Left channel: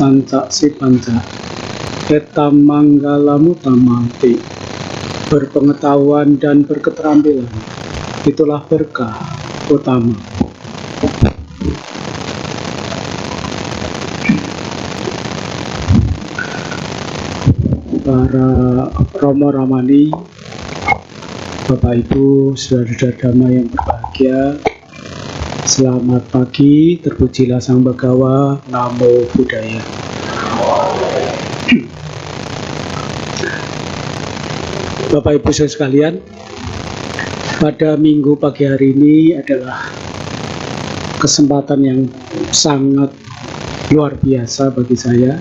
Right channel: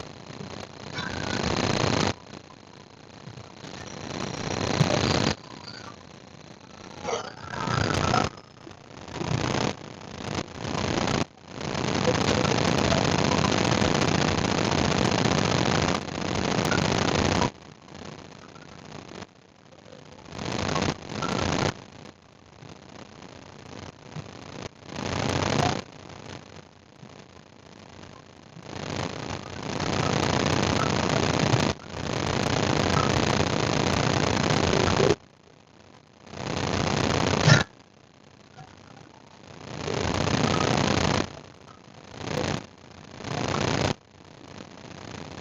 cancak si panca etam manggalamu tamati. Berpengetahuan dan berketerampilan, itulah berkah utama. Para Romo Ramani, Bapak Ibu, saudara-saudara damai yang berbahagia, selamat pagi, terpujilah Sang Bagawa, Namo Buddhaya. Bapak Ibu saudara sekalian, pada minggu pagi hari ini adalah kesempatan yang sangat luar biasa bagi saya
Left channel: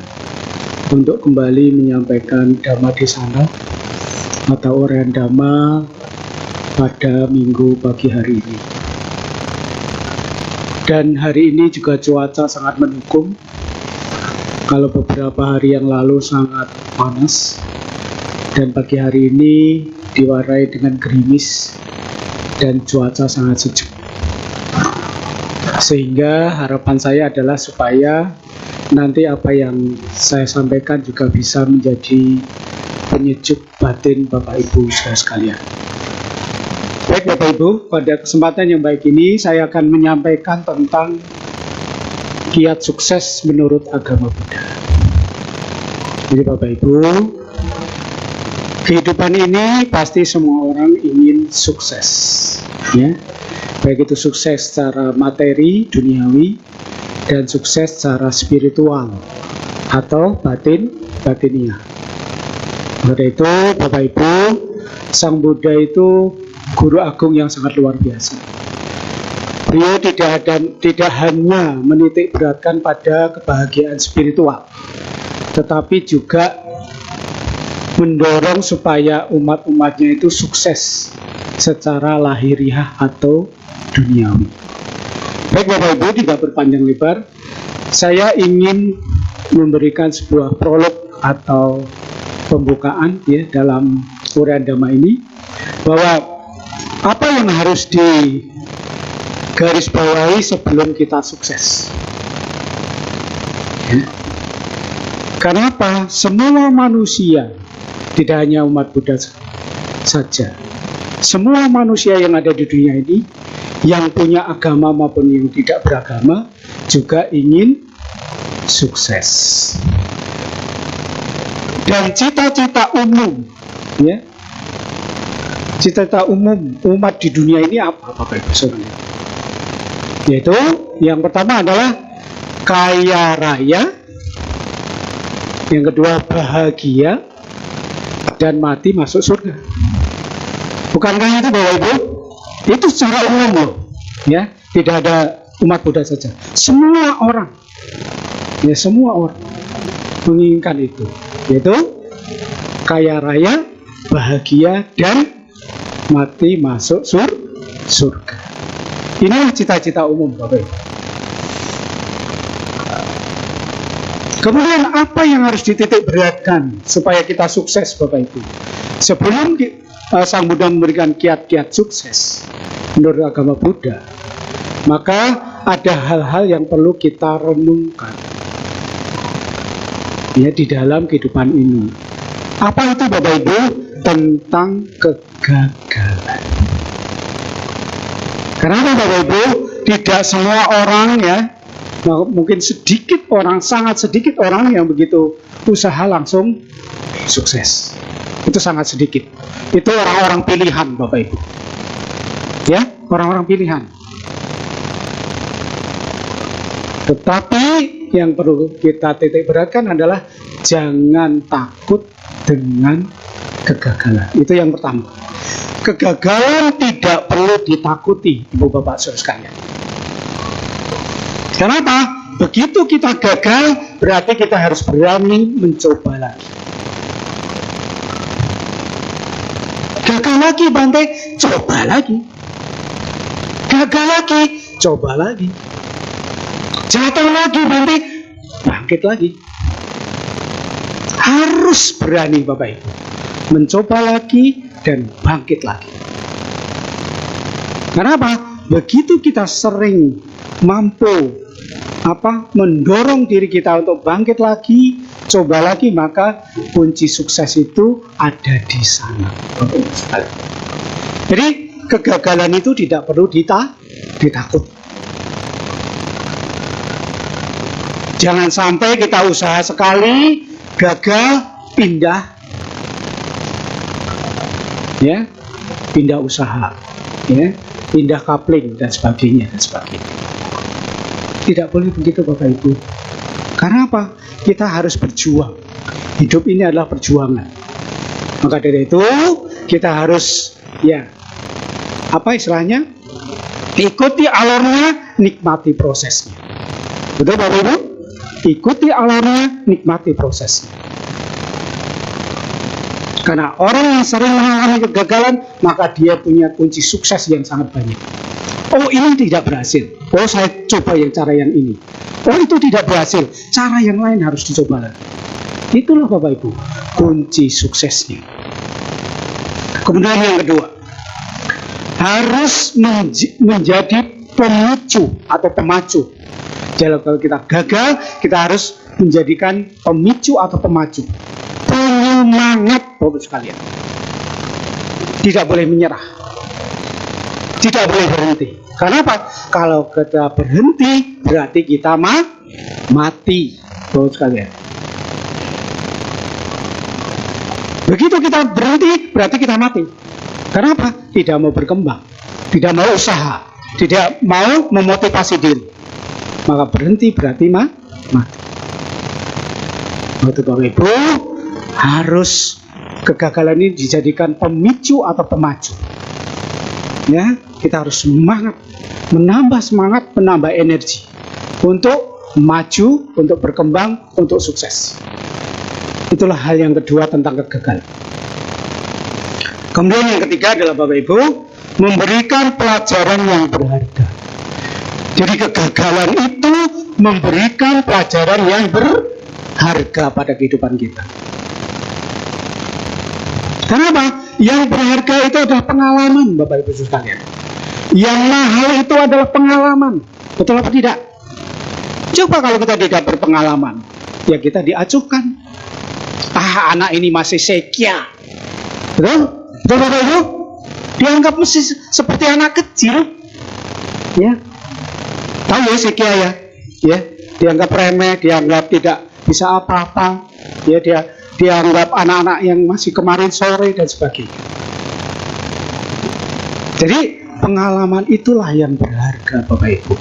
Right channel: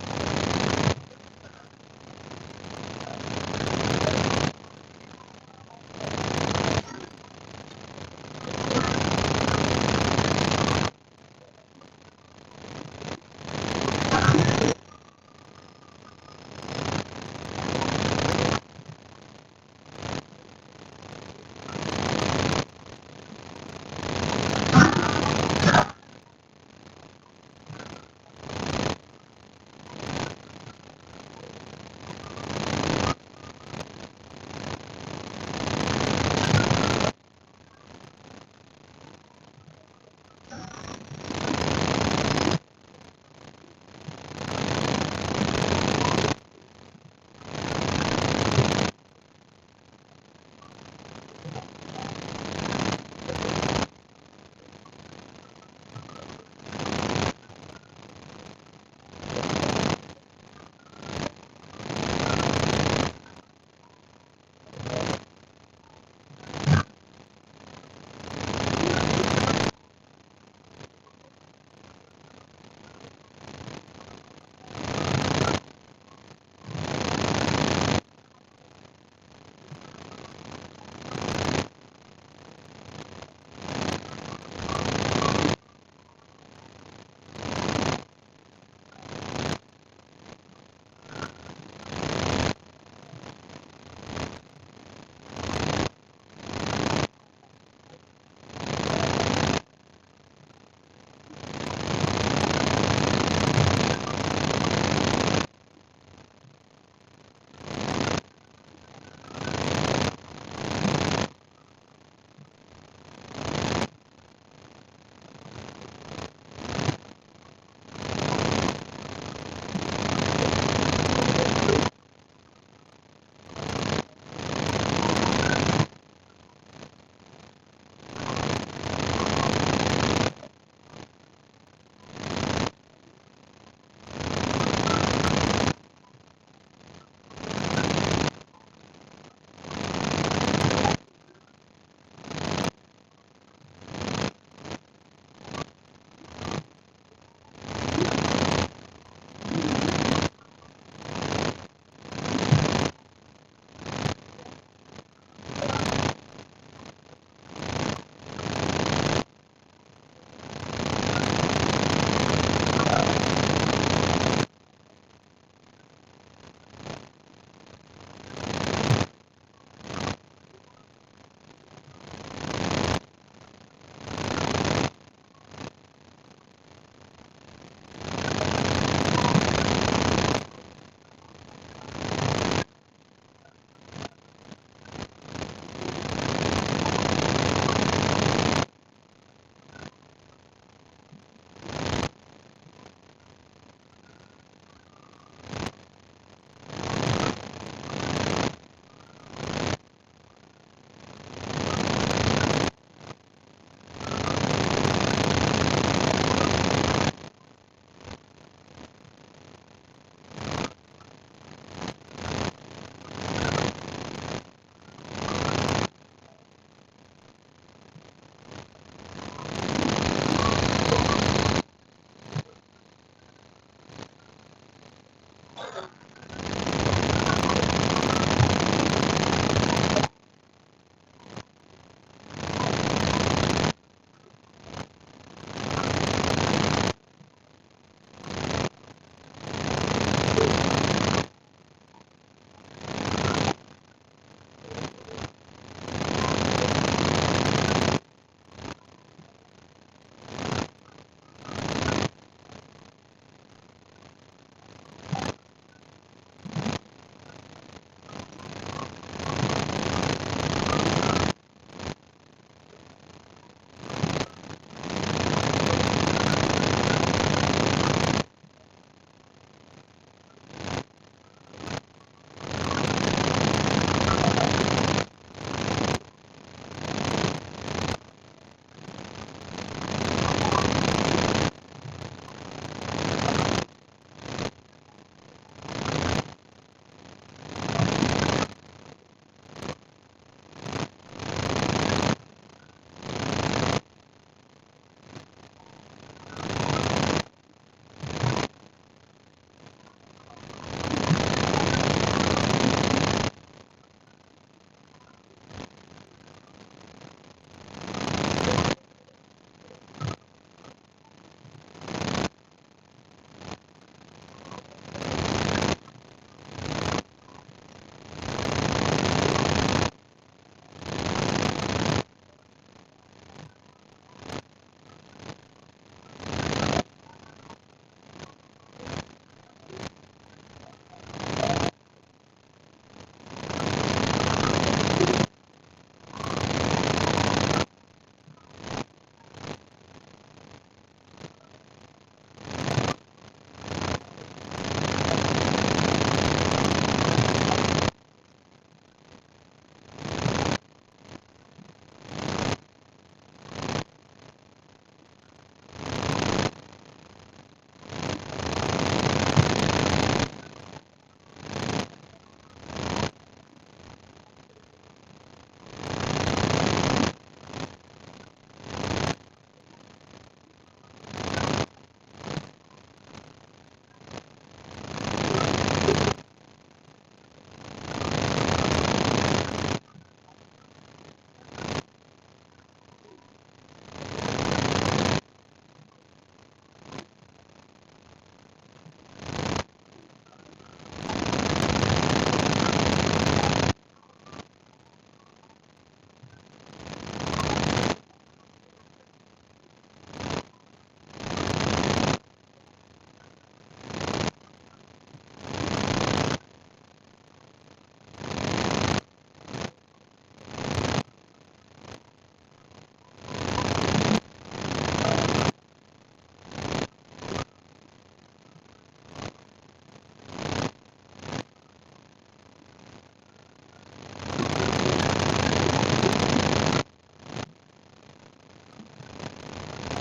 untuk kembali menyampaikan Dhamma Desana atau uraian Dhamma pada minggu pagi hari ini. Dan hari ini juga cuaca sangat mendukung. Kalau beberapa hari yang lalu sangat panas, dan pagi hari ini diwarnai dengan gerimis dan cuaca sangat sejuk. Sehingga harapan saya adalah supaya nanti apa yang saya sampaikan juga bisa menjadi penyejuk batin Bapak Ibu saudara sekalian. Baik Bapak Ibu, pada kesempatan yang baik ini saya akan menyampaikan tentang kiat sukses menurut agama Buddha. Jadi Bapak Ibu, kehidupan ini pasti semua orang ingin sukses, ya. Baik itu sukses secara materi, duniawi, dan sukses secara spiritual atau batiniah. Oleh itu, Bapak Ibu, Sang Buddha itu guru agung yang sangat luar biasa. Beliau tidak hanya menitik beratkan pada kebahagiaan spiritual, tetapi juga mendorong supaya umat-umatnya itu sukses secara lahiriah atau duniawi. Baik Bapak Ibu, tidak berpanjang lebar, saya ingin memberikan sebuah prolog atau pembukaan ya dalam uraian Dhamma ini, bahwa apa yang harus digarisbawahi sebelum kita sukses. Ya. Karena apa? Semua manusia, tidak hanya umat Buddha saja, semua manusia yang ada di dunia ini, yang punya agama maupun yang tidak beragama, juga ingin sukses. Dan cita-cita umum, ya, cita-cita umum umat di dunia ini apa, Bapak Ibu Saudara? Yaitu yang pertama adalah kaya raya, yang kedua bahagia, dan mati masuk surga. Bukankah itu Bapak Ibu? Itu secara umum loh, ya, tidak ada umat Buddha saja. Semua orang, ya semua orang menginginkan itu, yaitu kaya raya, bahagia, dan mati masuk surga. Inilah cita-cita umum, Bapak Ibu. Kemudian apa yang harus dititik beratkan supaya kita sukses, Bapak Ibu? Sebelum Sang Buddha memberikan kiat-kiat sukses menurut agama Buddha, maka ada hal-hal yang perlu kita renungkan ya di dalam kehidupan ini. Apa itu Bapak Ibu? Tentang kegagalan. Kenapa Bapak Ibu? Tidak semua orang ya, mungkin sedikit orang, sangat sedikit orang yang begitu usaha langsung sukses. Itu sangat sedikit. Itu orang-orang pilihan Bapak Ibu. Ya, orang-orang pilihan. Tetapi yang perlu kita titik beratkan adalah jangan takut dengan kegagalan. Itu yang pertama. Kegagalan tidak perlu ditakuti, Ibu Bapak Saudara sekalian. Kenapa? Begitu kita gagal, berarti kita harus berani mencoba lagi. Gagal lagi Bante, coba lagi. Gagal lagi, coba lagi. Jatuh lagi Bante, bangkit lagi. Harus berani Bapak Ibu, mencoba lagi dan bangkit lagi. Kenapa? Begitu kita sering mampu mendorong diri kita untuk bangkit lagi, coba lagi, maka kunci sukses itu ada di sana. Jadi kegagalan itu tidak perlu ditakut. Jangan sampai kita usaha sekali gagal, pindah usaha, pindah kapling dan sebagainya. Tidak boleh begitu Bapak Ibu. Karena apa? Kita harus berjuang. Hidup ini adalah perjuangan. Maka dari itu kita harus ikuti alurnya, nikmati prosesnya. Betul Bapak Ibu? Ikuti alurnya, nikmati prosesnya. Karena orang yang sering mengalami kegagalan, maka dia punya kunci sukses yang sangat banyak. Oh, ini tidak berhasil. Oh, saya coba cara yang ini. Oh, itu tidak berhasil. Cara yang lain harus dicoba lagi. Itulah Bapak Ibu, kunci suksesnya. Kemudian yang kedua, harus menjadi pemicu atau pemacu. Jadi kalau kita gagal, kita harus menjadikan pemicu atau pemacu. Penyemangat Bapak sekalian. Tidak boleh menyerah. Tidak boleh berhenti. Karena apa? Kalau kita berhenti, berarti kita mati, Bapak sekalian. Begitu kita berhenti, berarti kita mati. Karena apa? Tidak mau berkembang, tidak mau usaha, tidak mau memotivasi diri. Maka berhenti berarti mati. Waktu Bapak Ibu harus kegagalan ini dijadikan pemicu atau pemacu. Kita harus semangat, menambah semangat, menambah energi untuk maju, untuk berkembang, untuk sukses. Itulah hal yang kedua tentang kegagalan. Kemudian yang ketiga adalah Bapak Ibu, memberikan pelajaran yang berharga. Jadi kegagalan itu memberikan pelajaran yang berharga pada kehidupan kita. Kenapa? Yang berharga itu adalah pengalaman, Bapak Ibu sekalian. Yang mahal itu adalah pengalaman. Betul apa tidak? Coba kalau kita tidak berpengalaman, ya kita diacuhkan. Anak ini masih sekia. Betul? Betul Bapak Ibu? Dianggap mesti seperti anak kecil. Tahu ya sekia ya? Dianggap remeh, dianggap tidak bisa apa-apa. Dia dianggap anak-anak yang masih kemarin sore dan sebagainya. Jadi pengalaman itulah yang berharga Bapak Ibu.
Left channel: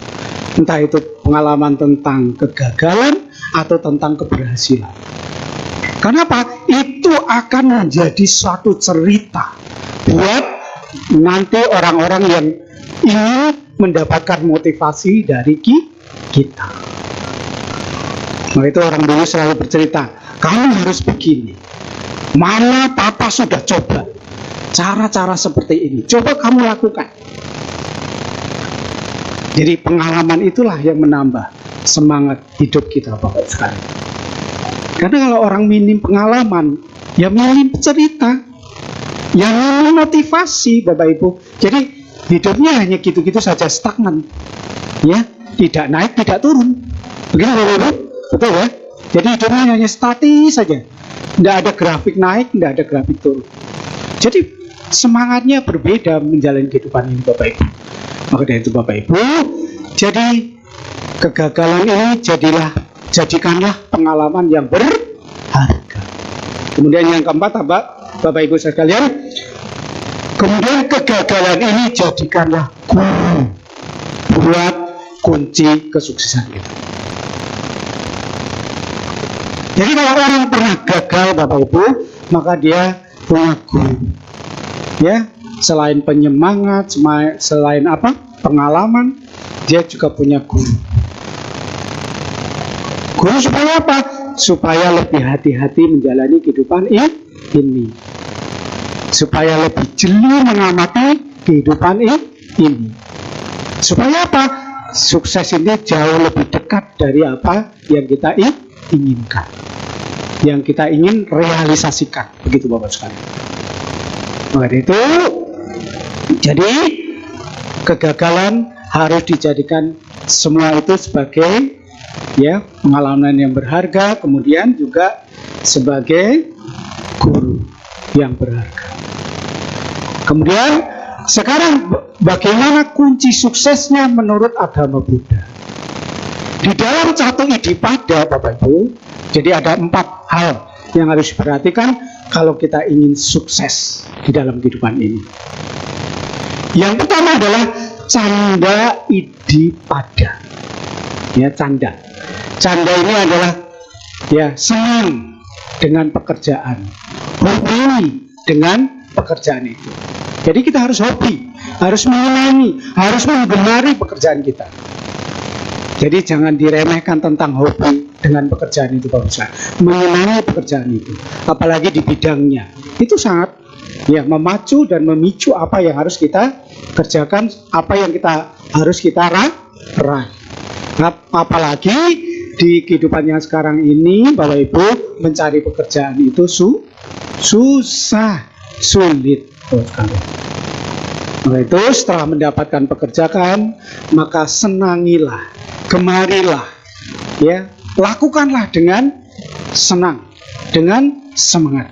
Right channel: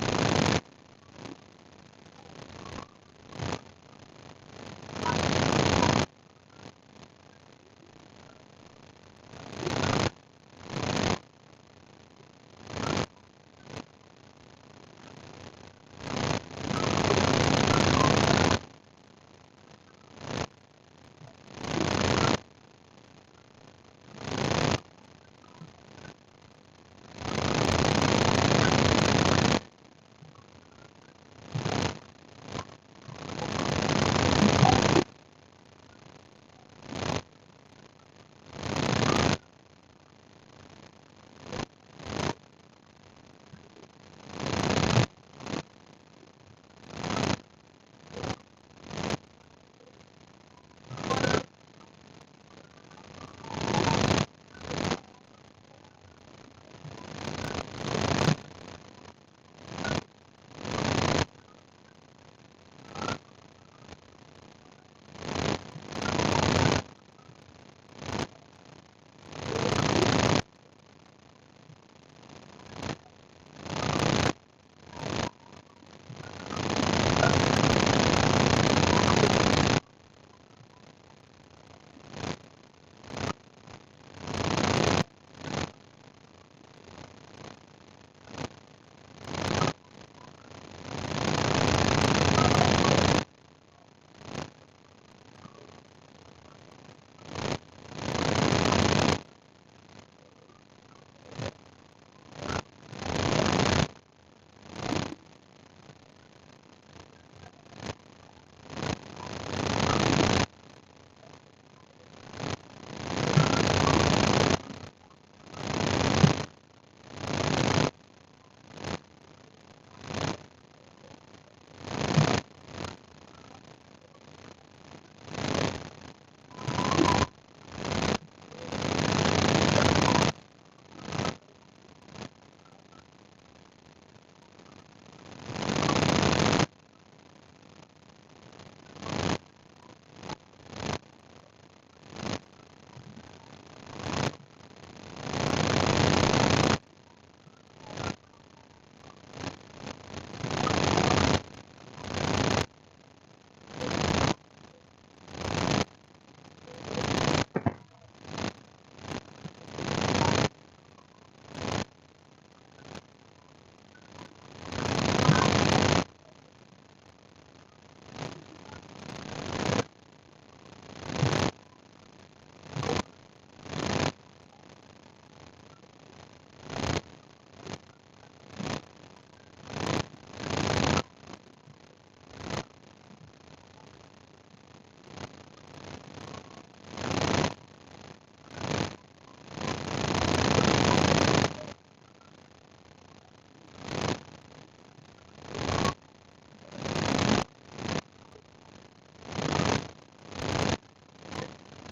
Entah itu pengalaman tentang kegagalan atau tentang keberhasilan. Kenapa? Itu akan menjadi suatu cerita buat nanti orang-orang yang ingin mendapatkan motivasi dari kita. Nah, itu orang dulu selalu bercerita, kamu harus begini. Mana papa sudah coba cara-cara seperti ini. Coba kamu lakukan. Jadi pengalaman itulah yang menambah semangat hidup kita Bapak sekalian. Karena kalau orang minim pengalaman, ya minim cerita, yang minim motivasi Bapak Ibu. Jadi hidupnya hanya gitu-gitu saja, stagnan. Tidak naik, tidak turun. Begitu Bapak Ibu? Betul ya? Jadi hidupnya hanya statis saja. Tidak ada grafik naik, tidak ada grafik turun. Jadi semangatnya berbeda menjalani kehidupan ini Bapak Ibu. Maka dari itu Bapak Ibu, jadi kegagalan ini jadikanlah pengalaman yang berharga. Kemudian yang keempat Bapak Ibu sekalian, kemudian kegagalan ini jadikanlah buat kunci kesuksesan kita. Jadi kalau orang pernah gagal Bapak Ibu, maka dia punya guru. Selain penyemangat, selain pengalaman, dia juga punya guru. Guru supaya apa? Supaya lebih hati-hati menjalani kehidupan ini. Supaya lebih jeli mengamati kehidupan ini. Supaya apa? Sukses ini jauh lebih dekat dari apa yang kita inginkan. Yang kita ingin realisasikan. Begitu Bapak sekalian. Maka itu, jadi kegagalan harus dijadikan semua itu sebagai ya, pengalaman yang berharga, kemudian juga sebagai guru yang berharga. Kemudian sekarang bagaimana kunci suksesnya menurut agama Buddha? Di dalam satu idipada, Bapak Ibu, jadi ada 4 hal yang harus diperhatikan kalau kita ingin sukses di dalam kehidupan ini. Yang pertama adalah canda idipada. Ya, canda. Canda ini adalah ya senang dengan pekerjaan, hobi dengan pekerjaan itu. Jadi kita harus hobi, harus menyenangi, harus menggemari pekerjaan kita. Jadi jangan diremehkan tentang hobi dengan pekerjaan itu, Pak Ustaz. Menyenangi pekerjaan itu, apalagi di bidangnya. Itu sangat ya memacu dan memicu apa yang harus kita kerjakan, apa yang harus kita raih. Apalagi di kehidupan yang sekarang ini, Bapak Ibu, mencari pekerjaan itu susah, sulit. Nah, itu setelah mendapatkan pekerjaan, maka senangilah, gemarilah, ya, lakukanlah dengan senang, dengan semangat.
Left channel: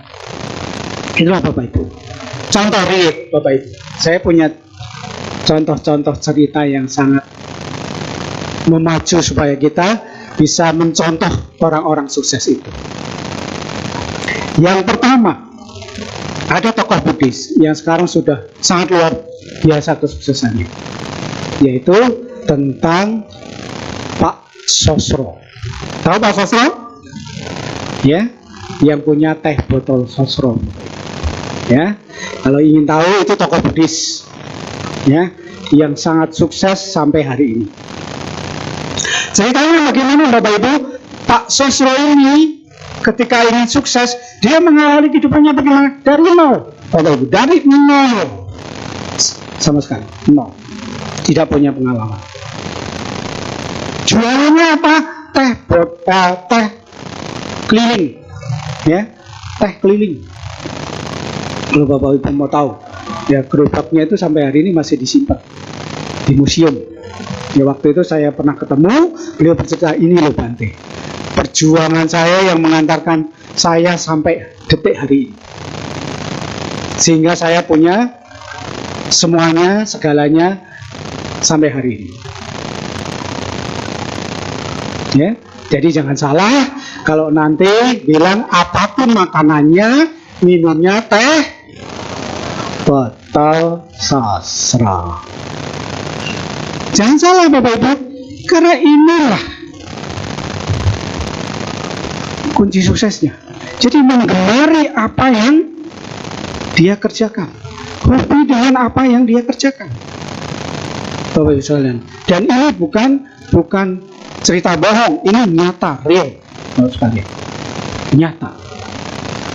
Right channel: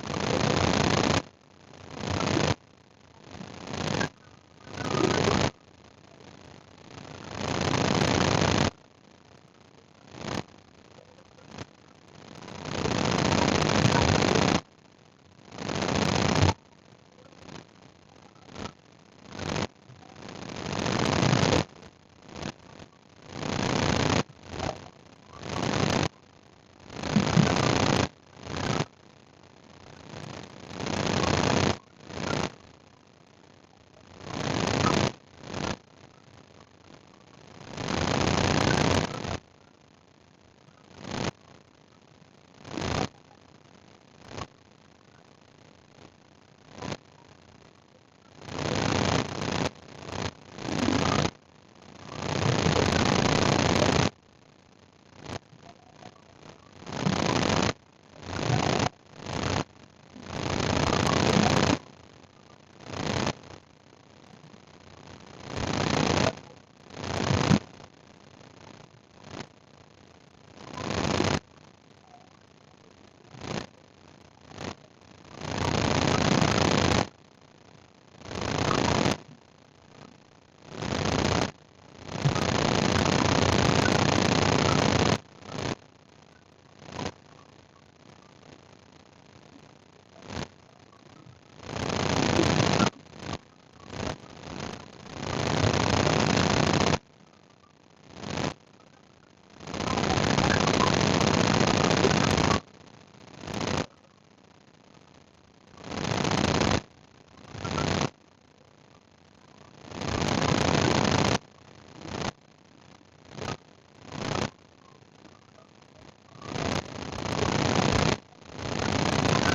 Itulah Bapak Ibu. Contoh real, Bapak Ibu. Saya punya contoh-contoh cerita yang sangat memacu supaya kita bisa mencontoh orang-orang sukses itu. Yang pertama, ada tokoh Buddhis yang sekarang sudah sangat luar biasa kesuksesannya, yaitu tentang Pak Sosro. Tahu Pak Sosro? Ya, yang punya teh botol Sosro. Ya, kalau ingin tahu itu tokoh Buddhis, ya, yang sangat sukses sampai hari ini. Ceritanya bagaimana, Bapak Ibu? Pak Sosro ini ketika ingin sukses, dia mengawali kehidupannya bagaimana? Dari nol, Bapak Ibu, dari nol, sama sekali nol, tidak punya pengalaman. Jualannya apa? Teh botol, teh keliling, ya, teh keliling. Kalau Bapak Ibu mau tahu, ya gerobaknya itu sampai hari ini masih disimpan di museum. Ya waktu itu saya pernah ketemu, beliau bercerita, ini loh Bante, perjuangan saya yang mengantarkan saya sampai detik hari ini, sehingga saya punya semuanya, segalanya sampai hari ini. Ya, jadi jangan salah kalau nanti bilang apapun makanannya, minumnya teh botol sastra. Jangan salah Bapak Ibu, karena inilah kunci suksesnya. Jadi menggemari apa yang dia kerjakan, hobi dengan apa yang dia kerjakan, Bapak Ibu sekalian. Dan ini bukan cerita bohong, ini nyata, real, Bapak sekalian, nyata.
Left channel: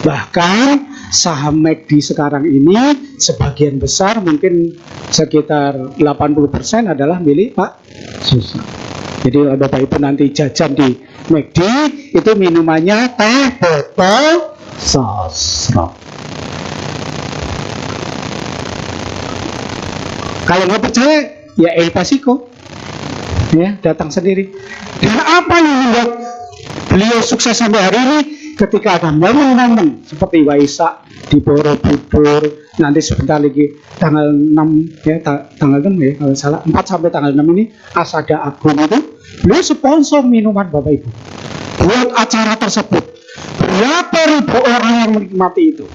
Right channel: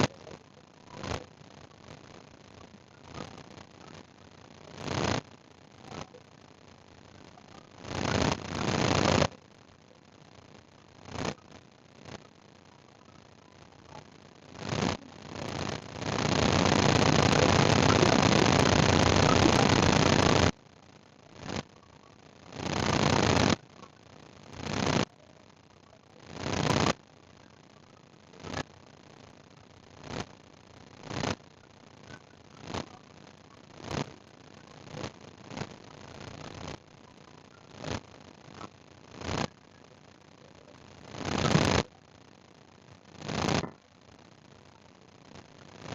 Bahkan saham McD sekarang ini sebagian besar, mungkin sekitar 80% adalah milik Pak Sosro. Jadi Bapak Ibu nanti jajan di McD, itu minumannya teh botol Sosro. Kalau nggak percaya, ya El Pasico, ya datang sendiri. Dan apa yang membuat beliau sukses sampai hari ini? Ketika ada momen-momen seperti Waisak di Borobudur, nanti sebentar lagi tanggal 6 ya, tanggal 6 ya kalau salah, 4 sampai tanggal 6 ini Asada Agung itu beliau sponsor minuman Bapak Ibu buat acara tersebut. Berapa ribu orang yang menikmati itu,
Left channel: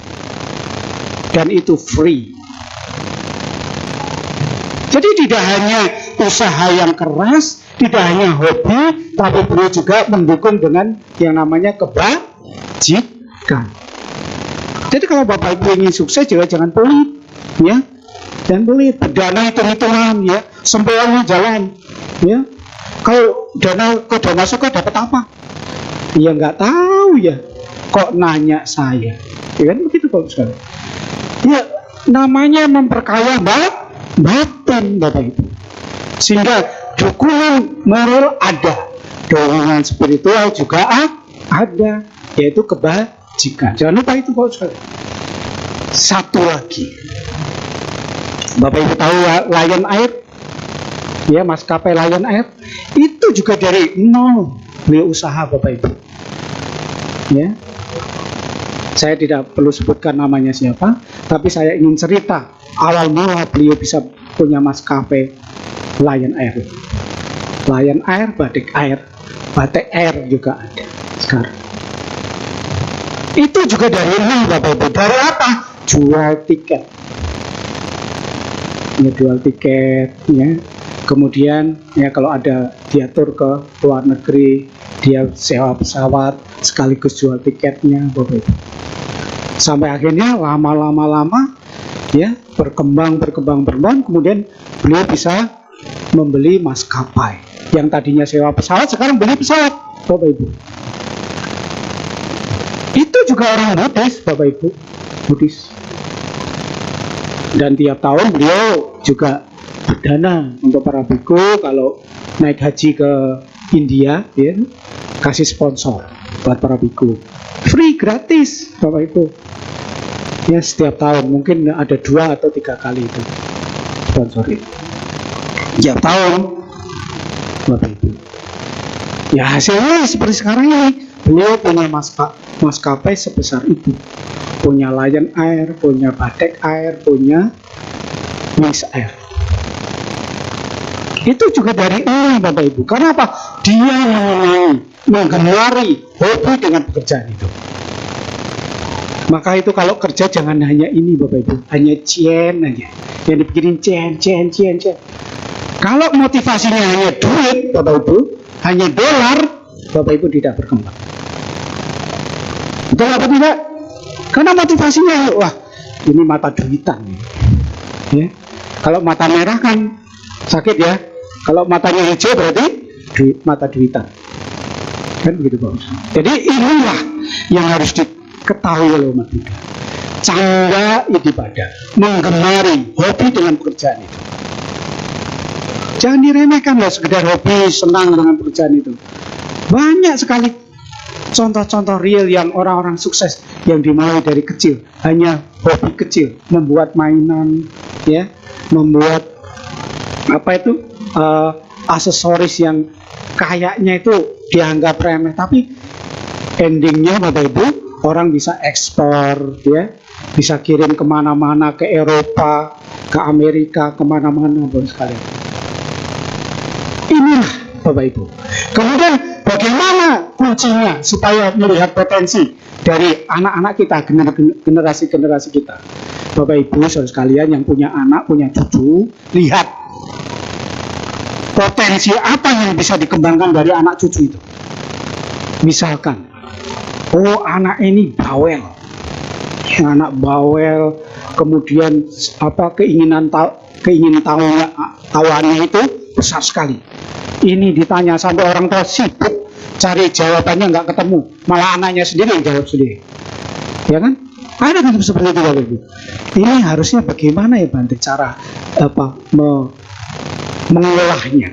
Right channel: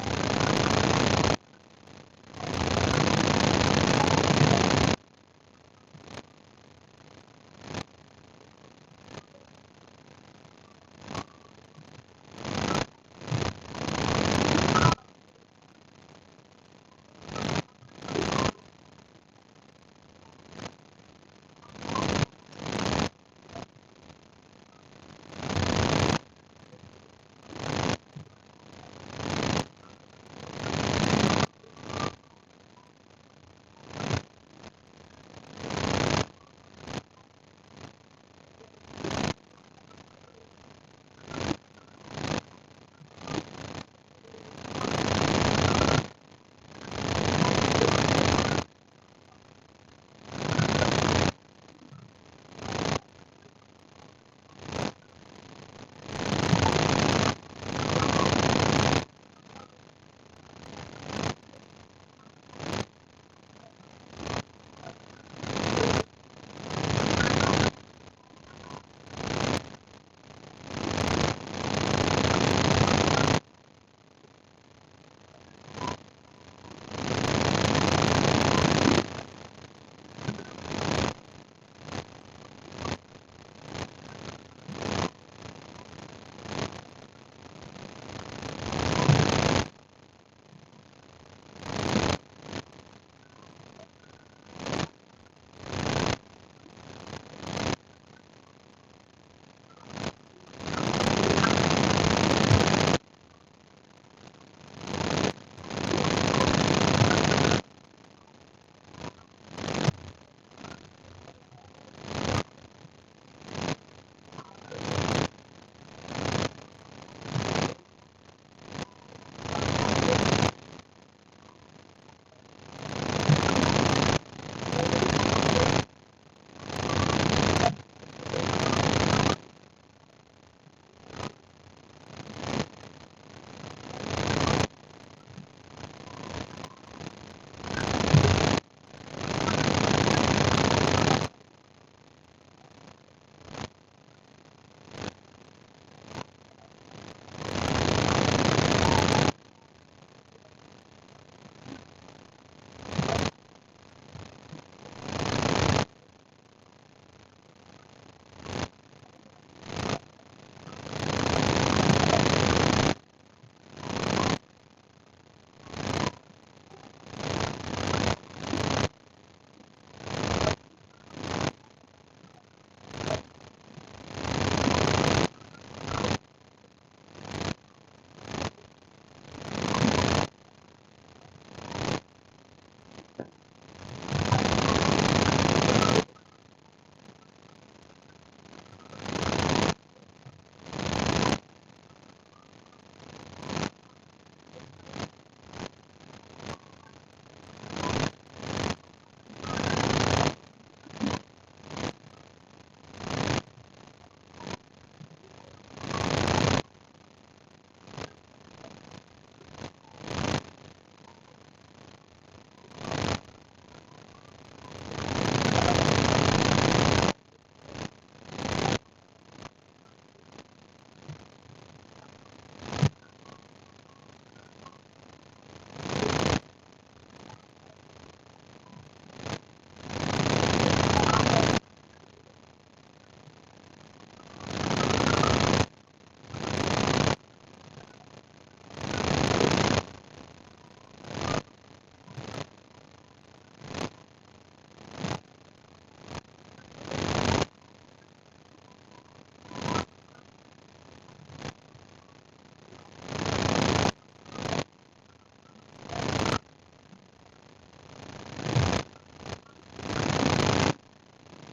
dan itu free. Jadi tidak hanya usaha yang keras, tidak hanya hobi, tapi beliau juga mendukung dengan yang namanya kebajikan. Jadi kalau Bapak Ibu ingin sukses juga jangan pelit, ya, dan pelit, berdana hitung-hitungan, ya, sempoyongan jalan, ya. Kalau dana suka dapat apa? Ya nggak tahu ya, kok nanya saya, ya kan begitu kalau sekali. Ya namanya memperkaya batin Bapak Ibu, sehingga dukungan moral ada, dukungan spiritual juga ada, yaitu kebajikan. Jangan lupa itu Bapak Ibu. Satu lagi, Bapak Ibu tahu Lion Air, ya, maskapai Lion Air itu juga dari nol, beliau usaha Bapak Ibu. Ya, saya tidak perlu sebutkan namanya siapa, tapi saya ingin cerita awal mula beliau bisa punya maskapai Lion Air. Lion Air, Batik Air, Batik Air juga ada sekarang. Itu juga dari nol Bapak Ibu. Dari apa? Jual tiket. Ya, jual tiket, ya. Kemudian ya kalau ada dia tur ke luar negeri, dia sewa pesawat sekaligus jual tiketnya Bapak Ibu. Sampai akhirnya lama ya berkembang, kemudian beliau bisa membeli maskapai. Yang tadinya sewa pesawat sekarang beli pesawat Bapak Ibu. Itu juga orang Buddhis Bapak Ibu, Buddhis. Dan tiap tahun beliau juga berdana untuk para biku kalau naik haji ke India, ya, kasih sponsor buat para biku. Free, gratis Bapak Ibu. Ya, setiap tahun mungkin ada 2 atau 3 kali itu sponsor itu. Tiap tahun Bapak Ibu. Ya hasilnya seperti sekarang ini. Beliau punya maskapai sebesar itu. Punya Lion Air, punya Batik Air, punya Wings Air. Itu juga dari nol Bapak Ibu. Karena apa? Dia menggemari hobi dengan pekerjaan itu. Maka itu kalau kerja jangan hanya ini Bapak Ibu, hanya cien aja. Yang dipikirin cien. Kalau motivasinya hanya duit Bapak Ibu, hanya dolar, Bapak Ibu tidak berkembang. Betul apa tidak? Karena motivasinya, wah ini mata duitan. Ya. Kalau mata merah kan sakit ya. Kalau matanya hijau berarti mata duitan. Kan begitu Bapak. Jadi inilah yang harus diketahui oleh umat Buddha. Cangga ibadah, menggemari hobi dengan pekerjaan itu. Jangan diremehkan loh sekedar hobi, senang dengan pekerjaan itu. Banyak sekali contoh-contoh real yang orang-orang sukses yang dimulai dari kecil, hanya hobi kecil, membuat mainan, ya, membuat aksesoris yang kayaknya itu dianggap remeh, tapi endingnya Bapak Ibu orang bisa ekspor, ya, bisa kirim kemana-mana, ke Eropa, ke Amerika, kemana-mana pun sekali. Inilah Bapak Ibu. Kemudian bagaimana kuncinya supaya melihat potensi dari anak-anak kita, generasi-generasi kita. Bapak Ibu saudara sekalian yang punya anak, punya cucu, lihat potensi apa yang bisa dikembangkan dari anak cucu itu. Misalkan, oh anak ini bawel, anak bawel, kemudian keinginan tahuannya itu besar sekali. Ini ditanya sampai orang tua sibuk cari jawabannya nggak ketemu, malah anaknya sendiri yang jawab sendiri, ya kan? Ada kan seperti itu Bapak Ibu. Ini harusnya bagaimana ya Bante cara mengolahnya.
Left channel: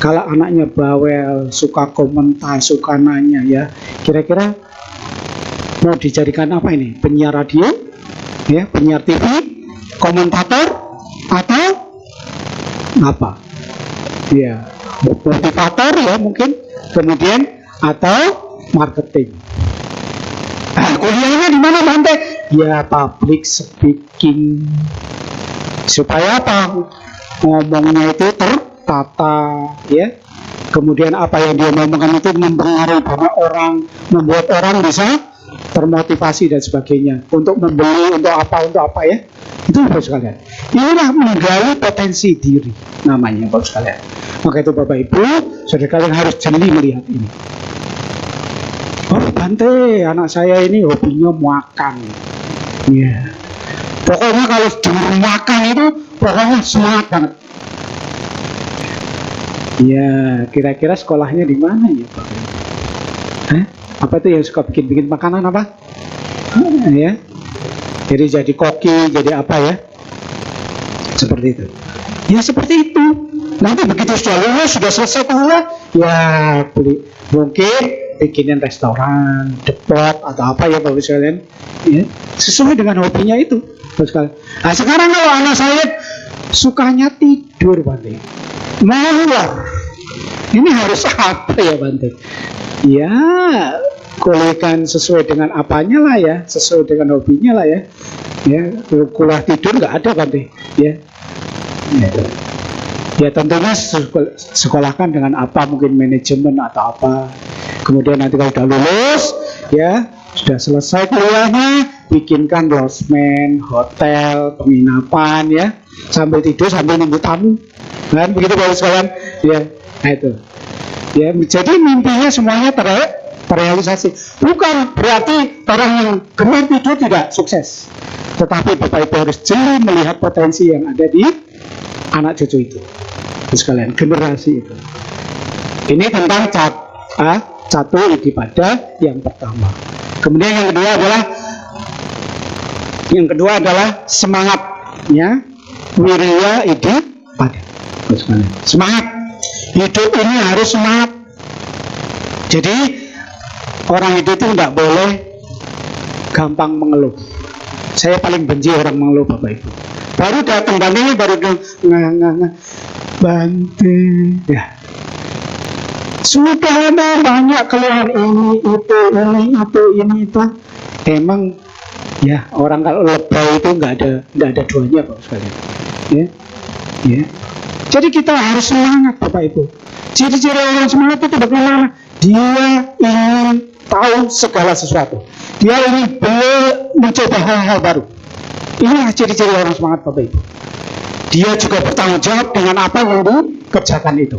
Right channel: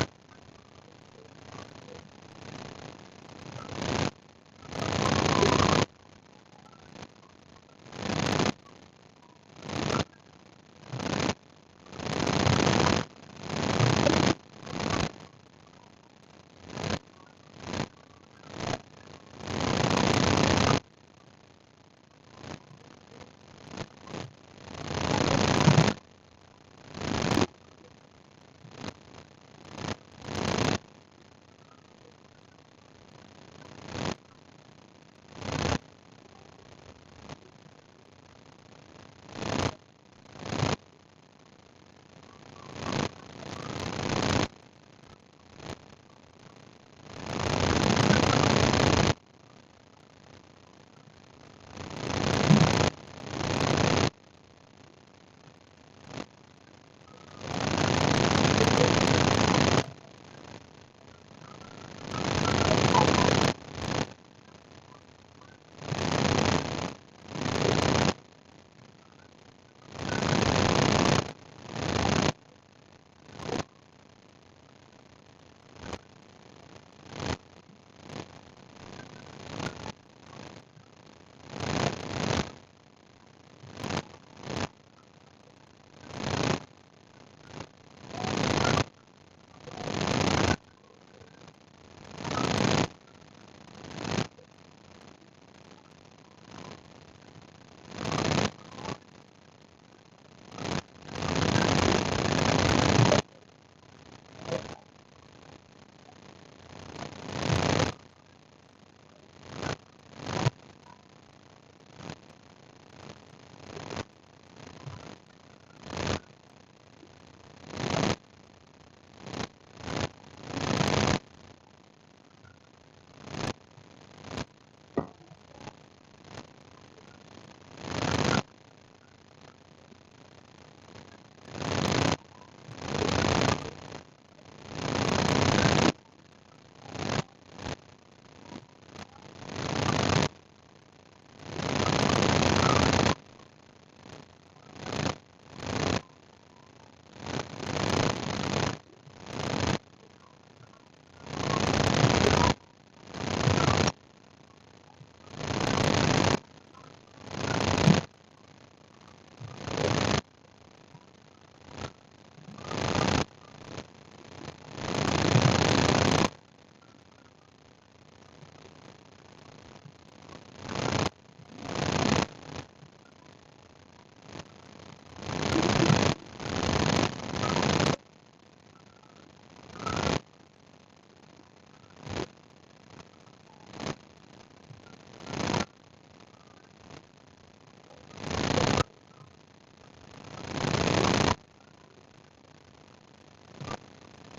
Kalau anaknya bawel, suka komentar, suka nanya, ya kira-kira mau dijadikan apa ini? Penyiar radio, ya, penyiar TV, komentator, atau apa? Ya, motivator ya mungkin, kemudian atau marketing. Nah, kuliahnya di mana Bante? Ya public speaking. Supaya apa? Ngomongnya itu tertata, ya. Kemudian apa yang dia ngomongkan itu mempengaruhi banyak orang, membuat orang bisa termotivasi dan sebagainya untuk membeli, untuk apa ya. Itu Bapak sekalian. Inilah menggali potensi diri namanya Bapak sekalian. Maka itu Bapak Ibu, saudara kalian harus jeli melihat ini. Oh Bante, anak saya ini hobinya makan. Ya. Pokoknya kalau dengar makan itu pokoknya semangat banget. Ya, kira-kira sekolahnya di mana ya? Apa itu yang suka bikin makanan apa? Ya. Jadi jadi koki, jadi apa ya? Seperti itu. Ya seperti itu. Nanti begitu sudah lulus, sudah selesai kuliah, ya mungkin bikinin restoran, depot atau apa ya Bapak sekalian, ya, sesuai dengan hobinya itu Bapak sekalian. Nah sekarang kalau anak saya sukanya tidur Bante, molor, Ini harus apa ya Bante? Ya, kuliahkan sesuai dengan apanya lah ya, sesuai dengan hobinya lah ya. Ya, kuliah tidur nggak ada Bante. Ya, ya tentunya sekolahkan dengan apa, mungkin manajemen atau apa. Kemudian nanti kalau sudah lulus, ya sudah selesai kuliahnya, bikinkan losmen, hotel, penginapan ya, sambil tidur sambil nunggu tamu, kan begitu Bapak sekalian, ya, nah itu, ya, jadi mimpinya semuanya terrealisasi. Bukan berarti orang yang gemar tidur tidak sukses, tetapi Bapak Ibu harus jeli melihat potensi yang ada di anak cucu itu, sekalian generasi itu. Ini tentang satu idipada yang pertama. Kemudian yang kedua adalah semangatnya, wirya idipada. Semangat hidup ini harus semangat. Jadi orang hidup itu tidak boleh gampang mengeluh. Saya paling benci orang mengeluh Bapak Ibu. Baru datang Bante, baru Bante, ya. Sudah ada banyak keluhan ini itu. Emang ya orang kalau lebay itu nggak ada duanya Pak sekali. Ya, ya. Jadi kita harus semangat Bapak Ibu. Ciri-ciri orang semangat itu bagaimana? Dia ingin tahu segala sesuatu. Dia ingin mencoba hal-hal baru. Inilah ciri-ciri orang semangat Bapak Ibu. Dia juga bertanggung jawab dengan apa yang dikerjakan itu.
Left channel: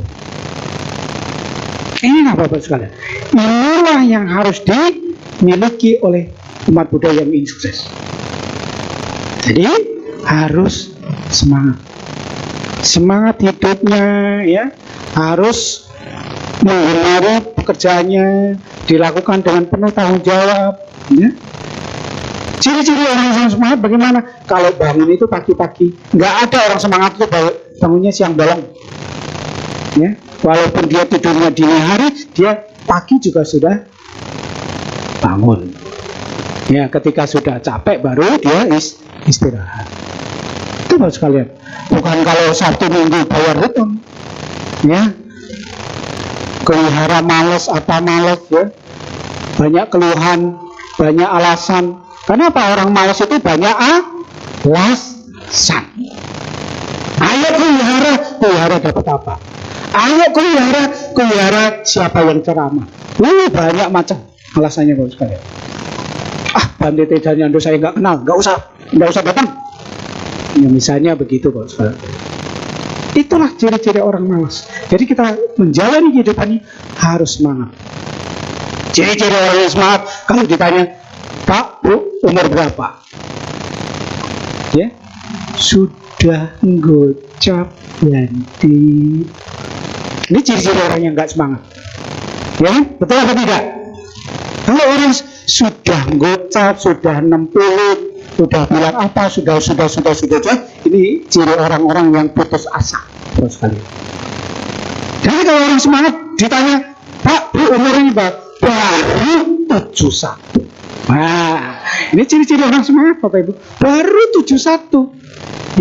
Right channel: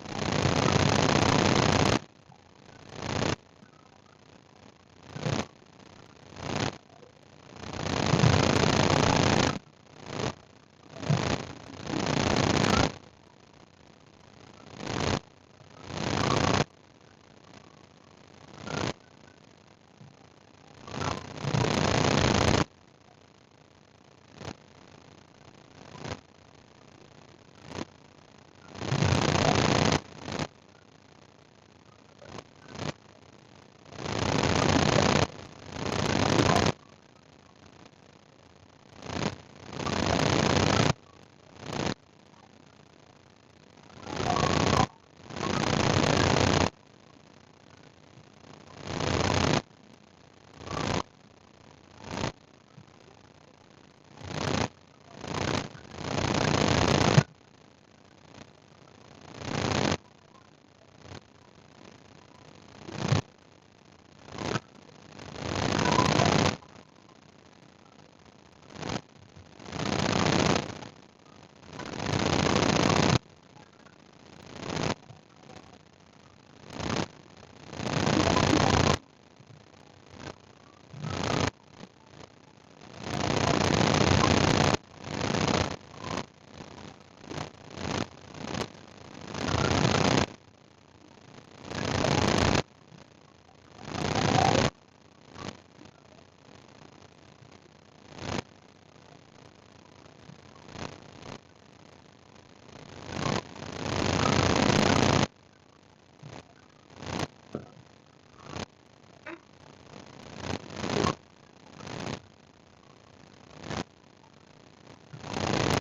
Inilah Bapak sekalian. Inilah yang harus dimiliki oleh umat Buddha yang ingin sukses. Jadi harus semangat. Semangat hidupnya ya, harus menggemari pekerjaannya, dilakukan dengan penuh tanggung jawab ya. Ciri-ciri orang yang semangat bagaimana? Kalau bangun itu pagi-pagi, nggak ada orang semangat itu bangunnya siang bolong ya. Walaupun dia tidurnya dini hari, dia pagi juga sudah bangun ya. Ketika sudah capek baru dia istirahat. Itu Bapak sekalian. Bukan kalau Sabtu Minggu bayar hutang ya, kelihara males apa males ya, banyak keluhan, banyak alasan. Kenapa orang malas itu banyak alasan? Ayo kelihara dapat apa? Ayo kelihara siapa yang ceramah? Banyak macam alasannya Bapak sekalian. Bante Tejanyando saya nggak kenal, nggak usah datang. Ya, misalnya begitu Bapak sekalian. Itulah ciri-ciri orang malas. Jadi kita menjalani kehidupan ini harus semangat. Ciri-ciri orang yang semangat, kalau ditanya, Pak, Bu, umur berapa? Ya, sudah gocap ganti. Ini ciri-ciri orang yang nggak semangat. Ya, betul apa tidak? Kalau orang sudah gocap, sudah 60, sudah bilang apa, sudah, ini ciri orang-orang yang putus asa. Terus kali. Jadi kalau orang semangat ditanya, Pak, Bu, umur ini baru 71. Nah, ini ciri-ciri orang semangat Bapak Ibu. Baru 71.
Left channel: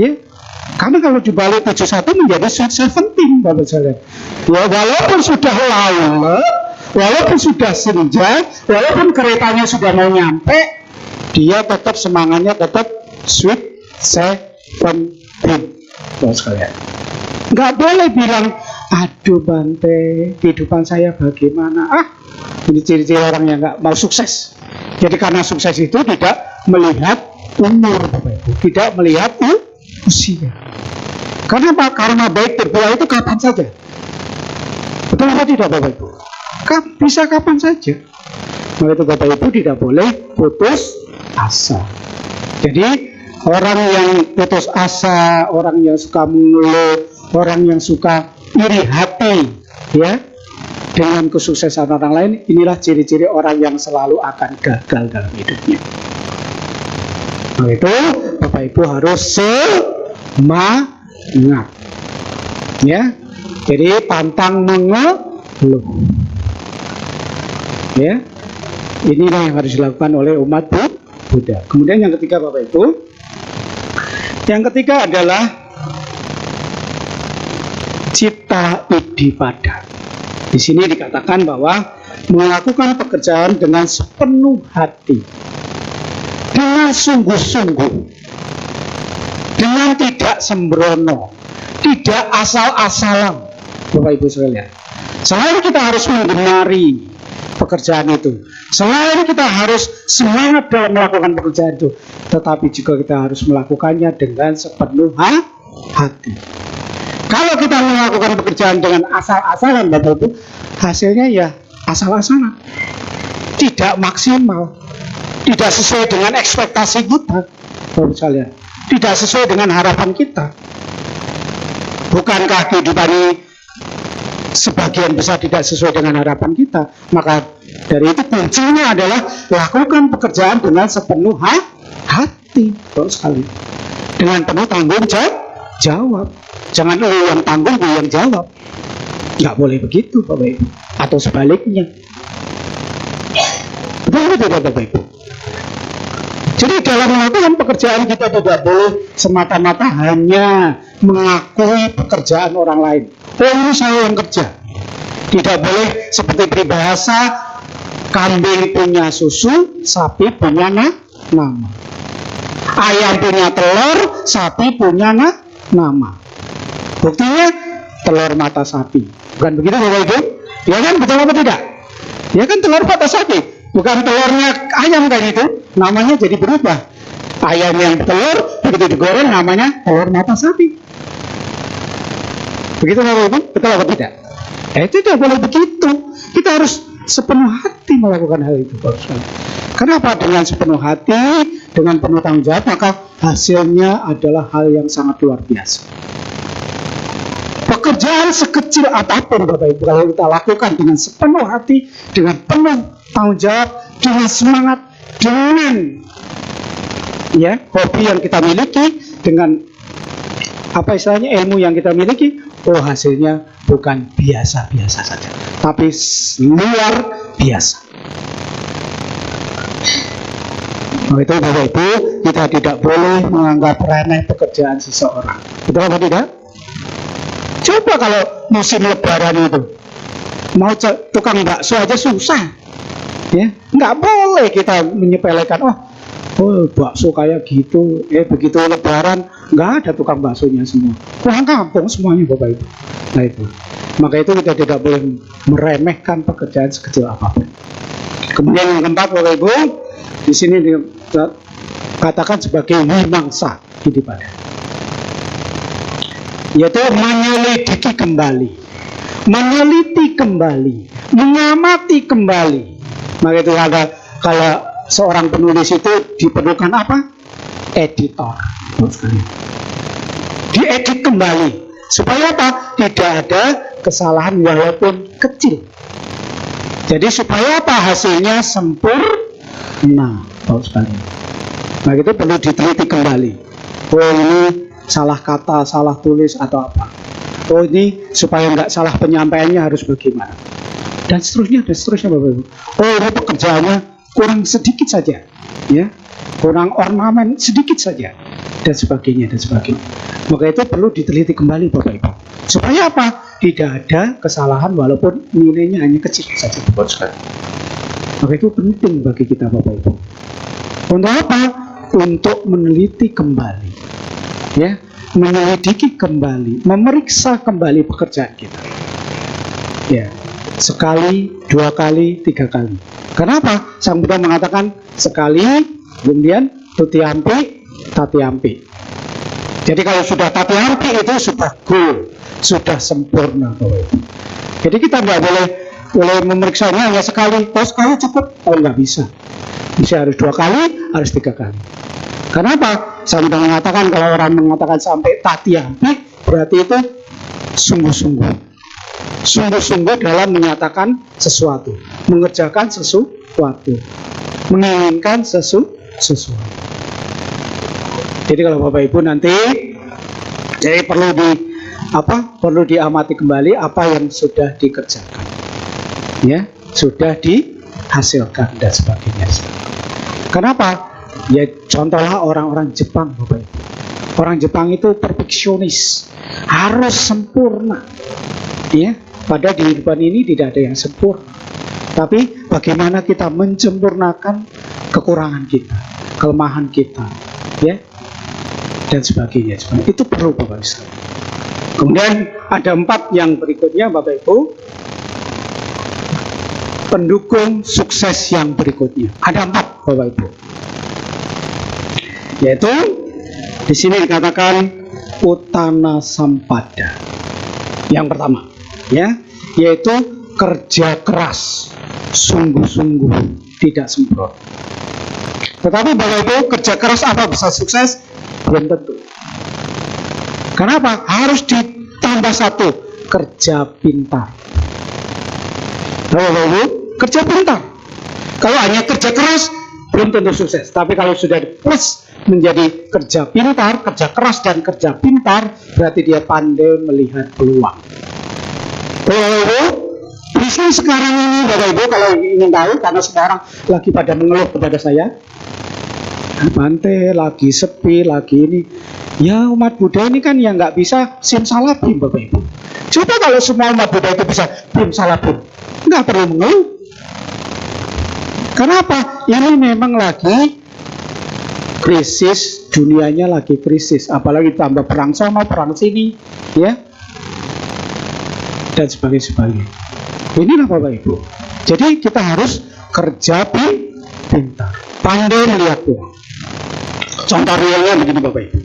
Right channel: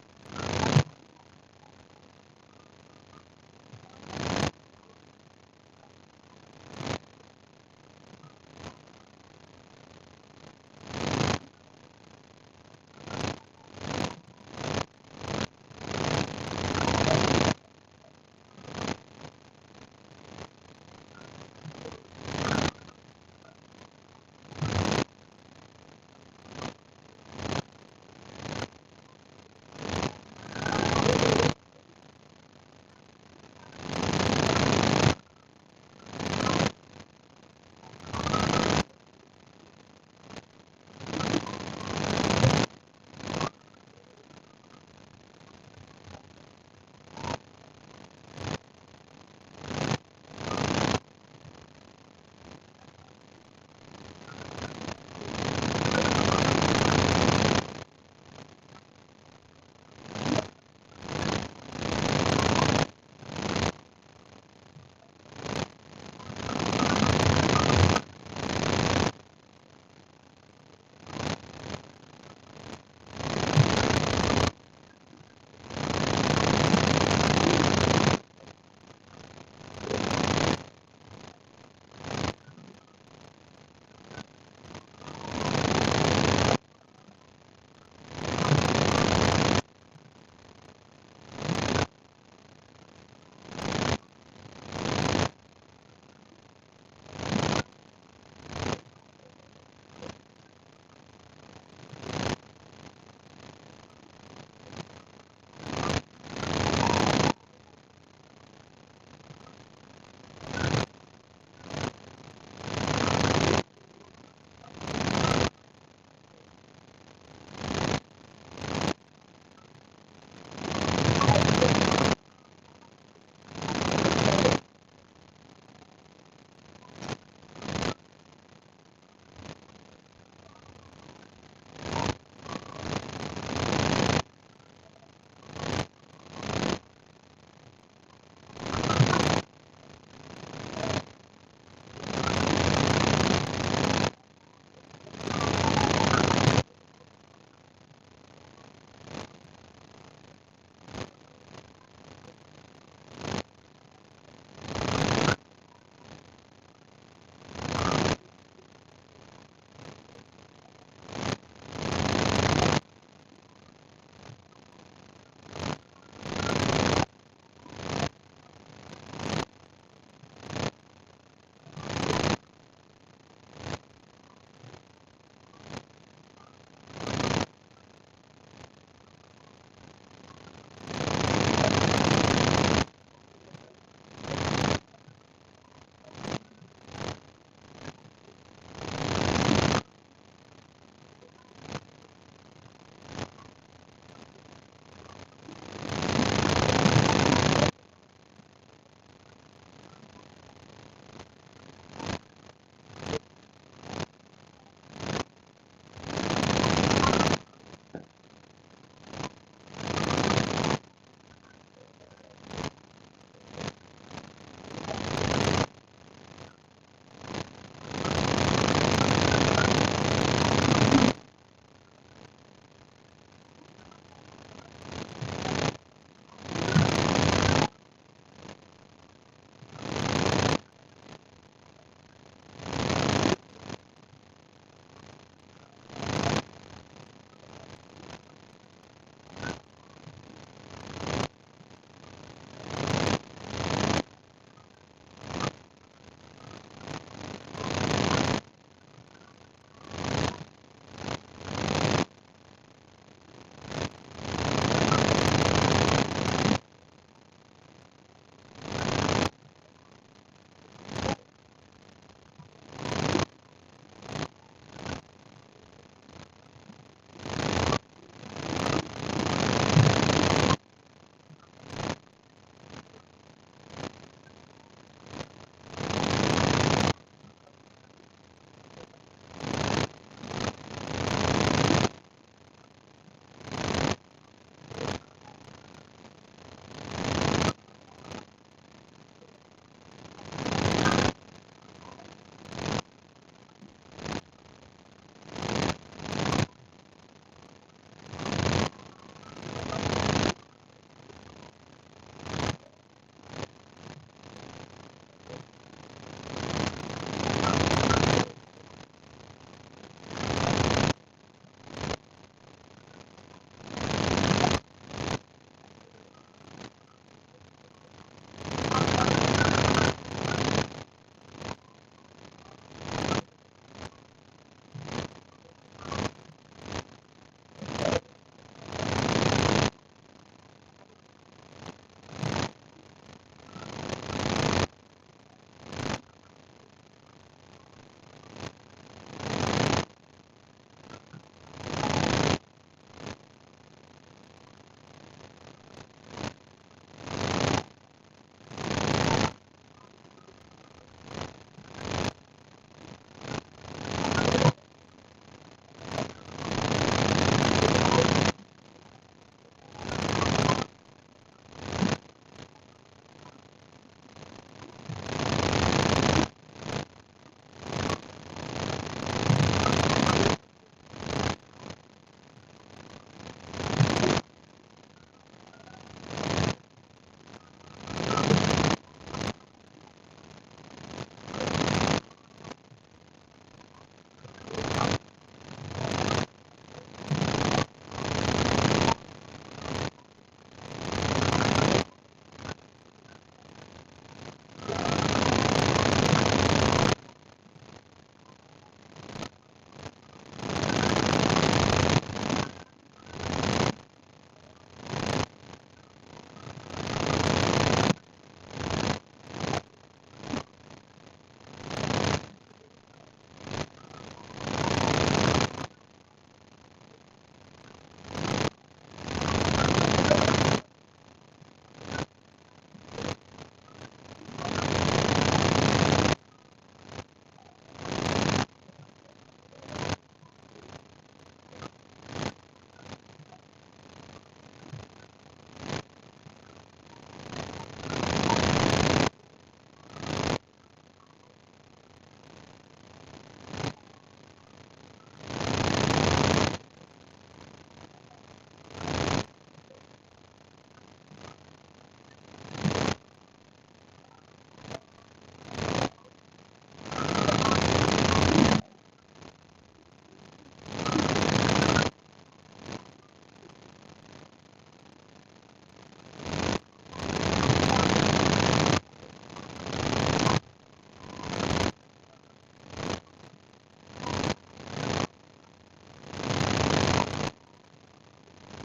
Ya. Karena kalau dibalik 71 menjadi 17 Bapak sekalian. Ya, walaupun sudah lama, walaupun sudah senja, walaupun keretanya sudah mau nyampe, dia tetap semangatnya tetap sweet 17 Bapak sekalian. Nggak boleh bilang, aduh Bante, kehidupan saya bagaimana? Ini ciri-ciri orang yang nggak mau sukses. Jadi karena sukses itu tidak melihat umur, tidak melihat usia. Karena baik berbuah itu kapan saja. Betul apa tidak Bapak Ibu? Bisa kapan saja. Maka itu Bapak Ibu tidak boleh putus asa. Jadi orang yang putus asa, orang yang suka mengeluh, orang yang suka iri hati ya dengan kesuksesan orang lain, inilah ciri-ciri orang yang selalu akan gagal dalam hidupnya. Nah itu Bapak Ibu harus semangat ya. Jadi pantang mengeluh ya. Inilah yang harus dilakukan oleh umat Buddha. Kemudian yang ketiga Bapak Ibu, yang ketiga adalah cita idipada. Di sini dikatakan bahwa melakukan pekerjaan dengan sepenuh hati, dengan sungguh-sungguh, dengan tidak sembrono, tidak asal-asalan, Bapak Ibu sekalian. Selain kita harus mengenari pekerjaan itu, selain kita harus semangat dalam melakukan pekerjaan itu, tetapi juga kita harus melakukannya dengan sepenuh hati. Kalau kita melakukan pekerjaan dengan asal-asalan, Bapak Ibu, hasilnya ya asal-asalan, tidak maksimal, tidak sesuai dengan ekspektasi kita, Bapak sekalian, tidak sesuai dengan harapan kita. Bukankah kehidupan ini sebagian besar tidak sesuai dengan harapan kita? Maka dari itu kuncinya adalah lakukan pekerjaan dengan sepenuh hati, Bapak sekali, dengan penuh tanggung jawab. Jangan lu yang tanggung, lu yang jawab. Nggak boleh begitu, Bapak Ibu. Atau sebaliknya. Betul tidak, Bapak Ibu? Jadi dalam melakukan pekerjaan kita tidak boleh semata-mata hanya mengakui pekerjaan orang lain. Oh, ini saya yang kerja. Tidak boleh seperti peribahasa, kambing punya susu, sapi punya nama. Ayam punya telur, sapi punya nama. Buktinya telur mata sapi. Bukan begitu, Bapak Ibu? Ya kan, betul apa tidak? Ya kan, telur mata sapi. Bukan telurnya ayam kan itu, namanya jadi berubah. Ayam yang telur, begitu digoreng namanya telur mata sapi. Begitu, Bapak Ibu? Betul apa tidak? Itu tidak boleh begitu. Kita harus sepenuh hati melakukan hal itu, Bapak. Kenapa? Dengan sepenuh hati, dengan penuh tanggung jawab, maka hasilnya adalah hal yang sangat luar biasa. Pekerjaan sekecil apapun, Bapak Ibu, kalau kita lakukan dengan sepenuh hati, dengan penuh tanggung jawab, dengan semangat, dengan hobi yang kita miliki, dengan apa istilahnya, ilmu yang kita miliki, hasilnya bukan biasa-biasa saja, tapi luar biasa. Nah, itu Bapak Ibu, kita tidak boleh menganggap remeh pekerjaan seseorang. Betul apa tidak? Coba kalau musim lebaran itu, mau tukang bakso aja susah, ya, nggak boleh kita menyepelekan. Bakso kayak gitu, begitu lebaran nggak ada tukang baksonya semua, pulang kampung semuanya, Bapak Ibu. Nah itu, maka itu kita tidak boleh meremehkan pekerjaan sekecil apapun. Kemudian yang keempat, Bapak Ibu, di sini dikatakan sebagai wimangsa hidup, yaitu menyelidiki kembali, meneliti kembali, mengamati kembali. Maka itu kalau seorang penulis itu diperlukan apa? Editor. Diedit kembali supaya apa? Tidak ada kesalahan walaupun kecil. Jadi supaya apa? Hasilnya sempurna. Nah itu perlu diteliti kembali. Ini salah kata, salah tulis atau apa. Ini supaya nggak salah penyampaiannya harus bagaimana. Dan seterusnya, Bapak Ibu. Ini pekerjaannya kurang sedikit saja, ya, kurang ornamen sedikit saja, dan sebagainya. Maka itu perlu diteliti kembali, Bapak Ibu. Supaya apa? Tidak ada kesalahan walaupun nilainya hanya kecil saja, Bapak Ibu. Maka itu penting bagi kita, Bapak Ibu. Untuk apa? Untuk meneliti kembali, ya, menyelidiki kembali, memeriksa kembali pekerjaan kita. Ya, sekali, 2 kali, 3 kali. Kenapa? Sang Buddha mengatakan sekali, kemudian tutiampi, tatiampi. Jadi kalau sudah tatiampi itu sudah goal, sudah sempurna. Jadi kita nggak boleh memeriksanya hanya sekali. Sekali cukup? Nggak bisa. Bisa harus 2 kali, harus 3 kali. Kenapa? Sang Buddha mengatakan kalau orang mengatakan sampai tatiampi, berarti itu sungguh-sungguh dalam menyatakan sesuatu, mengerjakan sesuatu, menginginkan sesuatu. Jadi kalau Bapak Ibu nanti, jadi perlu diamati kembali apa yang sudah dikerjakan, ya, sudah dihasilkan dan sebagainya. Kenapa? Ya contohlah orang-orang Jepang, Bapak Ibu. Orang Jepang itu perfeksionis, harus sempurna, ya. Pada kehidupan ini tidak ada yang sempurna. Tapi bagaimana kita menyempurnakan kekurangan kita, kelemahan kita, ya, dan sebagainya. Itu perlu Bapak Ibu. Kemudian ada 4 yang berikutnya Bapak Ibu. Pendukung sukses yang berikutnya. Ada 4 Bapak Ibu. Yaitu di sini dikatakan utana sampada. Yang pertama, ya, yaitu kerja keras, sungguh-sungguh, tidak sembrono. Tetapi Bapak Ibu, kerja keras apa bisa sukses? Belum tentu. Kenapa? Harus ditambah 1, kerja pintar. Bapak Ibu, kerja pintar. Kalau hanya kerja keras, belum tentu sukses. Tapi kalau sudah plus menjadi kerja pintar, kerja keras dan kerja pintar, berarti dia pandai melihat peluang. Bapak Ibu, bisnis sekarang ini Bapak Ibu, kalau ingin tahu, karena sekarang lagi pada mengeluh kepada saya, Bante lagi sepi, lagi ini. Ya, umat Buddha ini kan yang nggak bisa simsalabim Bapak Ibu. Coba kalau semua umat Buddha itu bisa simsalabim, nggak perlu mengeluh. Kenapa? Ini memang lagi krisis, dunianya lagi krisis, apalagi tambah perang sana, perang sini, ya, dan sebagainya. Inilah Bapak Ibu. Jadi kita harus kerja pintar, pandai melihat peluang. Contoh realnya begini Bapak Ibu.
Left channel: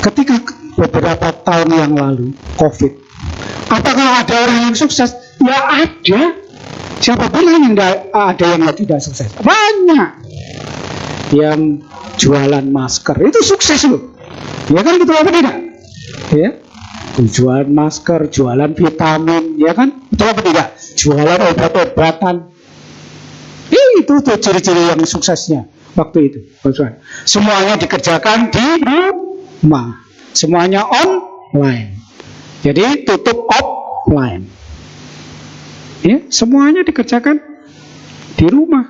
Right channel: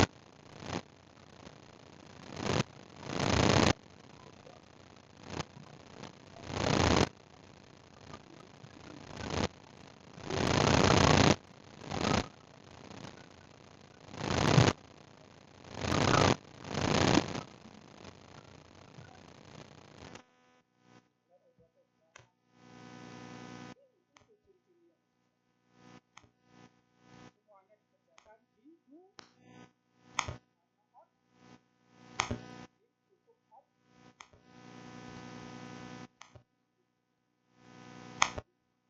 Ketika beberapa tahun yang lalu COVID, apakah ada orang yang sukses? Ya ada. Siapa bilang yang ada yang tidak sukses? Banyak. Yang jualan masker itu sukses loh. Ya kan, betul apa tidak? Ya. Jualan masker, jualan vitamin, ya kan? Betul apa tidak? Jualan obat-obatan. Itu tuh ciri-ciri yang suksesnya waktu itu. Semuanya dikerjakan di rumah. Semuanya online. Jadi tutup offline. Ya, semuanya dikerjakan di rumah.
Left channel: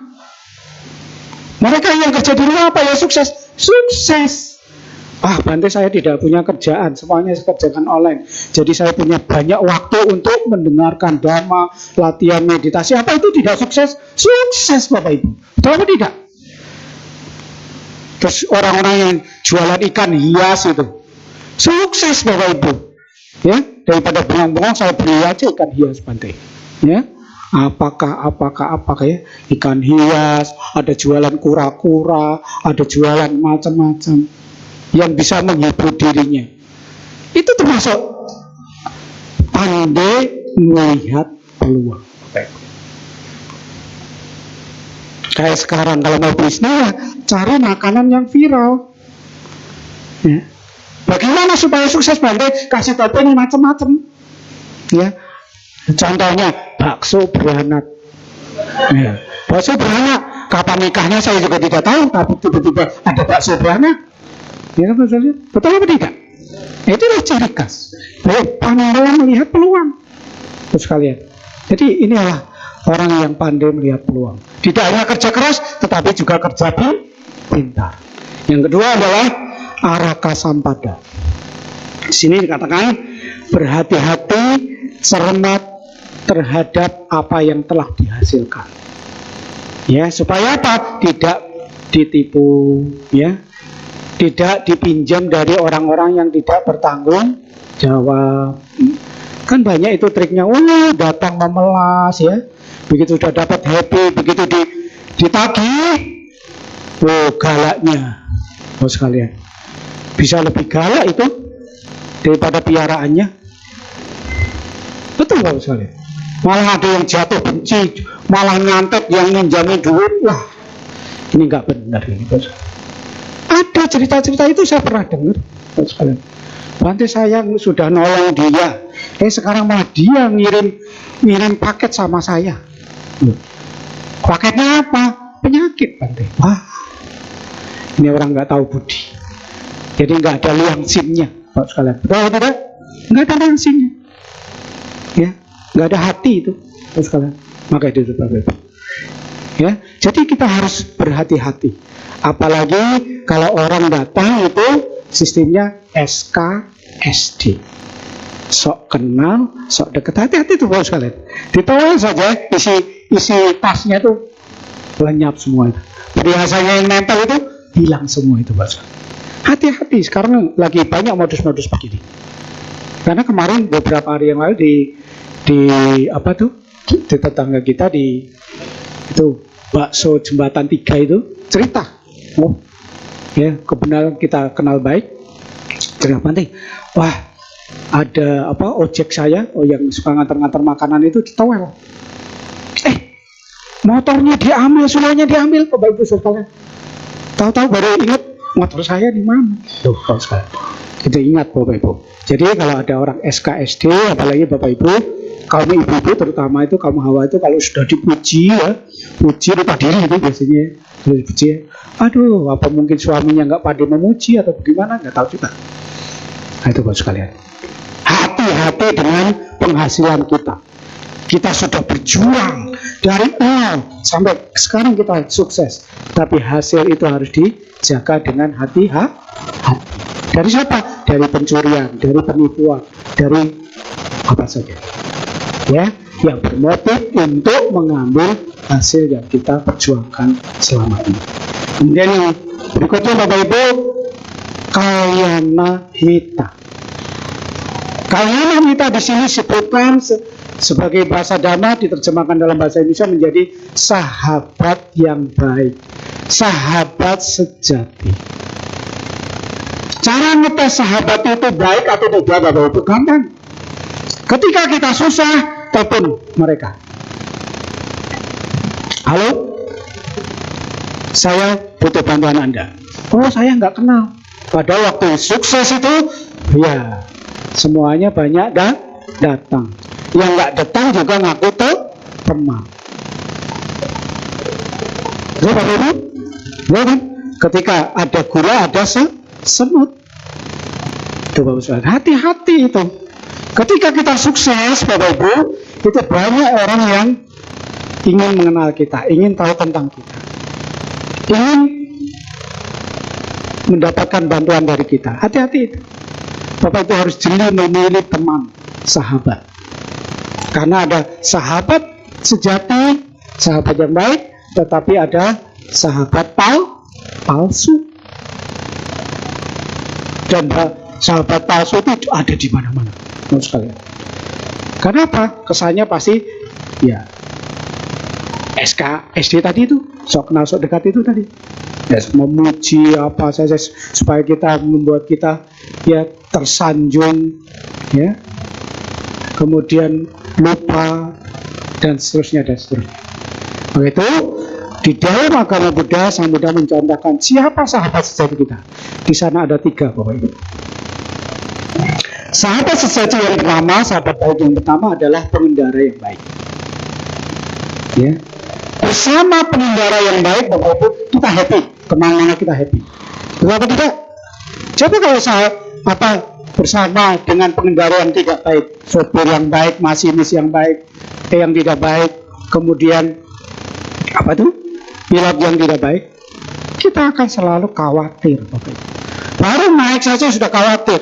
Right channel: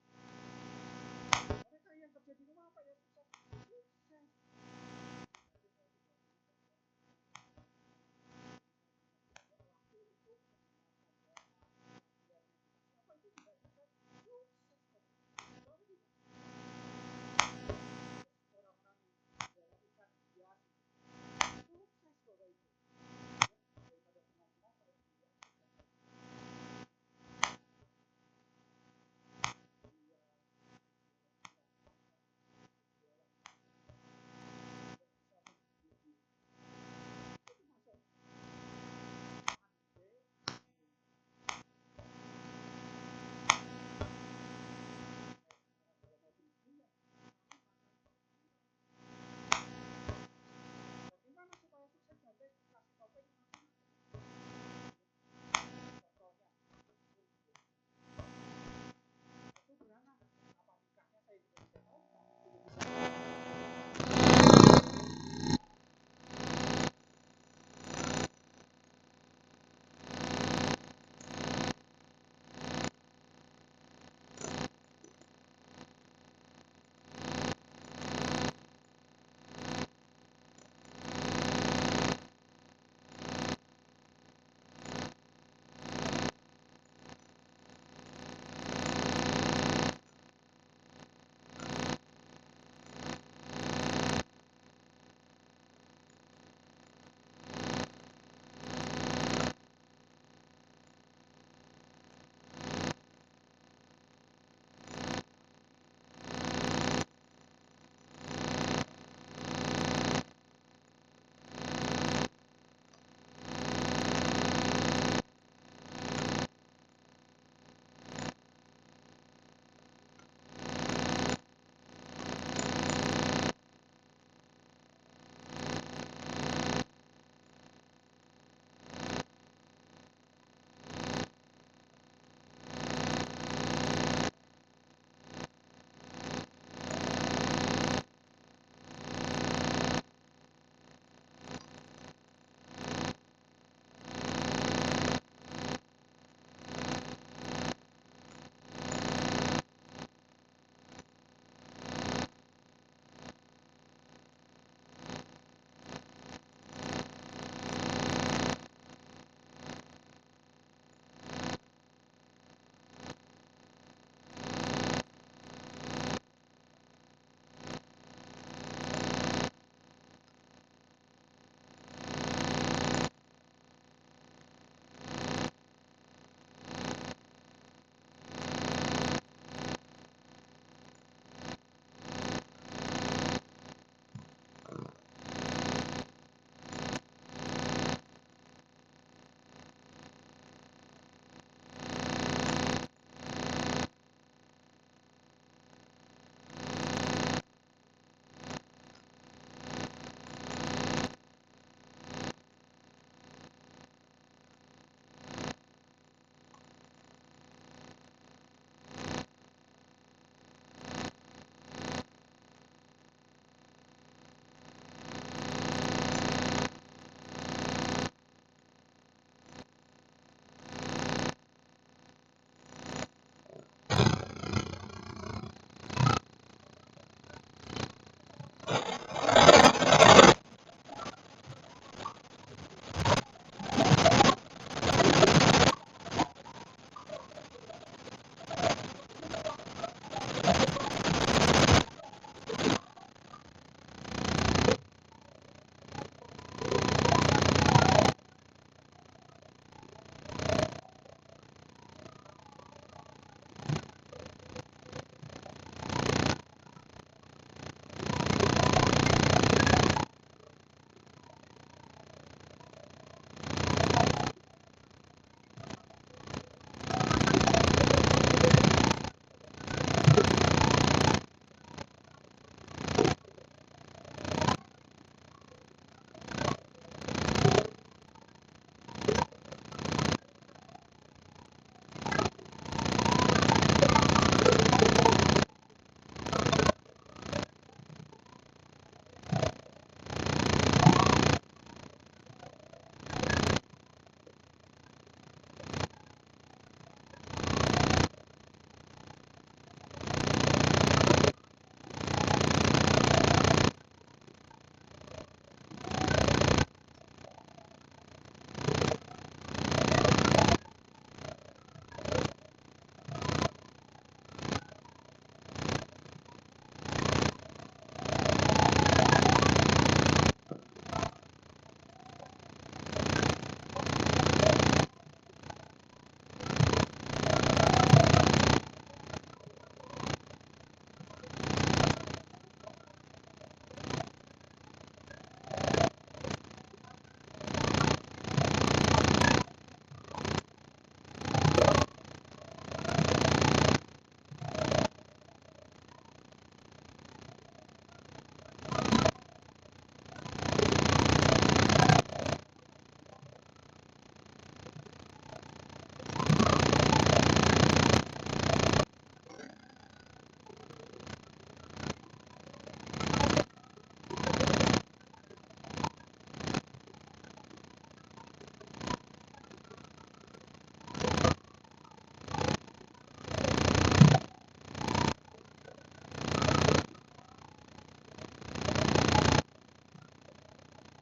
Mereka yang kerja di rumah apa ya sukses? Sukses. Bante saya tidak punya kerjaan, semuanya saya kerjakan online. Jadi saya punya banyak waktu untuk mendengarkan dhamma, latihan meditasi. Apa itu tidak sukses? Sukses Bapak Ibu. Betul apa tidak? Terus orang-orang yang jualan ikan hias itu sukses Bapak Ibu. Ya, daripada bengong-bengong saya beli aja ikan hias Bante. Ya, apakah ya, ikan hias, ada jualan kura-kura, ada jualan macam-macam yang bisa menghibur dirinya. Itu termasuk pandai melihat peluang. Kayak sekarang kalau mau bisnis, cari makanan yang viral. Ya. Bagaimana supaya sukses Bante? Kasih topping macam-macam. Ya. Contohnya bakso beranak. Ya. Bakso beranak, kapan nikahnya saya juga tidak tahu, tapi tiba-tiba ada bakso beranak. Ya, betul apa tidak? Itulah ciri khas. Pandai melihat peluang. Terus kalian. Jadi inilah orang yang pandai melihat peluang. Tidak hanya kerja keras, tetapi juga kerja pintar. Yang kedua adalah araka sampada. Di sini dikatakan berhati-hati, cermat terhadap apa yang telah dihasilkan. Ya, supaya apa? Tidak ditipu, ya. Tidak dipinjam dari orang-orang yang tidak bertanggung jawab. Kan banyak itu triknya. Datang memelas, ya. Begitu sudah dapat happy, begitu ditagih, galaknya. Sekalian. Bisa lebih galak itu daripada piaraannya. Betul Bapak sekalian. Malah ada yang jatuh benci, malah nyantet yang minjamin duit. Wah, ini nggak benar ini Bos. Ada cerita-cerita itu saya pernah dengar Bos sekalian. Bante saya sudah nolong dia, sekarang malah dia ngirim paket sama saya. Paketnya apa? Penyakit Bante. Wah, ini orang nggak tahu budi. Jadi nggak ada liang simnya Bos sekalian. Betul tidak? Nggak ada liang simnya. Ya. Nggak ada hati itu, sekalian. Maka itu Bapak Ibu. Ya, jadi kita harus berhati-hati. Apalagi kalau orang datang itu sistemnya SKSD. sok kenal, sok deket. Hati-hati tuh Bapak sekalian. Ditowel saja isi tasnya tuh lenyap semua itu. Perhiasannya yang nempel itu hilang semua itu Bapak sekalian. Hati-hati, sekarang lagi banyak modus-modus begini. Karena kemarin beberapa hari yang lalu di apa tuh, di tetangga kita di itu bakso jembatan 3 itu cerita. Oh, ya kebenaran kita kenal baik. Cerita penting. Wah, ada apa ojek saya yang suka ngantar-ngantar makanan itu ditowel. Motornya diambil, semuanya diambil, Bapak Ibu sekalian. Tahu-tahu baru ingat motor saya di mana. Tuh, Bapak sekalian. Itu ingat Bapak Ibu. Jadi kalau ada orang SKSD, apalagi Bapak Ibu, kaum ibu-ibu terutama itu kaum hawa itu kalau sudah dipuji ya, puji lupa diri itu biasanya. Dipuji, aduh, apa mungkin suaminya nggak pandai memuji atau bagaimana? Nggak tahu juga. Nah, itu Bapak sekalian. Hati-hati dengan penghasilan kita. Kita sudah berjuang dari nol sampai sekarang kita sukses. Tapi hasil itu harus dijaga dengan hati-hati. Dari siapa? Dari pencurian, dari penipuan, dari apa saja. Ya, yang bermotif untuk mengambil hasil yang kita perjuangkan selama ini. Kemudian yang berikutnya Bapak Ibu, kalyana mita. Kalyana mita di sini disebutkan sebagai bahasa Dhamma, diterjemahkan dalam bahasa Indonesia menjadi sahabat yang baik, sahabat sejati. Cara ngetes sahabat itu baik atau tidak Bapak Ibu gampang. Ketika kita susah, telepon mereka. Halo, saya butuh bantuan Anda. Oh, saya nggak kenal. Pada waktu sukses itu, ya semuanya banyak datang. Yang nggak datang juga ngaku teman. Ya Bapak Ibu, ya kan? Ketika ada gula ada semut. Itu Bapak Ibu, hati-hati itu. Ketika kita sukses Bapak Ibu, itu banyak orang yang ingin mengenal kita, ingin tahu tentang kita, ingin mendapatkan bantuan dari kita. Hati-hati. Bapak itu harus jeli memilih teman, sahabat. Karena ada sahabat sejati, sahabat yang baik, tetapi ada sahabat palsu. Dan sahabat palsu itu ada di mana-mana. Karena apa? Kesannya pasti ya SKSD tadi itu, sok kenal sok dekat itu tadi. Ya, memuji apa saja supaya kita membuat kita ya tersanjung, ya. Kemudian lupa dan seterusnya dan seterusnya. Begitu di dalam agama Buddha, Sang Buddha mencontohkan siapa sahabat sejati kita. Di sana ada 3 Bapak Ibu. Sahabat sejati yang pertama, sahabat baik yang pertama adalah pengendara yang baik. Ya. Bersama pengendara yang baik, Bapak Ibu, kita happy. Kemana-mana kita happy. Kenapa tidak? Coba kalau bersama dengan pengendara yang tidak baik, sopir yang baik, masinis yang baik, yang tidak baik, kemudian pilot yang tidak baik, kita akan selalu khawatir. Bapak. Baru naik saja sudah khawatir.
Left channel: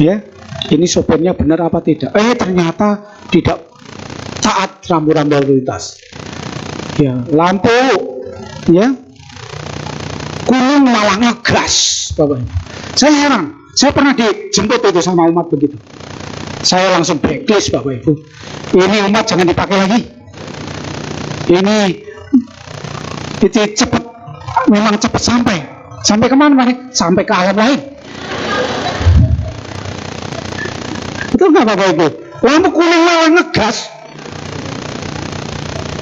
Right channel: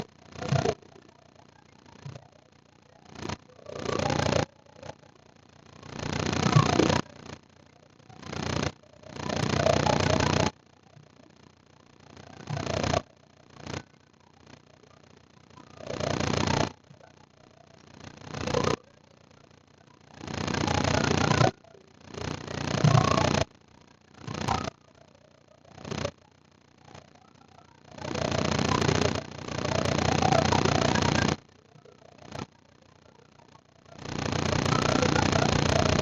Ya, ini sopirnya benar apa tidak? Ternyata tidak taat rambu-rambu lalu lintas. Ya, lampu ya kuning malah ngegas, Bapak. Saya heran. Saya pernah dijemput itu sama umat begitu. Saya langsung blacklist Bapak Ibu. Ini umat jangan dipakai lagi. Ini cepat, memang cepat sampai. Sampai kemana Pak? Sampai ke alam lain. Betul nggak Bapak Ibu? Lampu kuning malah ngegas.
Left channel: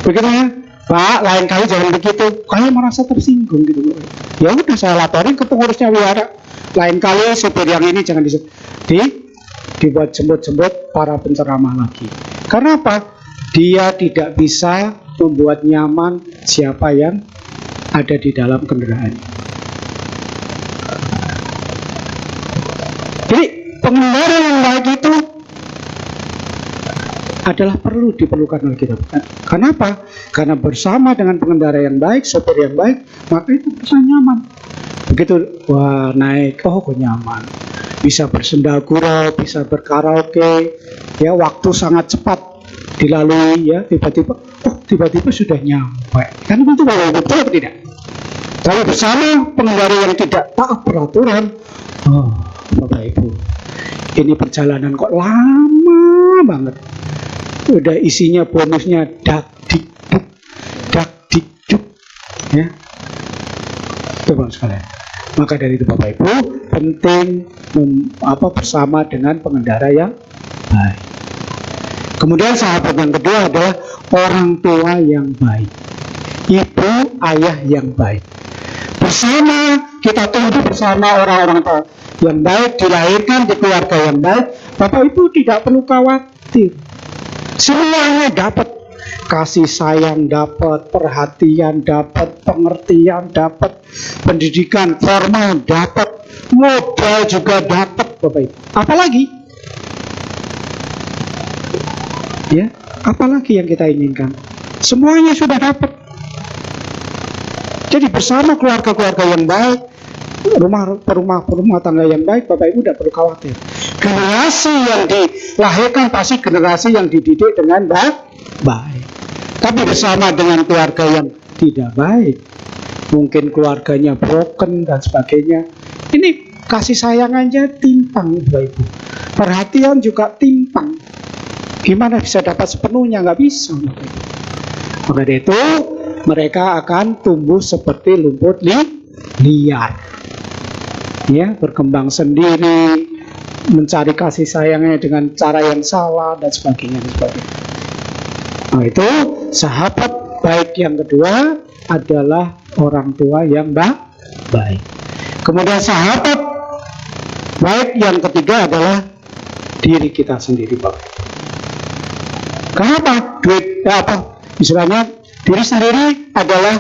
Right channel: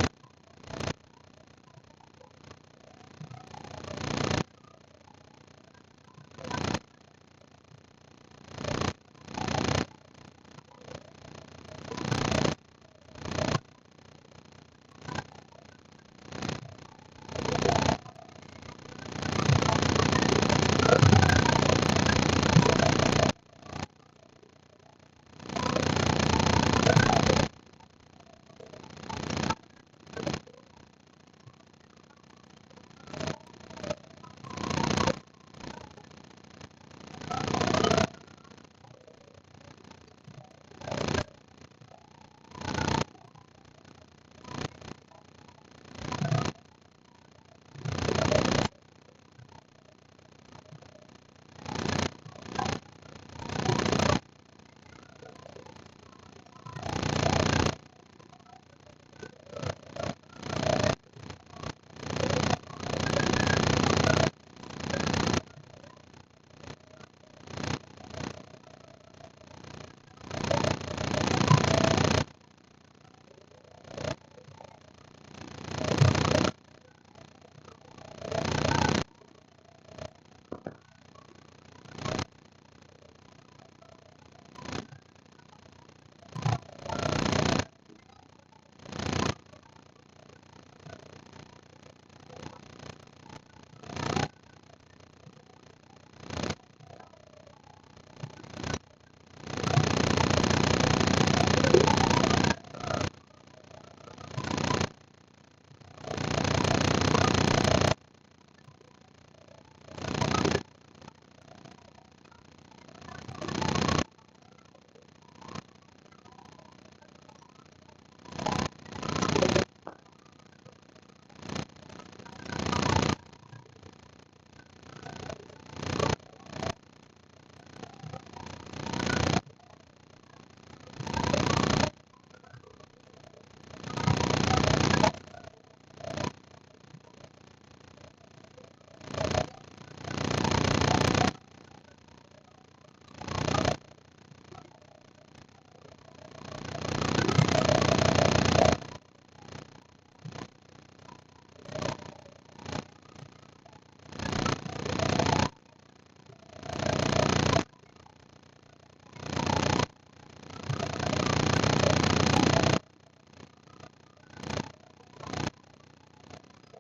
Begitu ya? Pak, lain kali jangan begitu. Kayak merasa tersinggung gitu. Ya udah saya laporin ke pengurusnya wihara. Lain kali sopir yang ini jangan dibuat jemput-jemput para penceramah lagi. Karena apa? Dia tidak bisa membuat nyaman siapa yang ada di dalam kendaraan. Jadi pengendara yang baik itu adalah diperlukan oleh kita. Kenapa? Karena bersama dengan pengendara yang baik, sopir yang baik, maka itu bisa nyaman. Begitu, wah naik, kok nyaman. bisa bersendagurau, bisa berkaraoke, ya waktu sangat cepat dilalui, ya tiba-tiba sudah nyampe. Kan itu betul atau tidak? Kalau bersama pengendara yang tidak taat peraturan, Bapak Ibu, ini perjalanan kok lama banget. Udah isinya bonusnya dak dikduk, ya. Teman sekalian. Maka dari itu Bapak Ibu, penting bersama dengan pengendara yang baik. Kemudian sahabat yang kedua adalah orang tua yang baik, ibu ayah yang baik. Bersama kita tumbuh bersama orang-orang tua yang baik, dilahirkan di keluarga yang baik, Bapak Ibu tidak perlu khawatir. Semuanya dapat kasih sayang, dapat perhatian, dapat pengertian, dapat pendidikan formal, dapat modal juga dapat, Bapak Ibu. Apalagi? Ya, apalagi yang kita inginkan? Semuanya sudah dapat. Jadi bersama keluarga-keluarga yang baik, rumah tangga yang baik, Bapak Ibu tidak perlu khawatir. Generasi yang dilahirkan pasti generasi yang dididik dengan baik. Tapi bersama dengan keluarga yang tidak baik, mungkin keluarganya broken dan sebagainya, ini kasih sayangannya timpang, Bapak Ibu. Perhatian juga timpang. Gimana bisa dapat sepenuhnya? Nggak bisa. Maka dari itu mereka akan tumbuh seperti rumput liar, ya, berkembang sendiri, mencari kasih sayangnya dengan cara yang salah dan sebagainya. Nah, itu sahabat baik yang kedua adalah orang tua yang baik. Kemudian sahabat baik yang ketiga adalah diri kita sendiri, Pak. Kenapa? Istilahnya diri sendiri adalah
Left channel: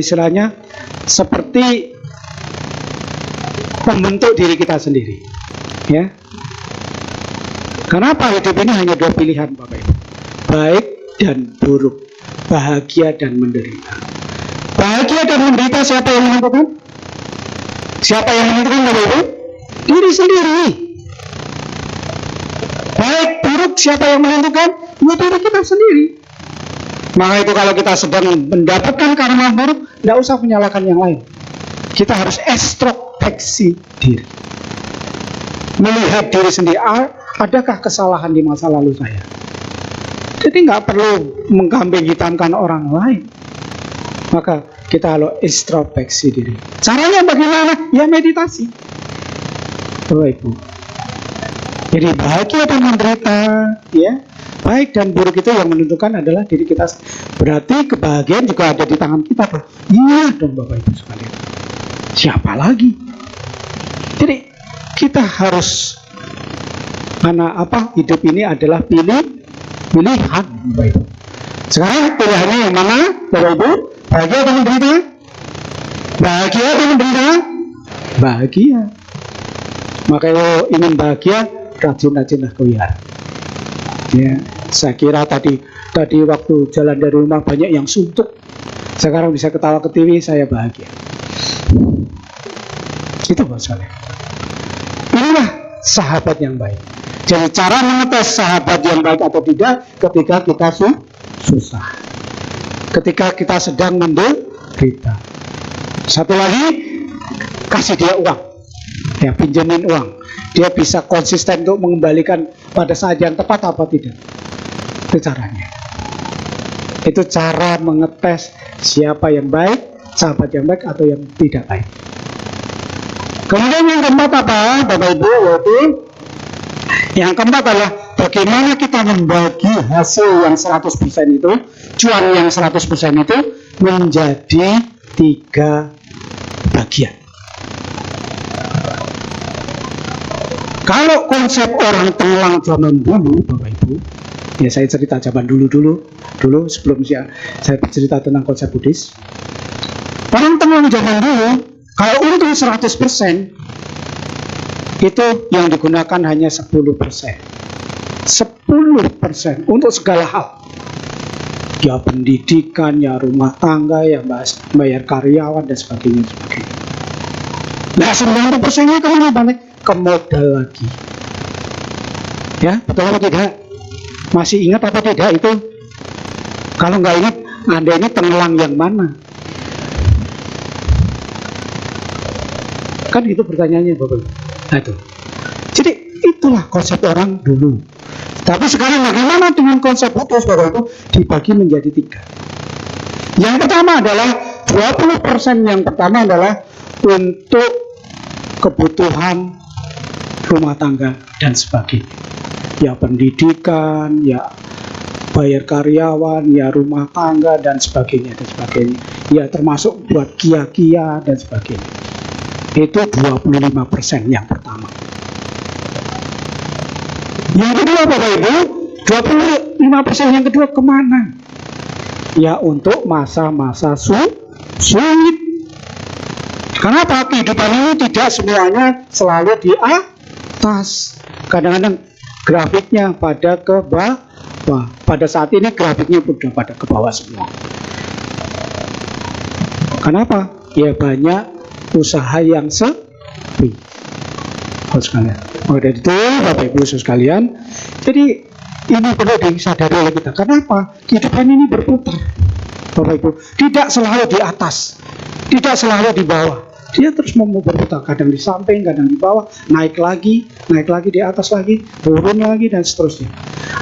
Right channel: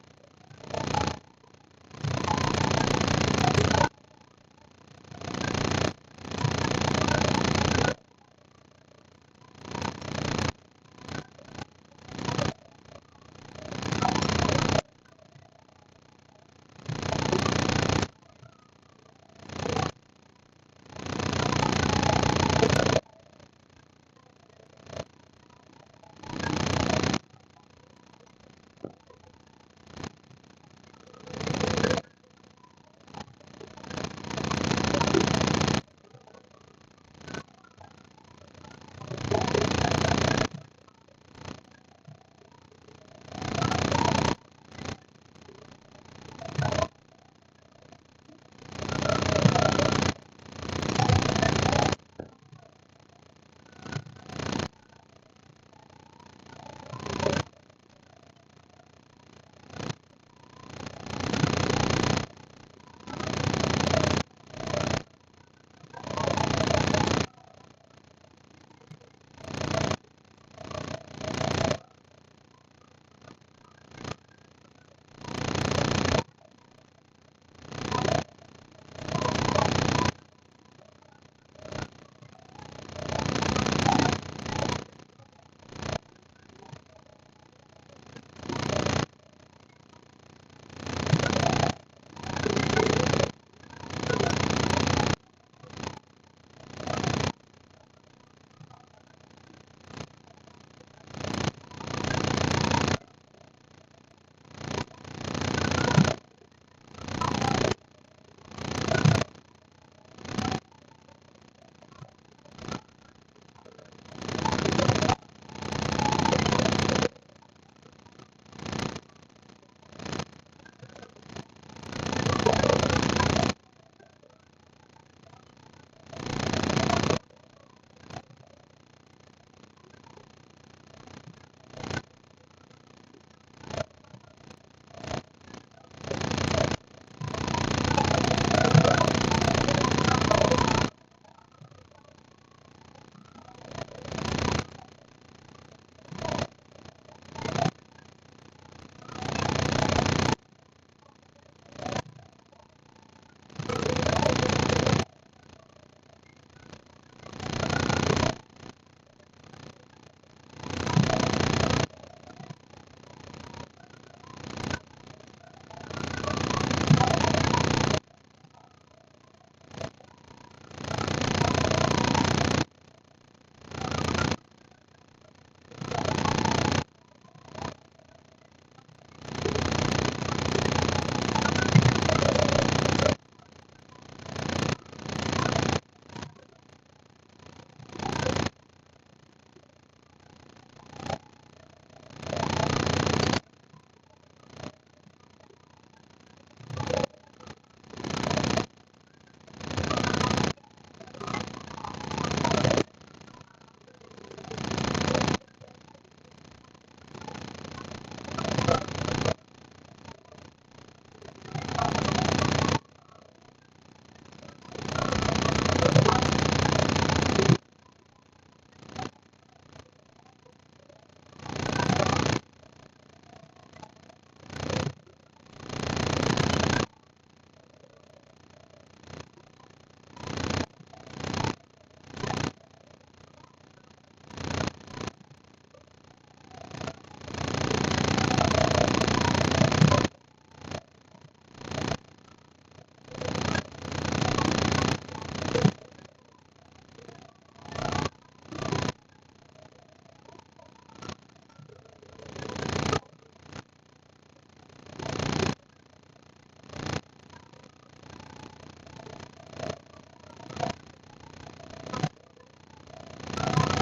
istilahnya seperti pembentuk diri kita sendiri, ya. Kenapa hidup ini hanya dua pilihan, Bapak Ibu? Baik dan buruk, bahagia dan menderita. Bahagia dan menderita siapa yang menentukan? Siapa yang menentukan, Bapak Ibu? Diri sendiri. Baik buruk siapa yang menentukan? Ya diri kita sendiri. Maka itu kalau kita sedang mendapatkan karma buruk, tidak usah menyalahkan yang lain. Kita harus introspeksi diri, melihat diri sendiri. Adakah kesalahan di masa lalu saya? Jadi nggak perlu mengkambing hitamkan orang lain. Maka kita harus introspeksi diri. Caranya bagaimana? Ya meditasi, Bapak Ibu. Jadi bahagia dan menderita, ya, baik dan buruk itu yang menentukan adalah diri kita. Berarti kebahagiaan juga ada di tangan kita, Pak. Iya dong, Bapak Ibu sekalian. Siapa lagi? Jadi kita harus, karena hidup ini adalah pilihan, Bapak Ibu. Sekarang pilihannya yang mana, Bapak Ibu? Bahagia atau menderita? Bahagia atau menderita? Bahagia. Maka kalau ingin bahagia, rajin-rajinlah kuliah. Ya, saya kira tadi waktu jalan dari rumah banyak yang suntuk. Sekarang bisa ketawa ke TV, saya bahagia. Itu masalah. Inilah sahabat yang baik. Jadi cara mengetes sahabat yang baik atau tidak ketika kita susah, ketika kita sedang menderita. Satu lagi, kasih dia uang, ya, pinjemin uang. Dia bisa konsisten untuk mengembalikan pada saat yang tepat apa tidak. Itu caranya. Itu cara mengetes siapa yang baik, sahabat yang baik atau yang tidak baik. Kemudian yang keempat apa, Bapak Ibu? Yaitu yang keempat adalah bagaimana kita membagi hasil yang 100% itu, cuan yang 100% itu menjadi 3 bagian. Kalau konsep orang Tenglang zaman dulu, Bapak Ibu, ya saya cerita zaman dulu sebelum saya cerita tentang konsep Buddhis. Orang Tenglang zaman dulu, kalau untung 100%, itu yang digunakan hanya 10%. 10% untuk segala hal. Ya pendidikan, ya rumah tangga, ya bayar karyawan dan sebagainya. Nah 90%-nya kemana balik? Ke modal lagi. Ya, betul apa tidak? Masih ingat apa tidak itu? Kalau nggak ingat, Anda ini tenggelam yang mana? Kan gitu pertanyaannya Bapak. Nah itu. Jadi itulah konsep orang dulu. Tapi sekarang bagaimana dengan konsep putus Bapak Ibu? Dibagi menjadi 3. Yang pertama adalah 20% yang pertama adalah untuk kebutuhan rumah tangga dan sebagainya. Ya pendidikan, ya bayar karyawan, ya rumah tangga dan sebagainya dan sebagainya. Ya termasuk buat kia-kia dan sebagainya. Itu 25% yang pertama. Yang kedua Bapak Ibu, 25% yang kedua kemana? Ya untuk masa-masa sulit. Kenapa? Kehidupan ini tidak semuanya selalu di atas. Kadang-kadang grafiknya pada ke bawah. Pada saat ini grafiknya sudah pada ke bawah semua. Kenapa? Ya banyak usaha yang sepi. Sekalian. Oleh itu Bapak Ibu sekalian, jadi ini perlu disadari oleh kita. Kenapa? Kehidupan ini berputar Bapak Ibu, tidak selalu di atas, tidak selalu di bawah. Dia terus mau berputar, kadang di samping, kadang di bawah, naik lagi di atas lagi, turun lagi dan seterusnya.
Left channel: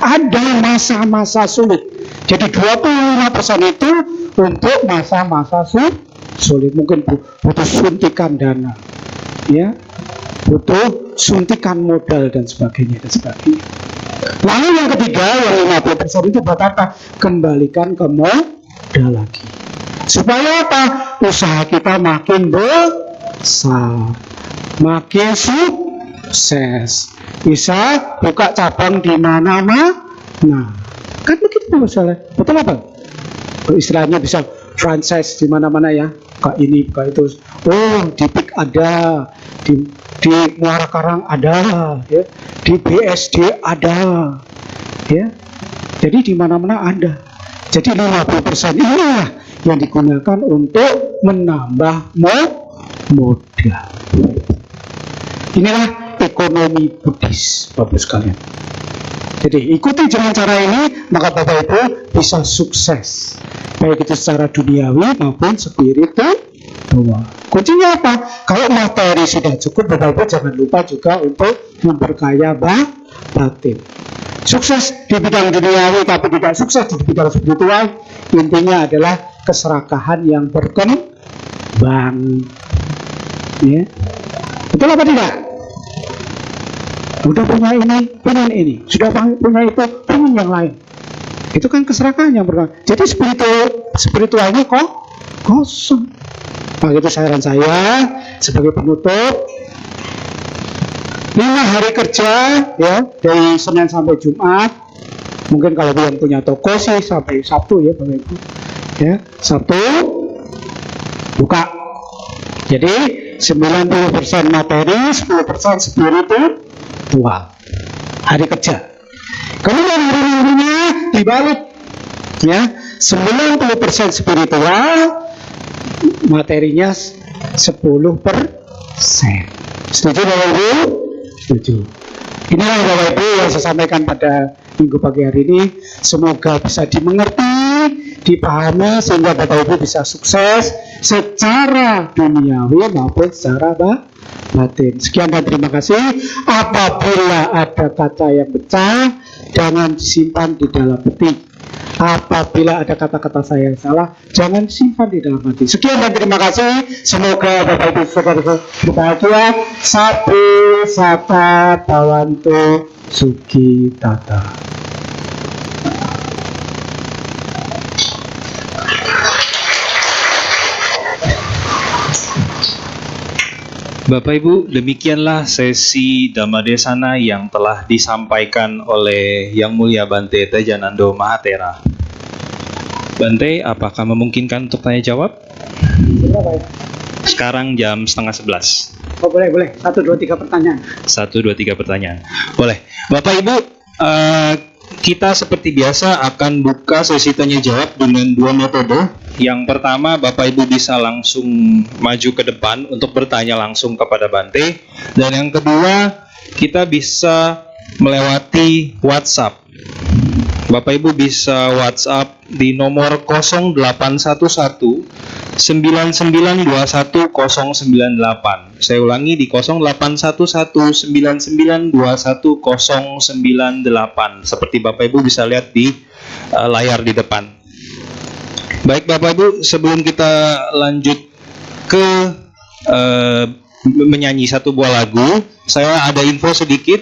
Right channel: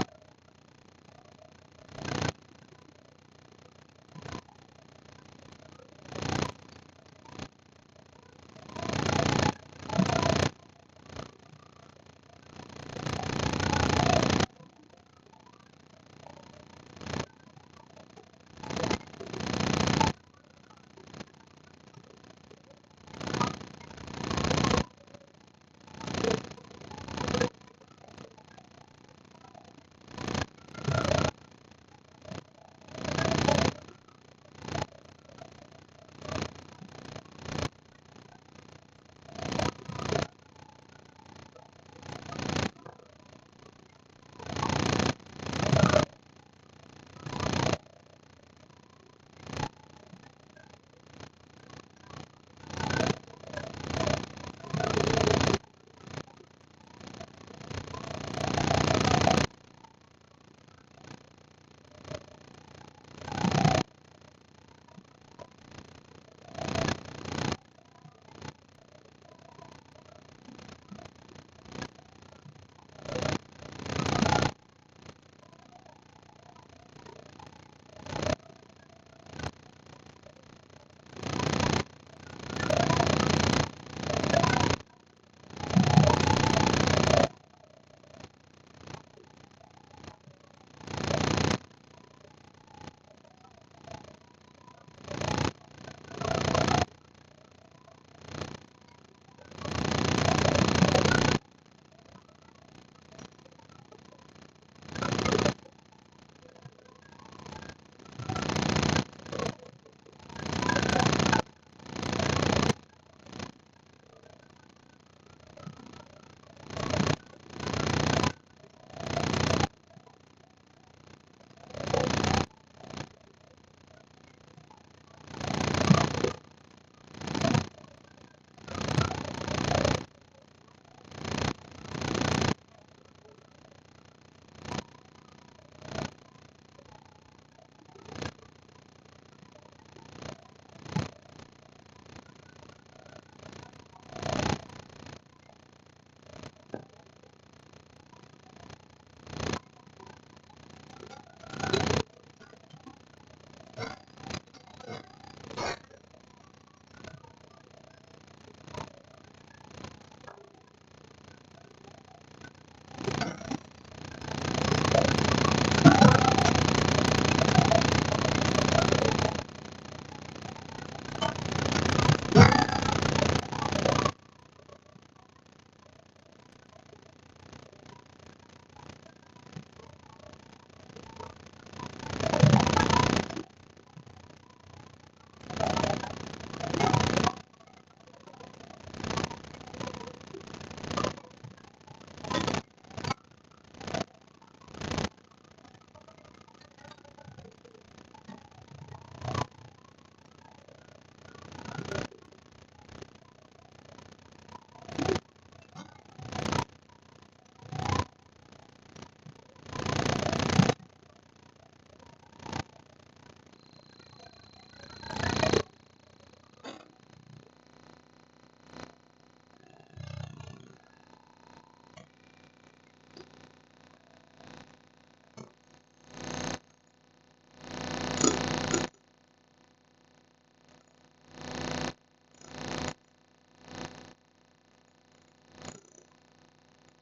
Ada masa-masa sulit. Jadi 25% itu untuk masa-masa sulit. Mungkin butuh suntikan dana, ya, butuh suntikan modal dan sebagainya. Lalu yang ketiga, yang 50% itu buat apa? Kembalikan ke modal lagi. Supaya apa? Usaha kita makin besar, makin sukses, bisa buka cabang di mana-mana. Nah, kan begitu masalah. Betul apa? Istilahnya bisa franchise di mana-mana ya. Buka ini, buka itu. Oh, di PIK ada, di Muara Karang ada, ya. Di BSD ada, ya. Jadi di mana-mana ada. Jadi 50% inilah yang digunakan untuk menambah modal. Inilah ekonomi Buddhis, Bapak sekalian. Jadi ikuti dengan cara ini, maka Bapak Ibu bisa sukses, baik itu secara duniawi maupun spiritual. Kuncinya apa? Kalau materi sudah cukup, Bapak Ibu jangan lupa juga untuk memperkaya batin. Sukses di bidang duniawi tapi tidak sukses di bidang spiritual, intinya adalah keserakahan yang berkembang. Ya. Betul apa tidak? Udah punya ini, pengen ini. Sudah punya itu, pengen yang lain. Itu kan keserakahan yang berkembang. Jadi spiritualnya kok kosong. Nah, itu saran saya sebagai penutup. 5 hari kerja ya, dari Senin sampai Jumat. Mungkin kalau yang punya toko sih sampai Sabtu ya, Bapak Ibu. Ya, Sabtu buka. Jadi 90% materi, 10% spiritual. Hari kerja. Kemudian hari minggunya dibalik. Ya, 90% spiritual, materinya 10%. Setuju Bapak Ibu? Setuju. Inilah Bapak Ibu yang saya sampaikan pada minggu pagi hari ini. Semoga bisa dimengerti, dipahami sehingga Bapak Ibu bisa sukses secara duniawi maupun secara batin. Sekian dan terima kasih. Apabila ada kata yang pecah, jangan disimpan di dalam hati. Apabila ada kata-kata saya yang salah, jangan simpan di dalam hati. Sekian dan terima kasih. Semoga Bapak Ibu saudara berbahagia. Sabu sata bawantu suki tata. Bapak Ibu, demikianlah sesi Dhammadesana yang telah disampaikan oleh Yang Mulia Bante Tejanando Mahatera. Bante, apakah memungkinkan untuk tanya jawab? Sekarang jam 10:30. Oh boleh. 1, 2, 3 pertanyaan. 1, 2, 3 pertanyaan. Boleh. Bapak Ibu, Kita seperti biasa akan buka sesi tanya jawab dengan dua metode. Yang pertama, Bapak Ibu bisa langsung maju ke depan untuk bertanya langsung kepada Bante. Dan yang kedua, kita bisa melewati WhatsApp. Bapak Ibu bisa WhatsApp di nomor 0811 9921 Saya ulangi di 0811 9921 seperti Bapak Ibu bisa lihat di layar di depan. Baik Bapak Ibu, sebelum kita lanjut ke menyanyi satu buah lagu, saya ada info sedikit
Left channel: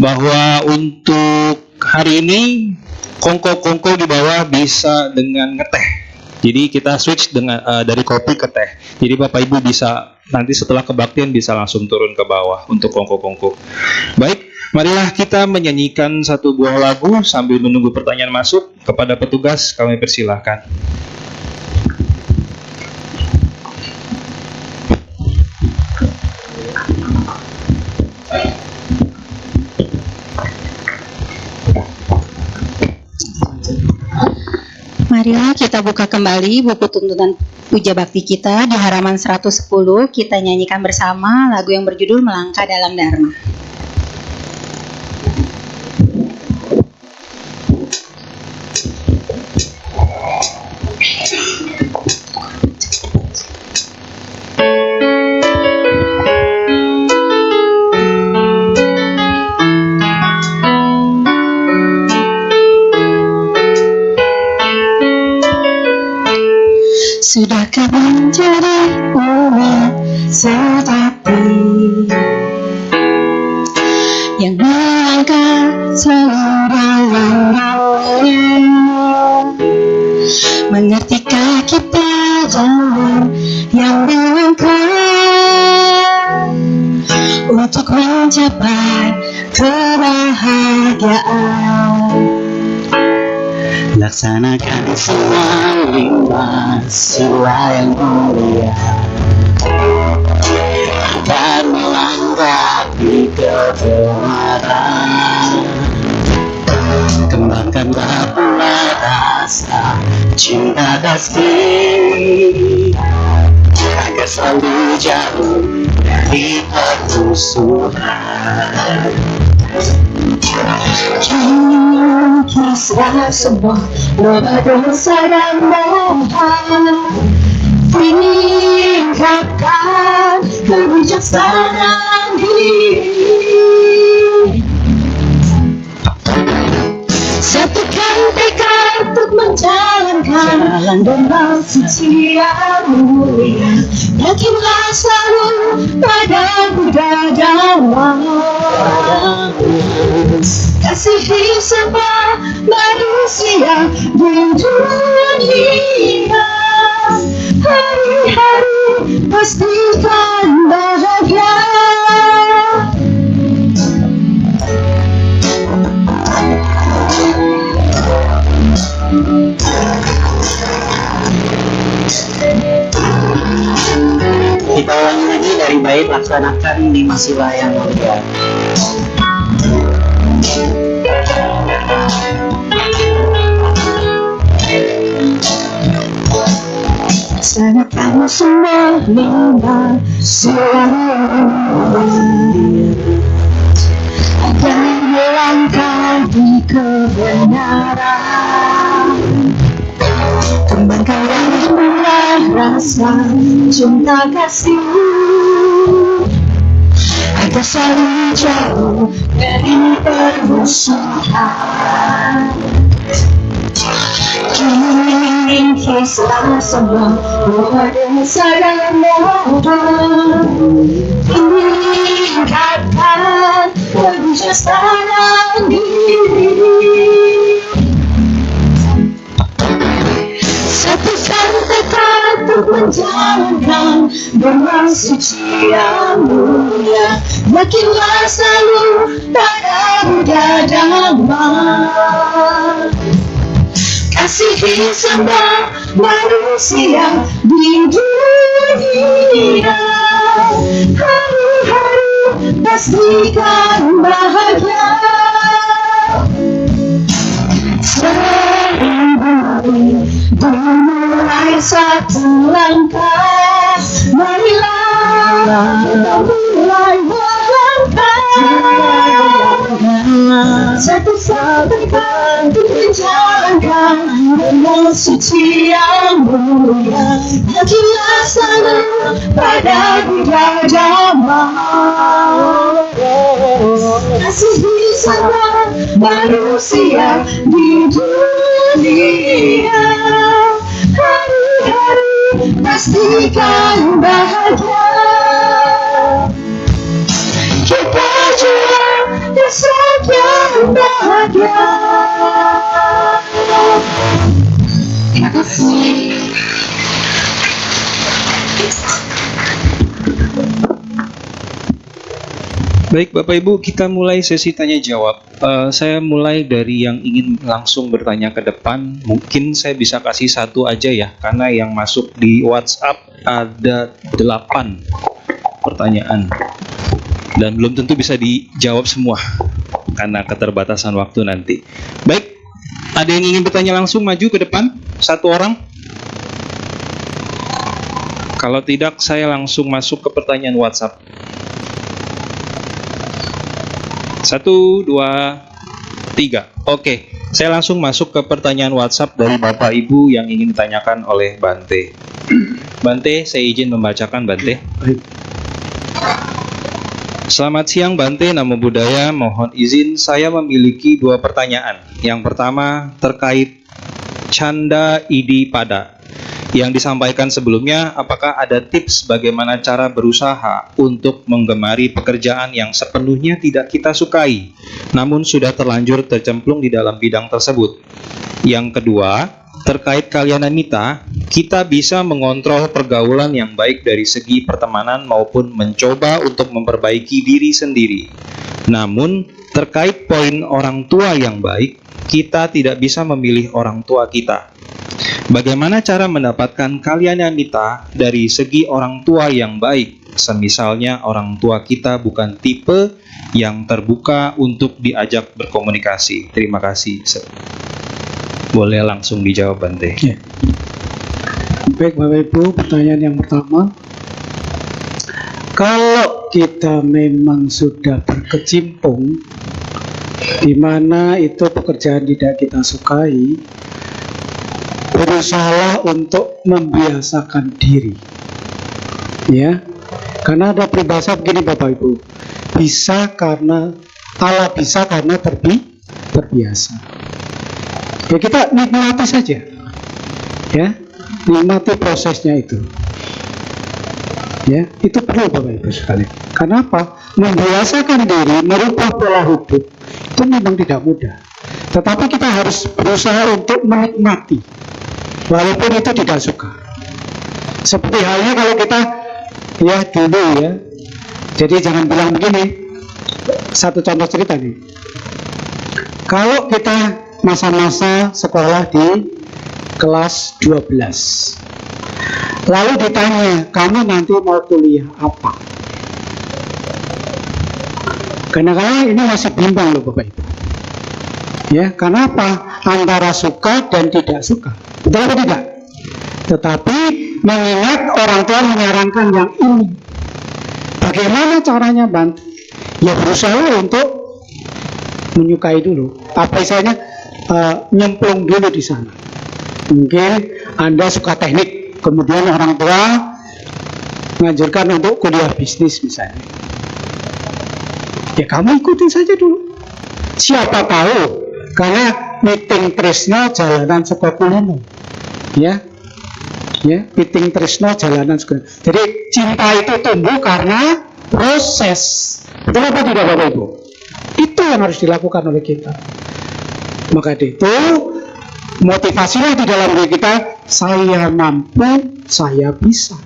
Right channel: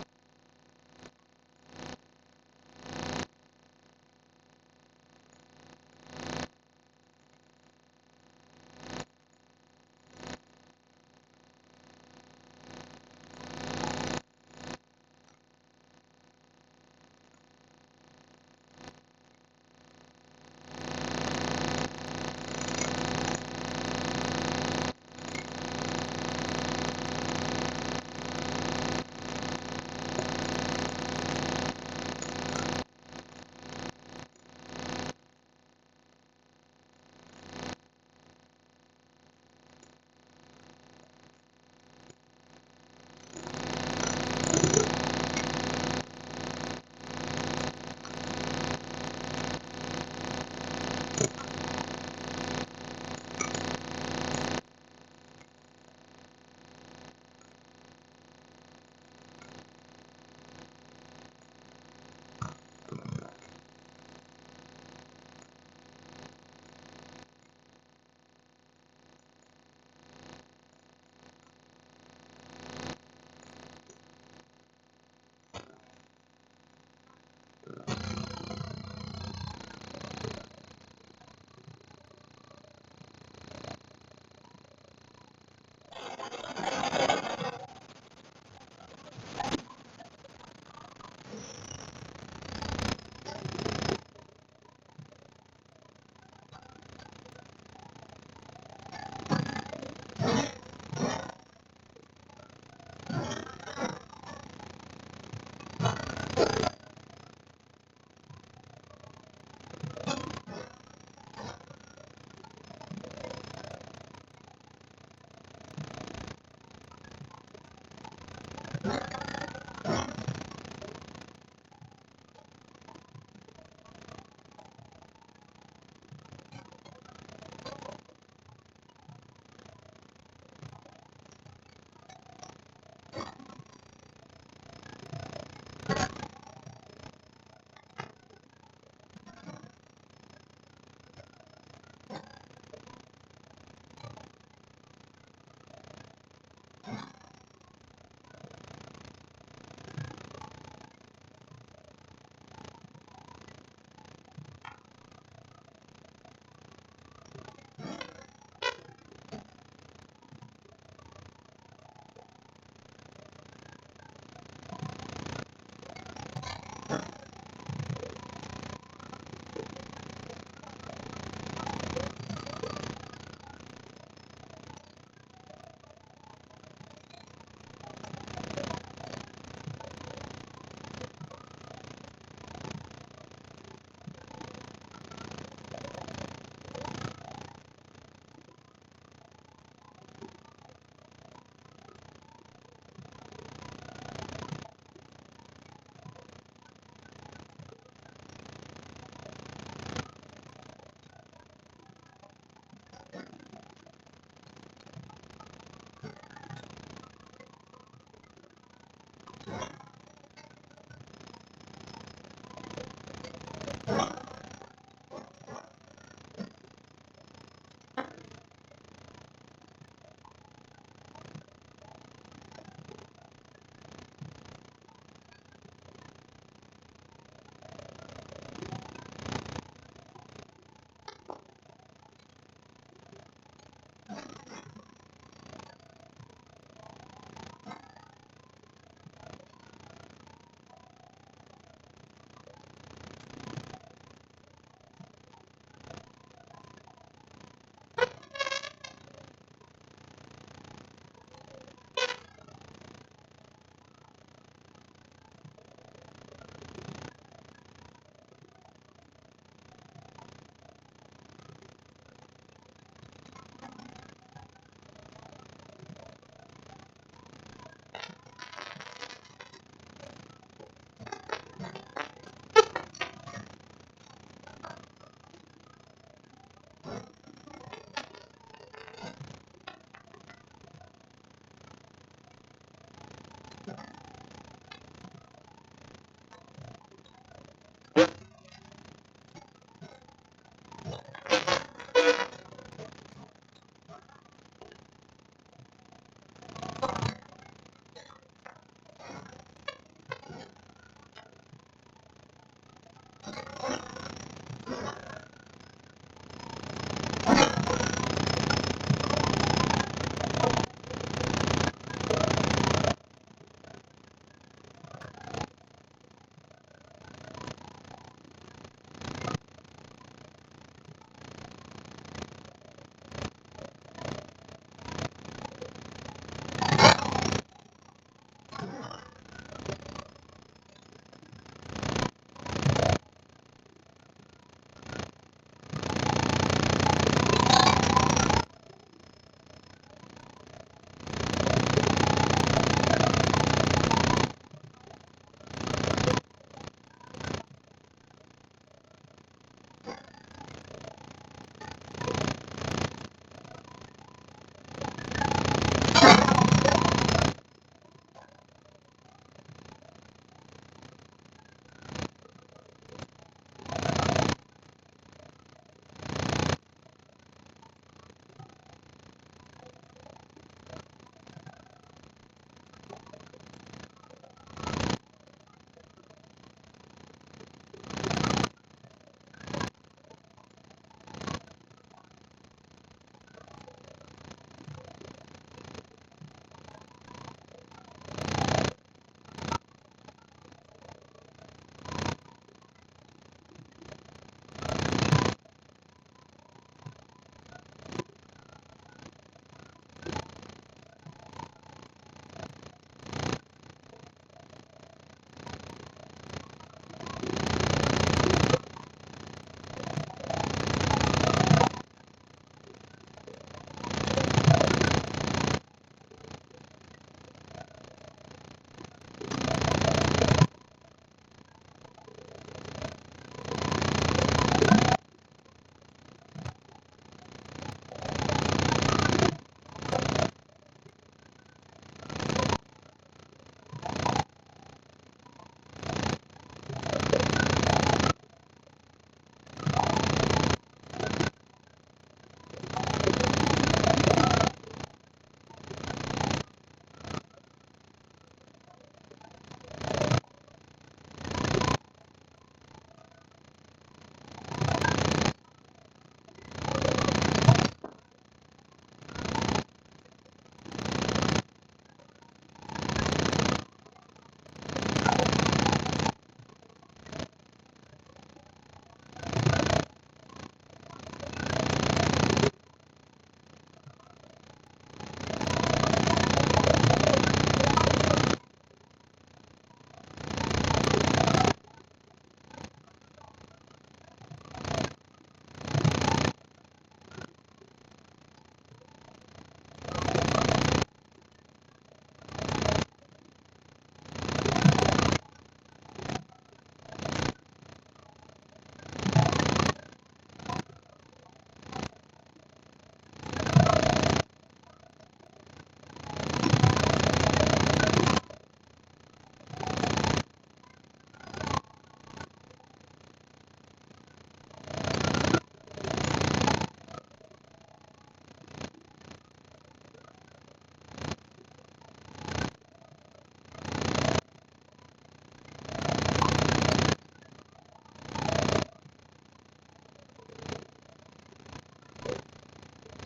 bahwa untuk hari ini kongko-kongko di bawah bisa dengan ngeteh. Jadi kita switch dengan dari kopi ke teh. Jadi Bapak Ibu bisa nanti setelah kebaktian bisa langsung turun ke bawah untuk kongko-kongko. Baik, marilah kita menyanyikan satu buah lagu sambil menunggu pertanyaan masuk. Kepada petugas kami persilahkan. Marilah kita buka kembali buku tuntunan puja bakti kita di halaman 110. Kita nyanyikan bersama lagu yang berjudul Melangkah Dalam Dharma. Sudahkah menjadi umat sejati yang melangkah selalu dalam naungan, mengertikah kita jalan yang dilangkah untuk mencapai kebahagiaan? Laksanakan semua lima sila yang mulia dan melangkahi kebenaran. Kembangkanlah pula rasa cinta kasih agar selalu jauh dari permusuhan. Kisah semua doa dosa dan mohon tingkatkan kebijaksanaan diri, satukan tekad untuk menjalankan dengan suci yang mulia. Yakinlah selalu pada Buddha Dhamma, kasihi semua manusia di dunia. Hari-hari pastikan bahagia. Kita ulangi lagi dari bait laksanakan 5 sila yang mulia. Laksanakan semua 5 sila yang mulia agar melangkahi kebenaran. Kembangkanlah pula rasa cinta kasih agar selalu jauh dari permusuhan. Kisah semua doa dosa dan mohon tingkatkan kebijaksanaan diri, satukan tekad untuk menjalankan dengan suci yang mulia. Yakinlah selalu pada Buddha Dhamma, kasihi semua manusia di dunia. Hari-hari pastikan bahagia. Sering dimulai satu langkah, marilah kita mulai melangkah. Satu-satu untuk menjalankan dengan suci yang mulia, yang dilaksana pada bulan Jamal. Kasih bersama manusia di dunia, hari-hari pastikan bahagia. Kita jual esok yang bahagia. Terima kasih. Baik Bapak Ibu, kita mulai sesi tanya jawab. Saya mulai dari yang ingin langsung bertanya ke depan. Mungkin saya bisa kasih satu aja ya, karena yang masuk di WhatsApp ada 8 pertanyaan. Dan belum tentu bisa dijawab semua, karena keterbatasan waktu nanti. Baik, ada yang ingin bertanya langsung, maju ke depan, satu orang. Kalau tidak, saya langsung masuk ke pertanyaan WhatsApp. 1, 2, 3. Oke, saya langsung masuk ke pertanyaan WhatsApp dari Bapak Ibu yang ingin ditanyakan oleh Bante. Bante, saya izin membacakan Bante. Selamat siang Bante, Namo Buddhaya. Mohon izin saya memiliki 2 pertanyaan. Yang pertama terkait Canda Idi Pada yang disampaikan sebelumnya. Apakah ada tips bagaimana cara berusaha untuk menggemari pekerjaan yang sepenuhnya tidak kita sukai, namun sudah terlanjur tercemplung di dalam bidang tersebut? Yang kedua, terkait Kalyanamita, kita bisa mengontrol pergaulan yang baik dari segi pertemanan maupun mencoba untuk memperbaiki diri sendiri. Namun, terkait poin orang tua yang baik, kita tidak bisa memilih orang tua kita. Bagaimana cara mendapatkan Kalyanamita dari segi orang tua yang baik? Semisalnya orang tua kita bukan tipe yang terbuka untuk diajak berkomunikasi. Terima kasih. Boleh langsung dijawab Bante. Ya. Baik Bapak Ibu, pertanyaan yang pertama, kalau kita memang sudah berkecimpung di mana itu pekerjaan tidak kita sukai, berusaha untuk membiasakan diri, ya. Karena ada peribahasa begini Bapak Ibu, bisa karena terbiasa. Ya kita nikmati saja, ya, nikmati prosesnya itu. Ya, itu perlu Bapak Ibu sekalian. Kenapa? Membiasakan diri merubah pola hidup itu memang tidak mudah. Tetapi kita harus berusaha untuk menikmati, walaupun itu tidak suka. Seperti halnya kalau kita ya dulu ya. Jadi jangan bilang begini. Satu contoh cerita nih. Kalau kita masa-masa sekolah di kelas 12, lalu ditanya, kamu nanti mau kuliah apa? Kadang-kadang ini masih bimbang loh Bapak Ibu. Ya, kenapa? Antara suka dan tidak suka. Betul atau tidak? Tetapi mengingat orang tua menyarankan yang ini, bagaimana caranya Bante? Ya berusaha untuk menyukai dulu. Apa istilahnya? Nyemplung dulu di sana. Mungkin Anda suka teknik, kemudian orang tua menganjurkan untuk kuliah bisnis misalnya. Ya kamu ikutin saja dulu. Siapa tahu, karena meeting tresna jalanan sekolah. Ya, meeting tresna jalanan sekolah. Jadi cinta itu tumbuh karena proses. Betul apa tidak Bapak Ibu? Itu yang harus dilakukan oleh kita. Maka itu motivasinya di dalam diri kita, saya mampu, saya bisa.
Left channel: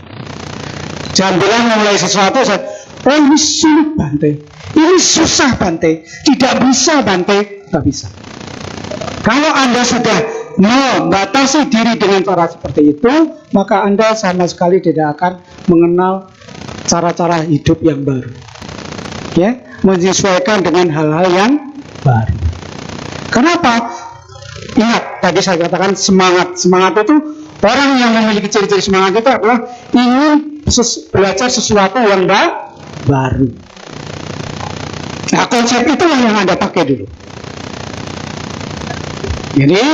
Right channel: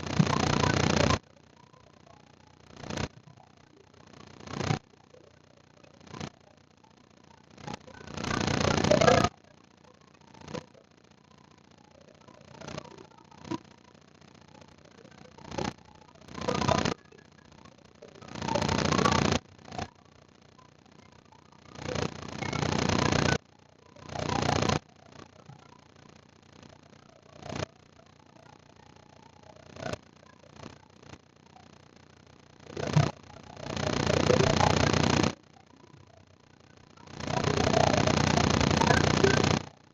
Jangan bilang mulai sesuatu, oh ini sulit Bante, ini susah Bante, tidak bisa Bante, tidak bisa. Kalau Anda sudah membatasi diri dengan cara seperti itu, maka Anda sama sekali tidak akan mengenal cara-cara hidup yang baru. Ya, menyesuaikan dengan hal-hal yang baru. Kenapa? Ingat, tadi saya katakan semangat. Semangat itu, orang yang memiliki ciri-ciri semangat itu adalah ingin belajar sesuatu yang baru. Nah, konsep itu yang Anda pakai dulu. Jadi,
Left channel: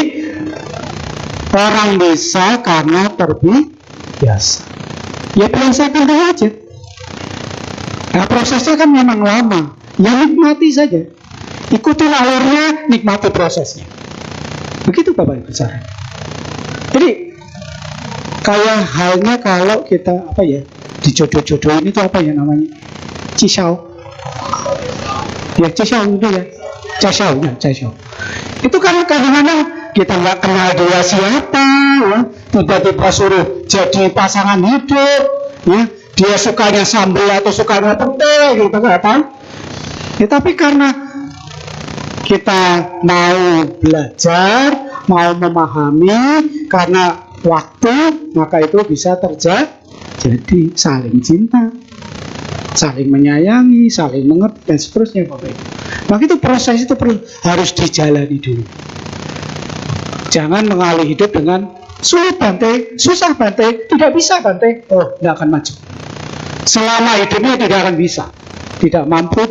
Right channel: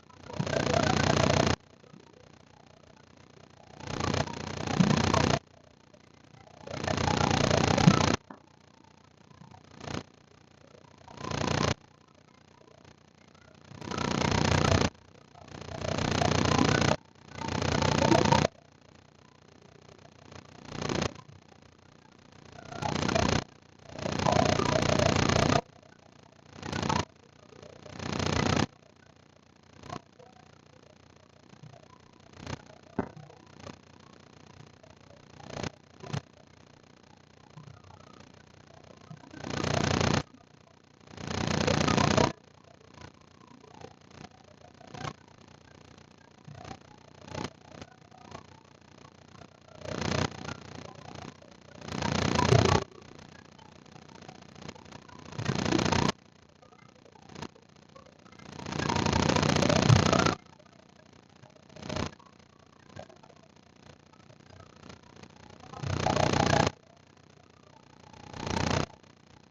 orang bisa karena terbiasa. Ya biasakan dulu aja. Nah, prosesnya kan memang lama. Ya nikmati saja. Ikuti alurnya, nikmati prosesnya. Begitu Bapak Ibu cara. Jadi kayak halnya kalau kita dijodoh-jodohin itu apa ya namanya? Cisau. Ya cisau itu ya. Cisau. Itu kan kadang-kadang kita nggak kenal dia siapa, ya. Tiba-tiba suruh jadi pasangan hidup, ya. Dia sukanya sambal atau sukanya petai, gitu kan? Ya, tapi karena kita mau belajar, mau memahami, karena waktu, maka itu bisa terjadi saling cinta, saling menyayangi, saling mengerti, dan seterusnya. Maka itu proses itu harus dijalani dulu. Jangan mengalih hidup dengan sulit Bante, susah Bante, tidak bisa Bante, oh tidak akan maju. Selama hidupnya tidak akan bisa, tidak mampu,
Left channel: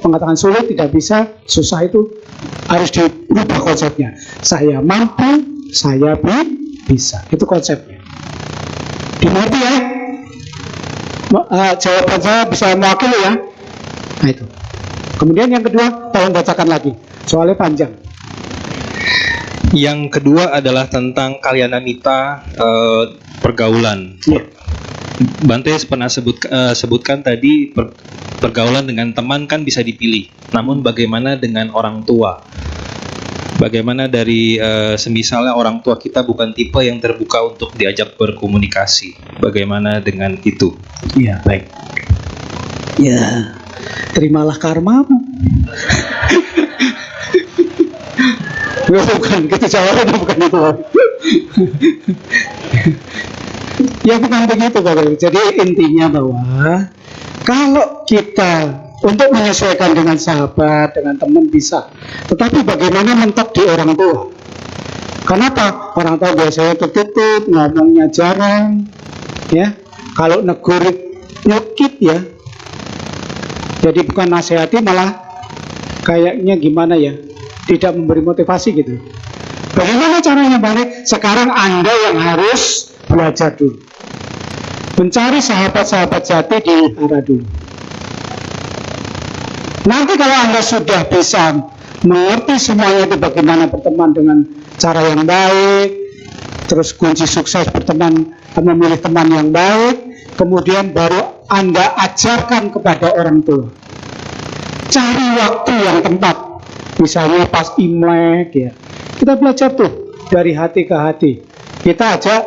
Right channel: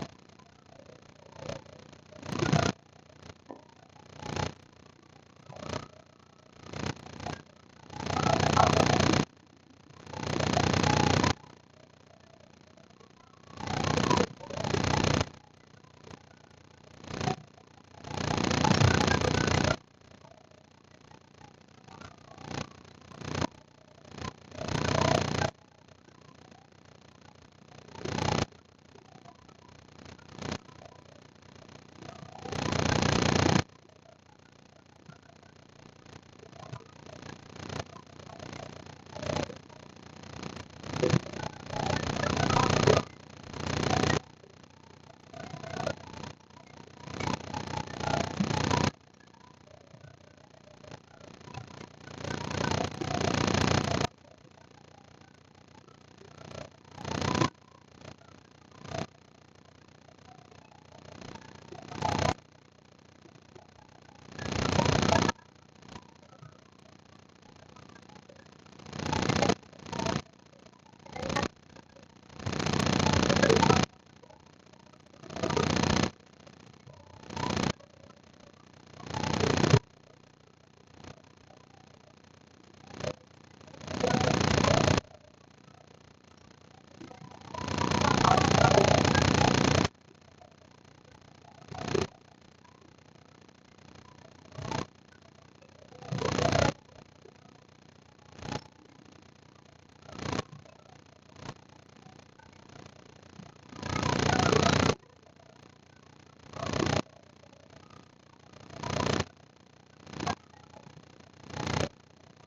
mengatakan sulit, tidak bisa, susah itu harus dirubah konsepnya. Saya mampu, saya bisa, itu konsepnya. Dimengerti ya? Jawaban saya bisa mewakili ya? Nah itu. Kemudian yang kedua, tolong bacakan lagi, soalnya panjang. Yang kedua adalah tentang kalyanamita, pergaulan. Yeah. Bante pernah sebutkan tadi pergaulan dengan teman kan bisa dipilih. Namun bagaimana dengan orang tua? Bagaimana dari semisalnya orang tua kita bukan tipe yang terbuka untuk diajak berkomunikasi? Bagaimana dengan itu? Iya, baik. Ya, terimalah karmamu. Bukan, itu jawabannya bukan itu. Ya bukan begitu Bapak. Jadi intinya bahwa kalau kita untuk menyesuaikan dengan sahabat, dengan teman bisa, tetapi bagaimana mentok di orang tua? Kenapa? Orang tua biasanya tertutup, ngomongnya jarang, ya. Kalau negur nyukit ya. Jadi bukan nasihati, malah kayaknya gimana ya? Tidak memberi motivasi gitu. Bagaimana caranya balik? Sekarang Anda yang harus belajar dulu. Mencari sahabat-sahabat jati di arah dulu. Nanti kalau Anda sudah bisa mengerti semuanya itu bagaimana berteman dengan cara yang baik, terus kunci sukses berteman, memilih teman yang baik, kemudian baru Anda ajarkan kepada orang tua. Cari waktu yang tepat. Misalnya pas Imlek ya. Kita belajar tuh dari hati ke hati. Kita ajak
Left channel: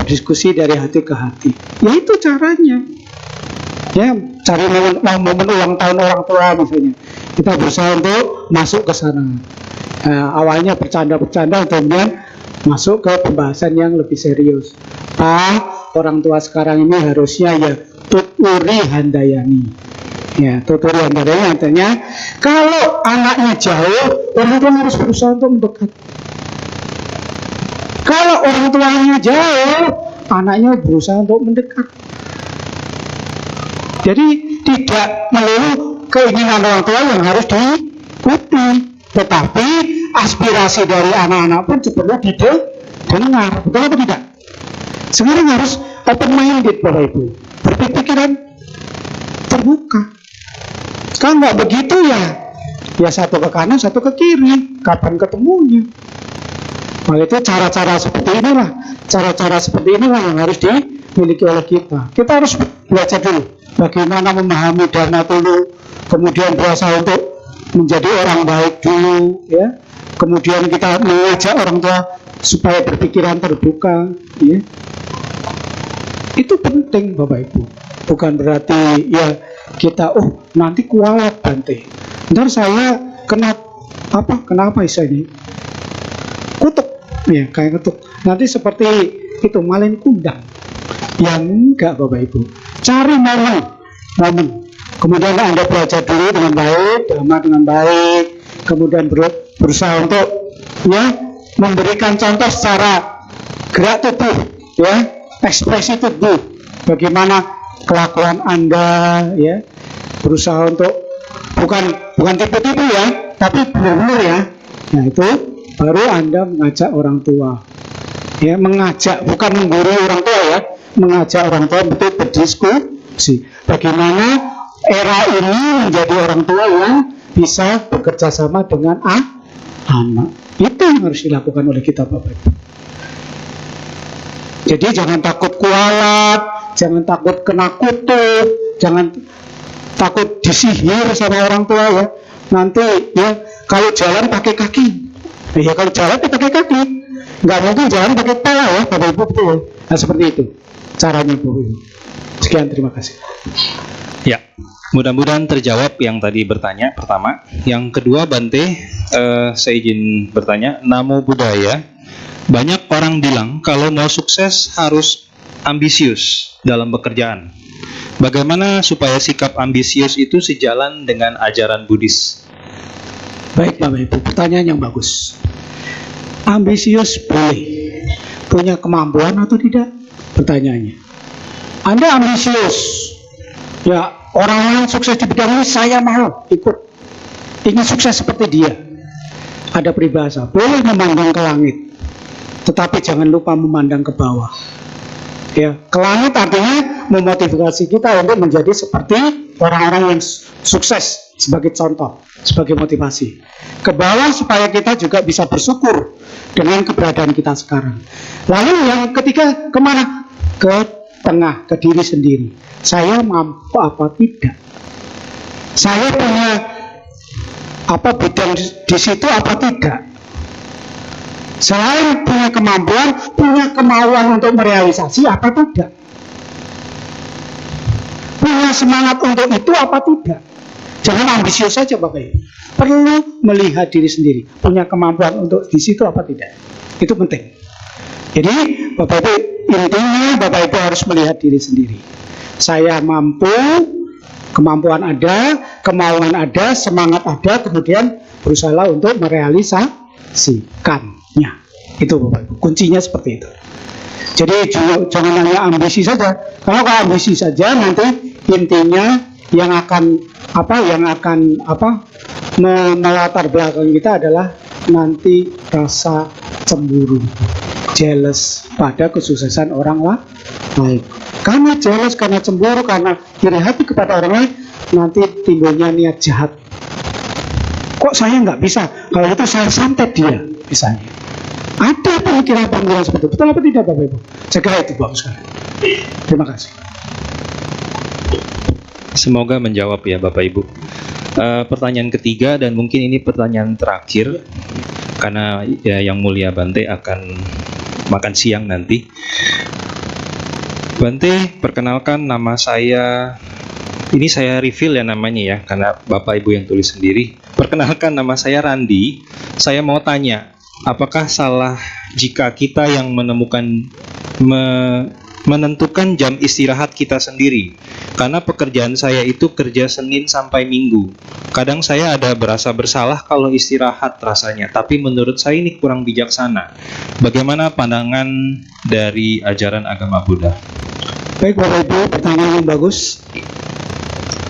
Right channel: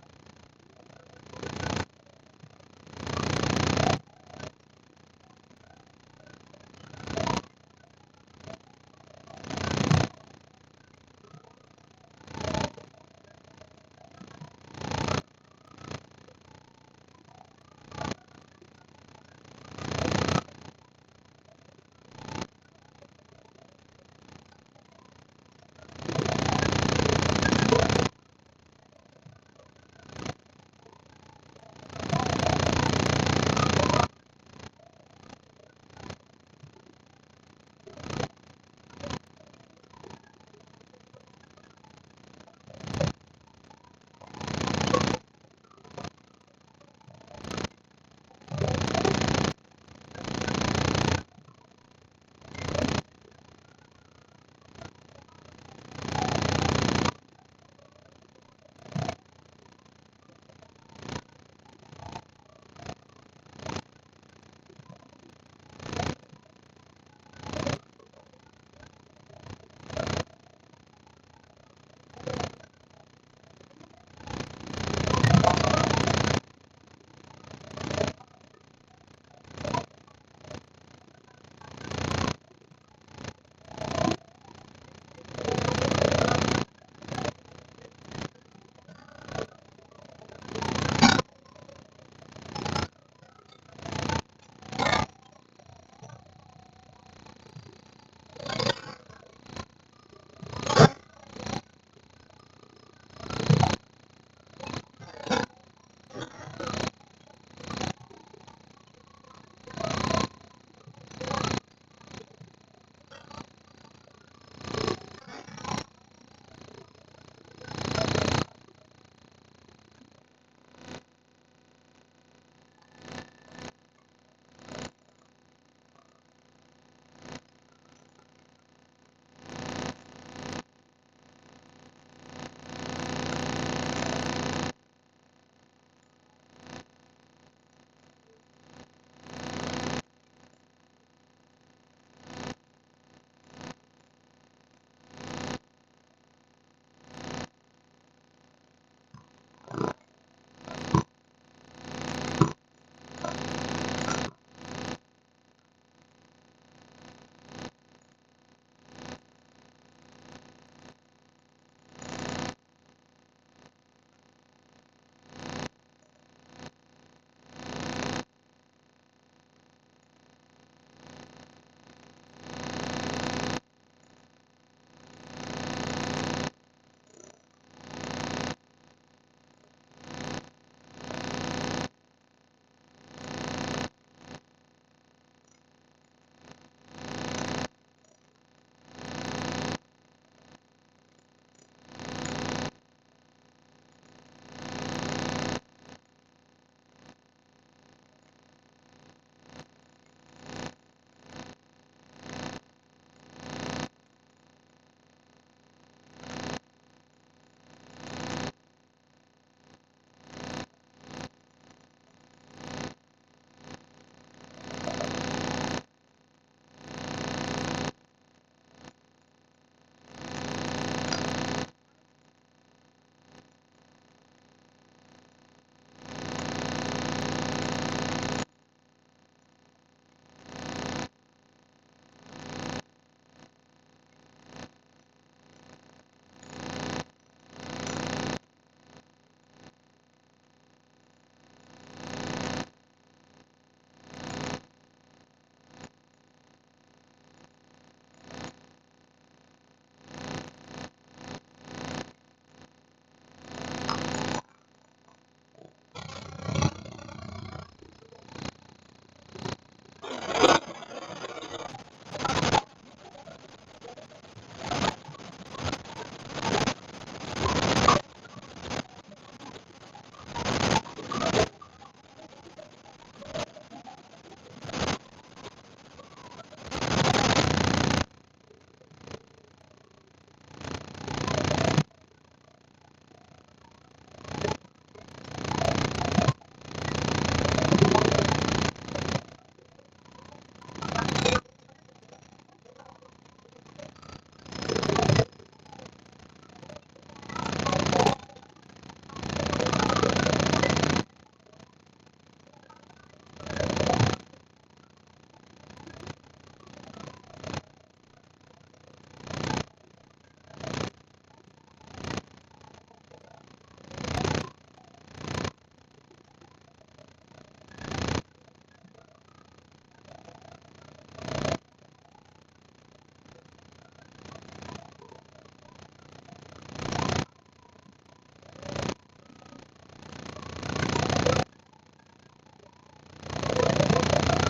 berdiskusi dari hati ke hati. Ya itu caranya. Ya, cari momen ulang tahun orang tua misalnya. Kita berusaha untuk masuk ke sana. Awalnya bercanda-bercanda, kemudian masuk ke pembahasan yang lebih serius. Orang tua sekarang ini harusnya ya tuturi handayani. Ya, tuturi handayani artinya kalau anaknya jauh, orang tua harus berusaha untuk mendekat. Kalau orang tuanya jauh, anaknya berusaha untuk mendekat. Jadi tidak melulu keinginan orang tua yang harus diikuti, tetapi aspirasi dari anak-anak pun perlu didengar, betul atau tidak? Sekarang harus open minded Bapak Ibu, berpikiran terbuka. Sekarang nggak begitu ya satu ke kanan, satu ke kiri, kapan ketemunya? Nah itu cara-cara seperti inilah yang harus dimiliki oleh kita. Kita harus belajar dulu bagaimana memahami dharma dulu, kemudian berusaha untuk menjadi orang baik dulu, ya. Kemudian kita mengajak orang tua supaya berpikiran terbuka, ya. Itu penting Bapak Ibu. Bukan berarti ya kita nanti kualat Bante. Ntar saya kena apa istilahnya? Kutuk. Ya, kayak ketuk. Nanti seperti itu malin kundang. Yang enggak Bapak Ibu. Cari momen. Kemudian Anda belajar dulu dengan baik, dhamma dengan baik. Kemudian berusaha untuk ya, memberikan contoh secara gerak tubuh, ya, ekspresi tubuh, bagaimana kelakuan Anda, ya, berusaha untuk bukan tipu-tipu ya, tapi benar-benar ya. Nah itu baru Anda mengajak orang tua, ya, mengajak, bukan menggurui orang tua ya, mengajak orang tua untuk berdiskusi bagaimana era ini menjadi orang tua yang bisa bekerja sama dengan anak. Itu yang harus dilakukan oleh kita, Bapak Ibu. Jadi jangan takut kualat, jangan takut kena kutuk, jangan takut disihir sama orang tua ya. Nanti ya kalau jalan pakai kaki, ya kalau jalan pakai kaki, nggak mungkin jalan pakai kepala ya, Bapak Ibu, betul. Nah seperti itu caranya, Bapak Ibu. Sekian, terima kasih. Ya, mudah-mudahan terjawab yang tadi bertanya pertama. Yang kedua, Bante, saya izin bertanya. Namo Buddhaya. Banyak orang bilang kalau mau sukses harus ambisius dalam pekerjaan. Bagaimana supaya sikap ambisius itu sejalan dengan ajaran Buddhis? Baik, Bapak Ibu, pertanyaan yang bagus. Ambisius boleh, punya kemampuan atau tidak? Pertanyaannya. Anda ambisius, ya, orang lain sukses di bidang ini, saya mau ikut, ingin sukses seperti dia. Ada peribahasa, boleh memandang ke langit, tetapi jangan lupa memandang ke bawah. Ya, ke langit artinya memotivasi kita untuk menjadi seperti orang-orang yang sukses sebagai contoh, sebagai motivasi. Ke bawah supaya kita juga bisa bersyukur dengan keberadaan kita sekarang. Lalu yang ketiga kemana? Ke tengah, ke diri sendiri. Saya mampu apa tidak? Saya punya apa bidang di situ apa tidak? Selain punya kemampuan, punya kemauan untuk merealisasi apa tidak? Punya semangat untuk itu apa tidak? Jangan ambisius saja, Bapak Ibu. Perlu melihat diri sendiri, punya kemampuan untuk di situ apa tidak? Itu penting. Jadi, Bapak Ibu, intinya Bapak Ibu harus melihat diri sendiri. Saya mampu, kemampuan ada, kemauan ada, semangat ada, kemudian berusaha untuk merealisasikan. Itu Bapak Ibu, kuncinya seperti itu. Jadi jangan hanya ambisi saja. Kalau ambisi saja nanti intinya yang akan melatar belakang kita adalah nanti rasa cemburu, jealous pada kesuksesan orang lain. Karena jealous, karena cemburu, karena iri hati kepada orang lain, nanti timbulnya niat jahat. Kok saya nggak bisa? Kalau itu saya santet dia, misalnya. Ada pemikiran-pemikiran seperti itu. Betul apa tidak, Bapak Ibu? Cegah itu, bagus sekali. Terima kasih. Semoga menjawab ya, Bapak Ibu. Pertanyaan ketiga dan mungkin ini pertanyaan terakhir karena ya, Yang Mulia Bante akan makan siang nanti. Bante, perkenalkan nama saya. Ini saya reveal ya namanya ya, karena Bapak Ibu yang tulis sendiri. Perkenalkan nama saya Randi. Saya mau tanya, apakah salah jika kita yang menentukan jam istirahat kita sendiri? Karena pekerjaan saya itu kerja Senin sampai Minggu. Kadang saya ada berasa bersalah kalau istirahat rasanya, tapi menurut saya ini kurang bijaksana. Bagaimana pandangan dari ajaran agama Buddha? Baik, Bapak Ibu, pertanyaan yang bagus.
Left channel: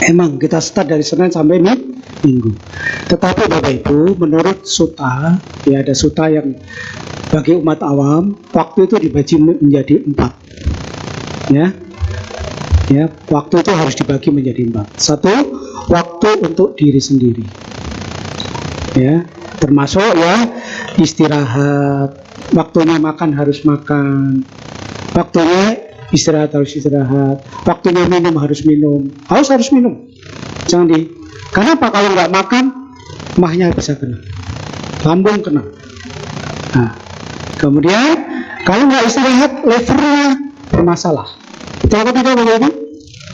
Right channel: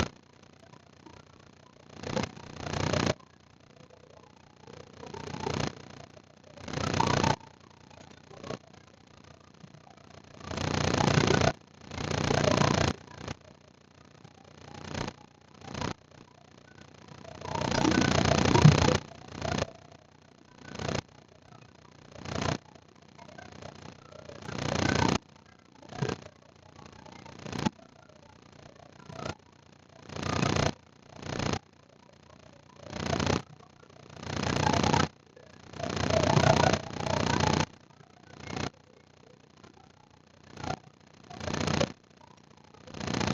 Emang kita start dari Senin sampai Minggu. Tetapi Bapak Ibu, menurut sutta, ya ada sutta yang bagi umat awam, waktu itu dibagi menjadi 4. Ya, waktu itu harus dibagi menjadi 4. 1, waktu untuk diri sendiri. Ya, termasuk ya istirahat, waktunya makan harus makan, waktunya istirahat harus istirahat, waktunya minum harus minum, harus minum. Jangan kenapa kalau nggak makan, mahnya bisa kena, lambung kena. Nah, kemudian kalau nggak istirahat, levernya bermasalah. Betul atau tidak, Bapak Ibu?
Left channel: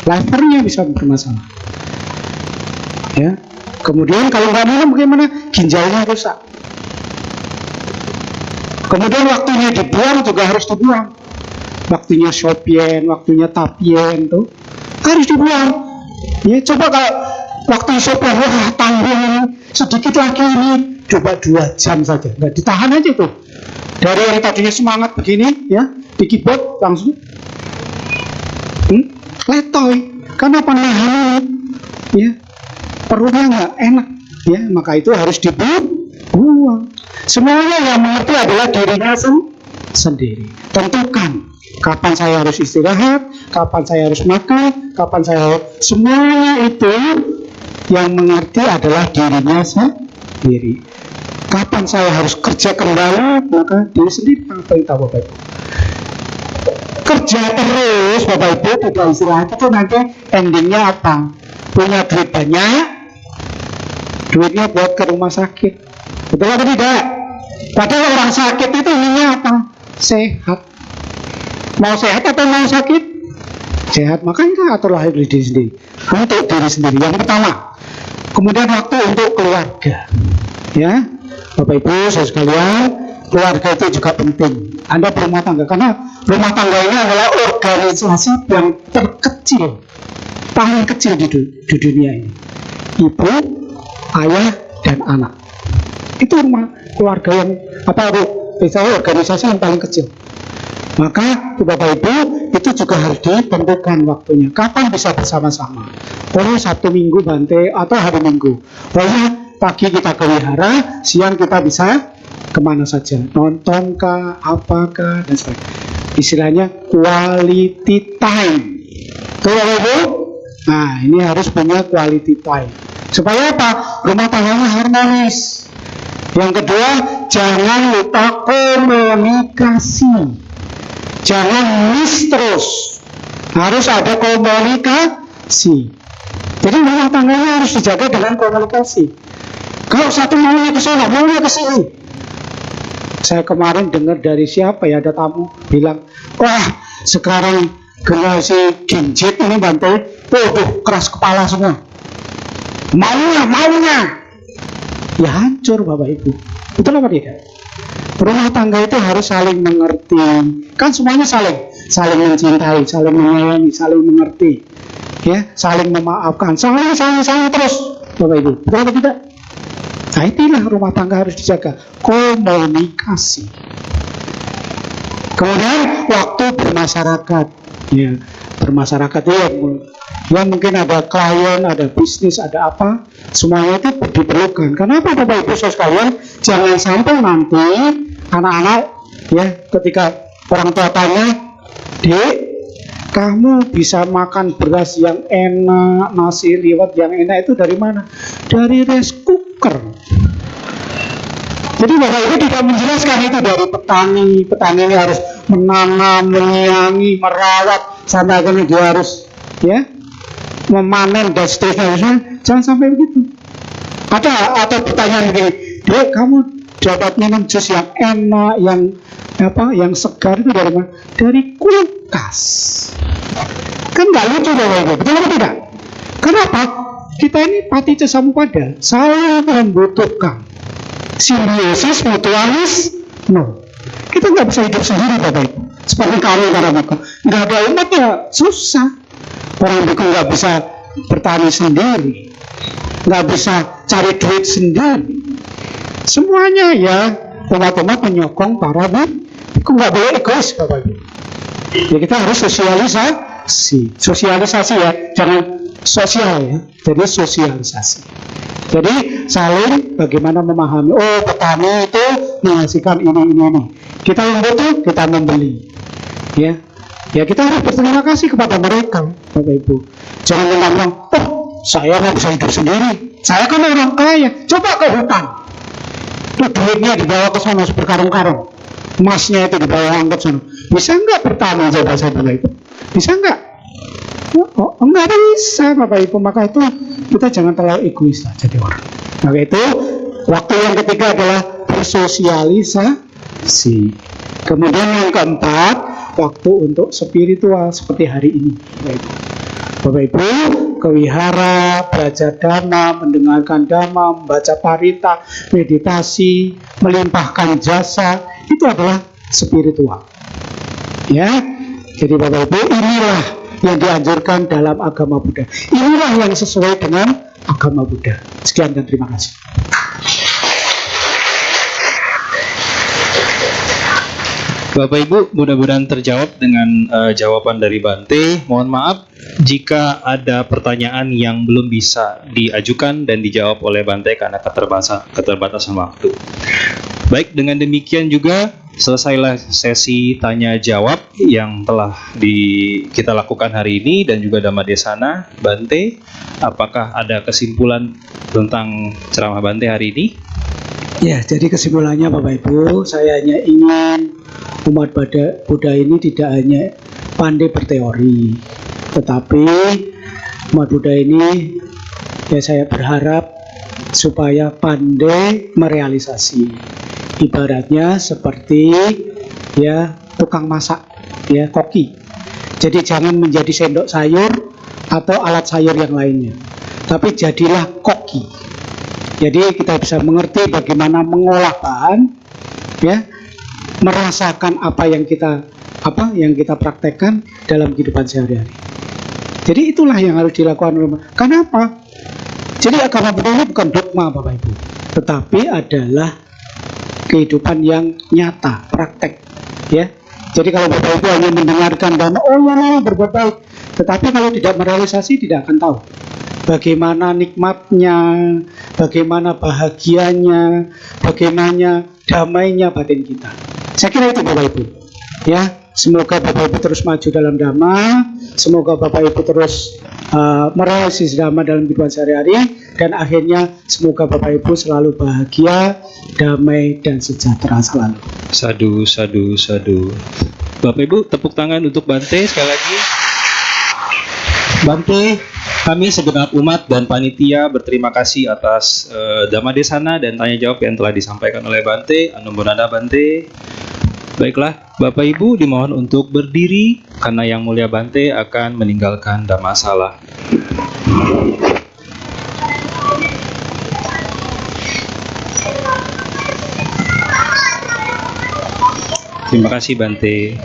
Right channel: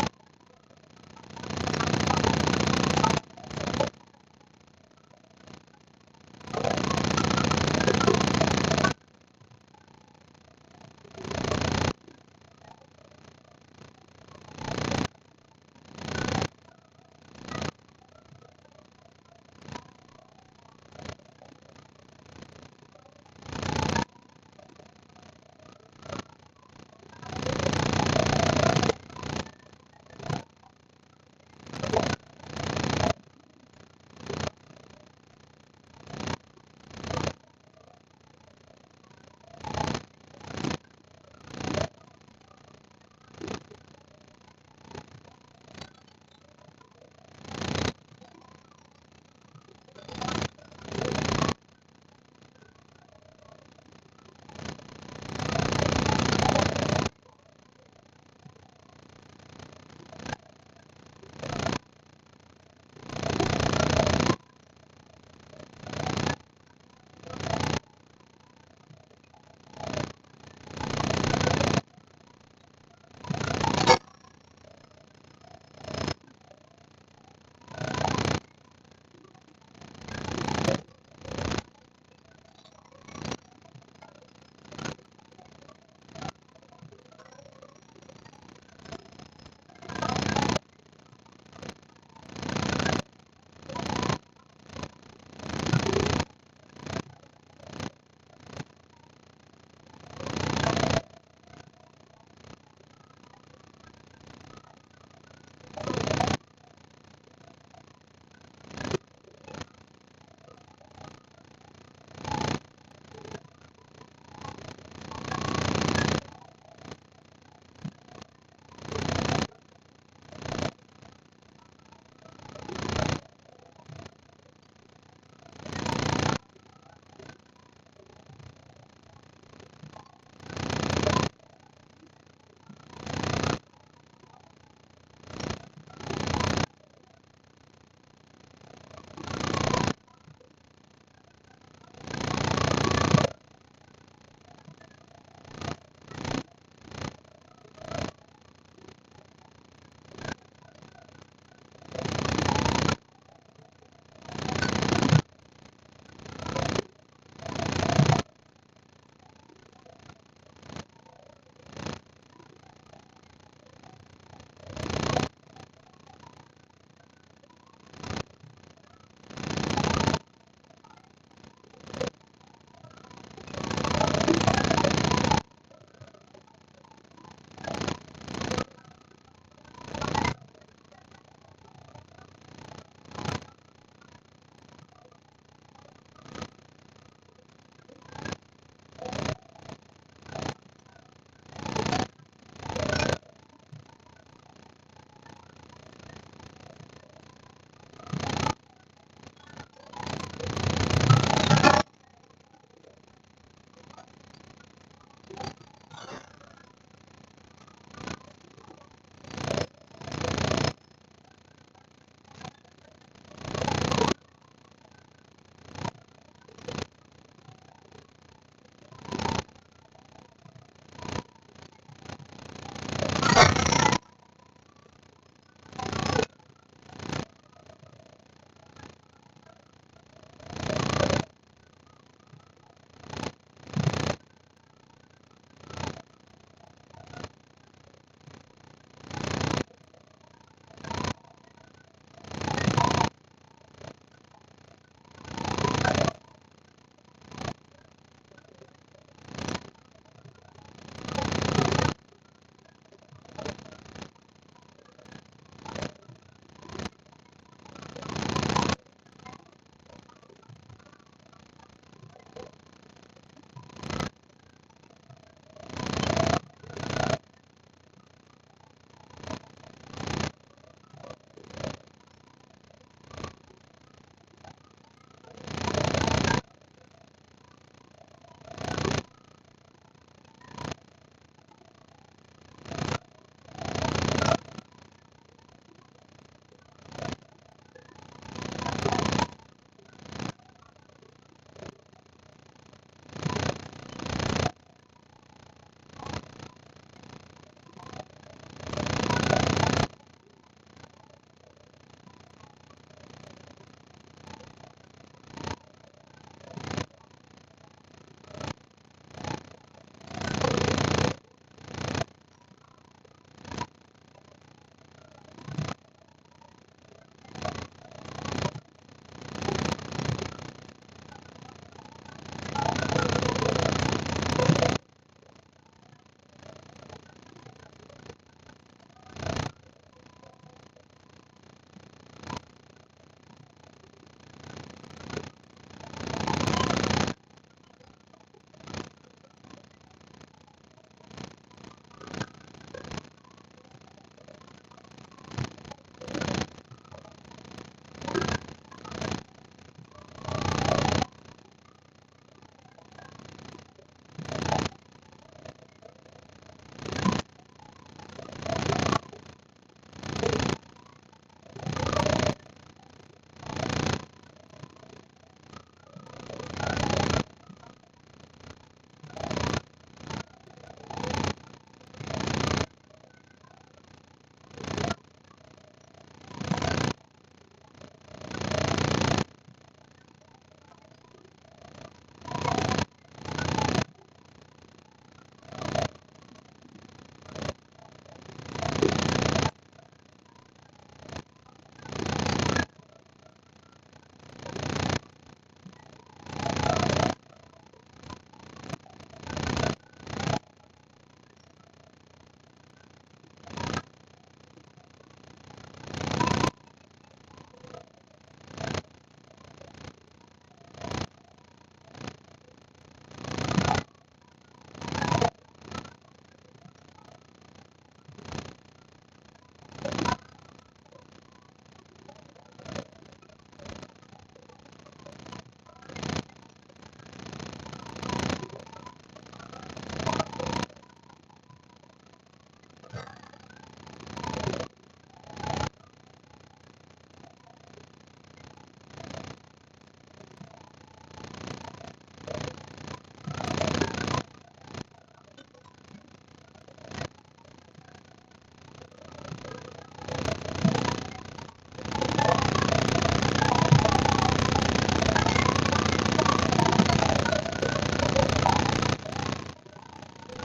Levernya bisa bermasalah. Ya. Kemudian kalau nggak minum bagaimana? Ginjalnya rusak. Kemudian waktunya dibuang juga harus dibuang. Waktunya shopien, waktunya tapien tuh harus dibuang. Ya, coba kalau waktu shopien, wah tanggung sedikit lagi ini, coba 2 jam saja. Nggak ditahan aja tuh. Dari yang tadinya semangat begini, ya, di keyboard langsung letoy. Karena apa? Nahan, ya, perutnya nggak enak, ya, maka itu harus dibuang. Semuanya yang mengerti adalah dirinya sendiri. Tentukan kapan saya harus istirahat, kapan saya harus makan, kapan saya harus... Semuanya itu yang mengerti adalah dirinya sendiri. Kapan saya harus kerja kembali, maka diri sendiri apa yang tahu Bapak Ibu. Kerja terus Bapak Ibu, tidak istirahat, itu nanti endingnya apa? Punya duit banyak, duitnya buat ke rumah sakit. Betul atau tidak? Padahal orang sakit itu inginnya apa? Sehat. Mau sehat atau mau sakit? Sehat. Makanya aturlah diri sendiri. Untuk diri sendiri. Yang pertama. Kemudian waktu untuk keluarga. Ya, Bapak Ibu, saudara sekalian, keluarga itu juga penting. Anda berumah tangga, karena rumah tangga ini adalah organisasi yang terkecil, paling kecil di dunia ini. Ibu, ayah, dan anak. Itu rumah keluarga yang misalnya organisasi yang paling kecil. Maka Bapak Ibu itu juga harus ditentukan waktunya. Kapan bisa bersama-sama? Boleh Sabtu Minggu Bante atau hari Minggu. Boleh pagi kita ke wihara, siang kita bisa kemana saja, nonton kah, apakah, dan sebagainya. Istilahnya quality time. Tuh Bapak Ibu. Nah, ini harus punya quality time. Supaya apa? Rumah tangganya harmonis. Yang kedua, jangan lupa komunikasi. Jangan miss terus. Harus ada komunikasi. Jadi rumah tangganya harus dijaga dengan komunikasi. Kalau satu maunya ke sana, maunya ke sini. Saya kemarin dengar dari siapa ya, ada tamu bilang, wah sekarang generasi Gen-Z ini Bante, keras kepala semua. Maunya. Ya hancur Bapak Ibu. Betul apa tidak? Rumah tangga itu harus saling mengerti. Kan semuanya saling mencintai, saling menyayangi, saling mengerti. Ya, saling memaafkan, saling terus Bapak Ibu. Betul apa tidak? Nah, itulah rumah tangga harus dijaga. Komunikasi. Kemudian waktu bermasyarakat. Ya, bermasyarakat itu ya mungkin ada klien, ada bisnis, ada apa, semuanya itu diperlukan. Kenapa Bapak Ibu saudara sekalian, jangan sampai nanti anak-anak ya ketika orang tua tanya, Dek, kamu bisa makan beras yang enak, nasi liwet yang enak itu dari mana? Dari rice cooker. Jadi Bapak Ibu tidak menjelaskan itu dari petani. Petani ini harus menanam, menyiangi, merawat, sampai akhirnya dia harus ya memanen dan seterusnya. Jangan sampai begitu. Ada pertanyaan begini, Dek, kamu dapat minum jus yang enak, yang segar itu dari mana? Dari kulkas. Kan nggak lucu Bapak Ibu, betul atau tidak? Kenapa? Kita ini Paticca Samuppada saling membutuhkan. Simbiosis mutualis, no. Kita nggak bisa hidup sendiri Bapak Ibu. Seperti kami para biku, nggak ada umat ya susah. Orang biku nggak bisa bertani sendiri, nggak bisa cari duit sendiri. Semuanya ya umat-umat menyokong para biku, nggak boleh egois Bapak Ibu. Ya kita harus sosialisasi ya, jangan sosial ya. Jadi sosialisasi. Jadi saling bagaimana memahami. Oh, petani itu menghasilkan ini. Kita yang butuh, kita membeli. Ya kita harus berterima kasih kepada mereka, Bapak Ibu. Jangan bilang, oh saya nggak bisa hidup sendiri. Saya kan orang kaya. Coba ke hutan. Tuh duitnya dibawa ke sana berkarung-karung. Emasnya itu dibawa angkut sana. Bisa nggak bertani coba saya Bapak Ibu? Bisa nggak? Oh, enggak bisa Bapak Ibu. Maka itu kita jangan terlalu egois lah jadi orang. Maka itu waktu yang ketiga adalah bersosialisasi. Kemudian yang keempat, waktu untuk spiritual seperti hari ini. Bapak Ibu ke wihara, belajar dhamma, mendengarkan dhamma, membaca parita, meditasi, melimpahkan jasa, itu adalah spiritual. Ya, jadi Bapak Ibu inilah yang dianjurkan dalam agama Buddha. Inilah yang sesuai dengan agama Buddha. Sekian dan terima kasih. Bapak Ibu, mudah-mudahan terjawab dengan jawaban dari Bante. Mohon maaf jika ada pertanyaan yang belum bisa diajukan dan dijawab oleh Bante karena keterbatasan waktu. Baik, dengan demikian juga selesailah sesi tanya jawab yang telah kita lakukan hari ini dan juga Dhammadesana. Bante, apakah ada kesimpulan tentang ceramah Bante hari ini? Ya, jadi kesimpulannya Bapak Ibu, saya hanya ingin umat Buddha ini tidak hanya pandai berteori, tetapi umat Buddha ini ya saya berharap supaya pandai merealisasi. Ibaratnya seperti ya tukang masak, ya koki. Jadi jangan menjadi sendok sayur atau alat sayur yang lainnya, tapi jadilah koki. Jadi kita bisa mengerti bagaimana mengolah bahan, ya, merasakan apa yang kita praktekkan dalam kehidupan sehari-hari. Jadi itulah yang harus dilakukan. Kenapa? Jadi agama Buddha ini bukan dogma Bapak Ibu, tetapi adalah kehidupan yang nyata, praktek, ya. Jadi kalau Bapak Ibu hanya mendengarkan dan berbuat baik, tetapi kalau tidak merealisasi tidak akan tahu bagaimana nikmatnya, bagaimana bahagianya, bagaimana damainya batin kita. Saya kira itu Bapak Ibu. Ya, semoga Bapak Ibu terus maju dalam Dhamma, semoga Bapak Ibu terus merealisasi Dhamma dalam kehidupan sehari-hari, dan akhirnya semoga Bapak Ibu selalu bahagia, damai, dan sejahtera selalu. Sadu, sadu, sadu. Bapak Ibu, tepuk tangan untuk Bante sekali lagi. Bante, kami segenap umat dan panitia berterima kasih atas Dhammadesana dan tanya jawab yang telah disampaikan oleh Bante. Anumerada Bante. Baiklah, Bapak Ibu dimohon untuk berdiri karena Yang Mulia Bante akan meninggalkan Dhammasala. Terima kasih Bante.